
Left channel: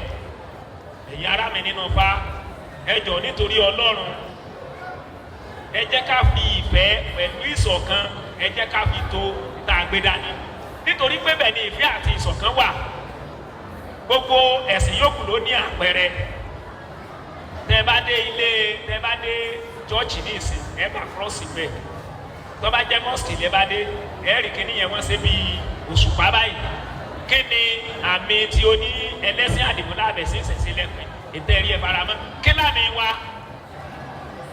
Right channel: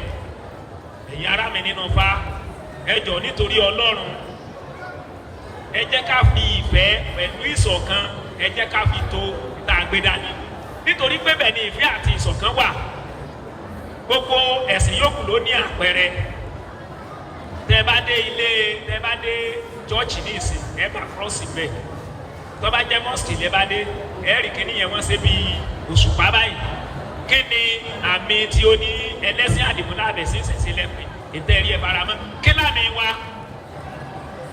ẹ̀yin ará mi nínú Ifá ẹ jọ̀ọ́ nítorí Ọlọ́run ẹ jẹ́ ká fi ìfẹ́ pẹ̀lú ìṣọ̀kan ẹ jẹ́ ká fi tó tá a gbé dání nítorí pé bẹ́ẹ̀ ni ìfẹ́ àti ìṣọ̀kan wà. gbogbo ẹ̀sìn yòókù ló ní àpẹẹrẹ. tẹ́ bá dé chọ́ọ̀chì ní ìsìn ẹ bá kírọ́ọ̀sì bẹ́ẹ̀ tó bá jẹ́ mọ́sìkì lẹ́ bá dé ẹ̀rì kíní yẹn wọ́n ṣe bí òṣùpá báyìí. kí ni àmì tí ó ní ẹlẹ́sìn àdìmúlá àbẹ̀sí ìṣẹ̀ṣe lẹ́pẹ́ ìtẹ́rí ẹ̀ faramọ́? kí lámì wa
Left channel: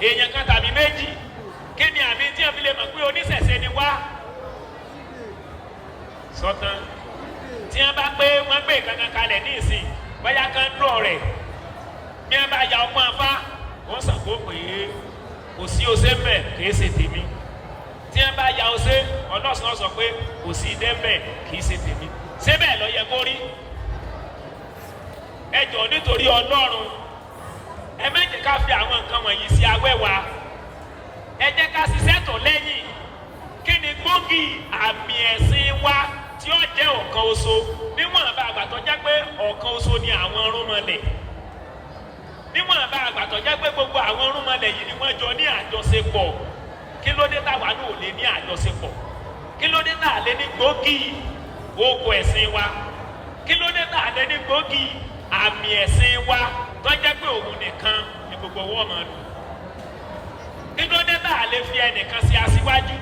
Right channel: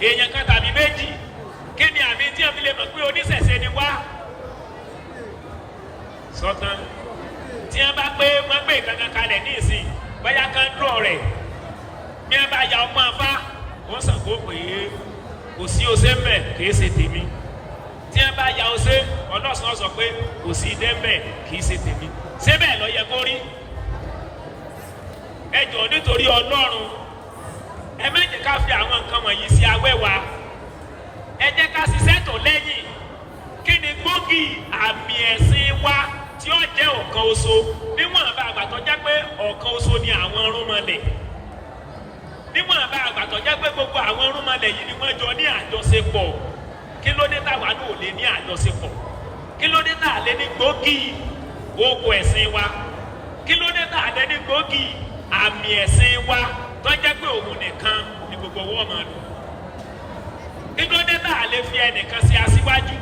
èèyàn kan tàbí méjì kí ni àmì tí ẹ fi lè mọ̀ pé oníṣẹ̀ṣe ni wá? sọ́tàn tí wọ́n bá gbé ìkankan kalẹ̀ ní ìsìn báyà kan dúró rẹ̀ bí ẹ bá ya ọmọ afá wọ́n sàkó pé kò sí ose mbẹ kìí ṣe tèmi. tí ẹ bá ya ose ọlọ́sàn sọ pé kò sí idẹ mbẹ kìí ṣe tèmi. síbẹ̀ lọ yẹ kó rí. ẹ jọ̀ọ́ nítorí Ọlọ́run ẹ má jẹ́ ká fi àwọn nǹkan wọ̀nyí sí awẹ́wà. ẹ jẹ́ ká ṣiṣẹ́ tọ̀ lẹ́yìn. kí ni gbòógì àmì ẹ̀sìn wa tí ó jẹ́ ọ̀kan oṣù níwọ̀n bá àgbàtọ́ jẹ́ pé ọ̀kan oṣù ni àwọn ọ̀rúnmọlẹ̀. níwọ̀n bá àgbàtọ̀ jẹ́ pé gbogbo àwọn ọ̀rúnmọlẹ̀ yìí ni wọ́n jọ ní àjọṣepọ̀. kí ló dé táwa náà ò lè ní àjọṣepọ̀? kí ló dé tá a lè ní gbòógì ogun ẹ̀sìn wa? kí ló dé tá a lè ní gbòógì àmì ẹ̀sìn wa tó jẹ́ pé òun nìkan ni gbogbo wọn máa lò? kí ló dé tá a lè fi ẹnìkan sí aṣíwájú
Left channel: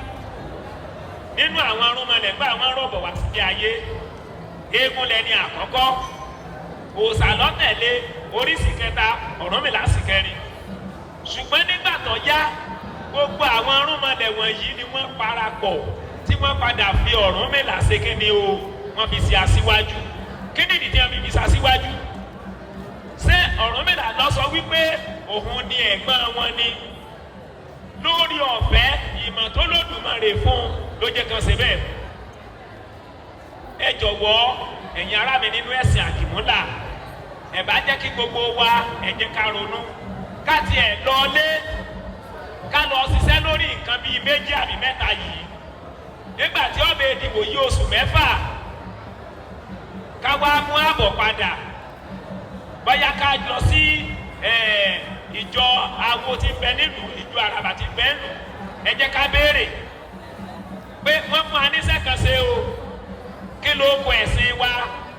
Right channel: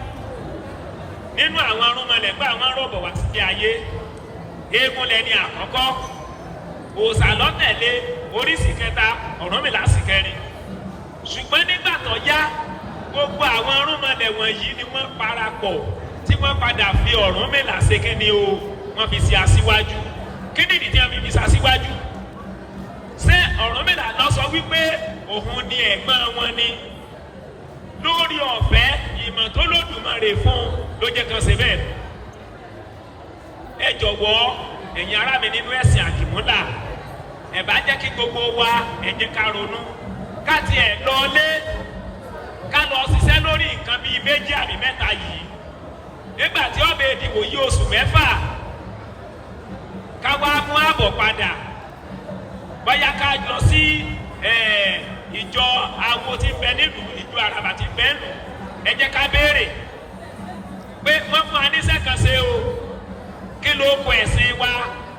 nínú àwọn ọ̀rúnmọlẹ̀ pé àwọn rọ̀bọ̀ wá sí ayé? eégún lẹni àkọ́kọ́ òòṣà lọ́tẹ̀lé oríṣìí kẹta Ọ̀rúnmìlà sì kẹrin. Ṣùgbọ́n nígbà tó yá gbogbo àwọn arúnmọlẹ̀ wọ̀nyí ni wọ́n parapọ̀ tí wọ́n padà fi Ọ̀rúnmìlà ṣe kíni o wọ́n fi ṣe aṣíwájú. Kí ni ìdí tí wọ́n fi ṣe aṣíwájú? Ṣé Ọ̀rúnmìlà lọ sọ wípé òun ni ẹ̀gbọ́n wọn ni? Lórí ọ̀fẹ́ ìmọ̀ tó lódùmarè fún ló jẹ́ kan ṣe bẹ́ẹ̀. Ẹ jọ̀wọ́ ẹ̀yin ará mi nínú ẹ̀sìn àdìmúlà ẹ bá jẹ́ kí gbogbo wa ẹ jẹ́ ká ronú ká tiẹ̀ lọlé ká lọ ṣiṣẹ́ lórí nǹkan bíi méjì àbí mẹ́ta yìí nígbà tí ó bẹ ìdìbò yí oṣù mẹ́fà ká wá mú ààbọ̀ padà bóyá ká lọ sí ìjọ awo tí bẹ nílùú ìjọ àràbà tí bẹ nù ẹ jẹ́ ká béèrè pé wọ́n fún aníṣẹ́ kan ṣe o kí ló kọ ẹ̀sìn wa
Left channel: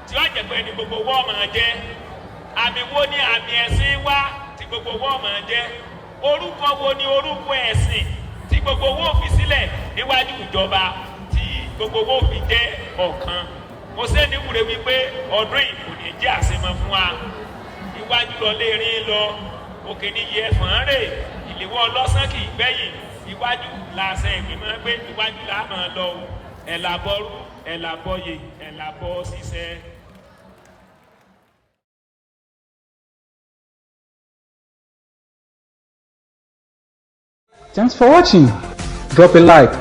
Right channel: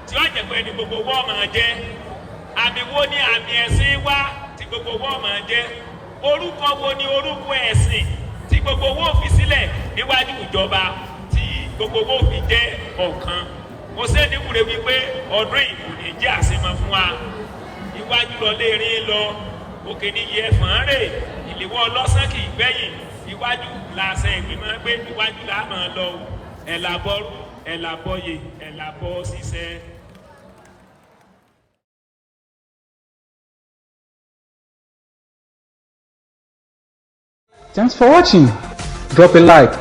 tí wọ́n jẹ́ pé ní gbogbo wọ́n máa jẹ́ àmì wo ni àmì ẹ̀sìn wa tí gbogbo wọ́n máa jẹ́ orúkọ wo ni orúkọ ẹ̀sìn tí gbogbo wọ́n fi sílẹ̀ níwájú ìjọba tí gbogbo wọ́n fi jẹ́ ọ̀kan mo ṣe ní wúre wípé ọdún ìlú jẹ́ àṣemọ fún wa iwájú lọ lé rí lọ òkè ní iye ẹ̀fọn rè ìléwọ́ ọlọ́sàn kì í gbẹ̀yìn iwájú làṣẹ ìgbìmọ̀ pé iwájú là máa lọ ẹ̀làbọ̀rù ẹ̀làbọ̀yè ẹ̀làbọ̀ ṣiṣẹ́. Thanks for watching. Drop a like,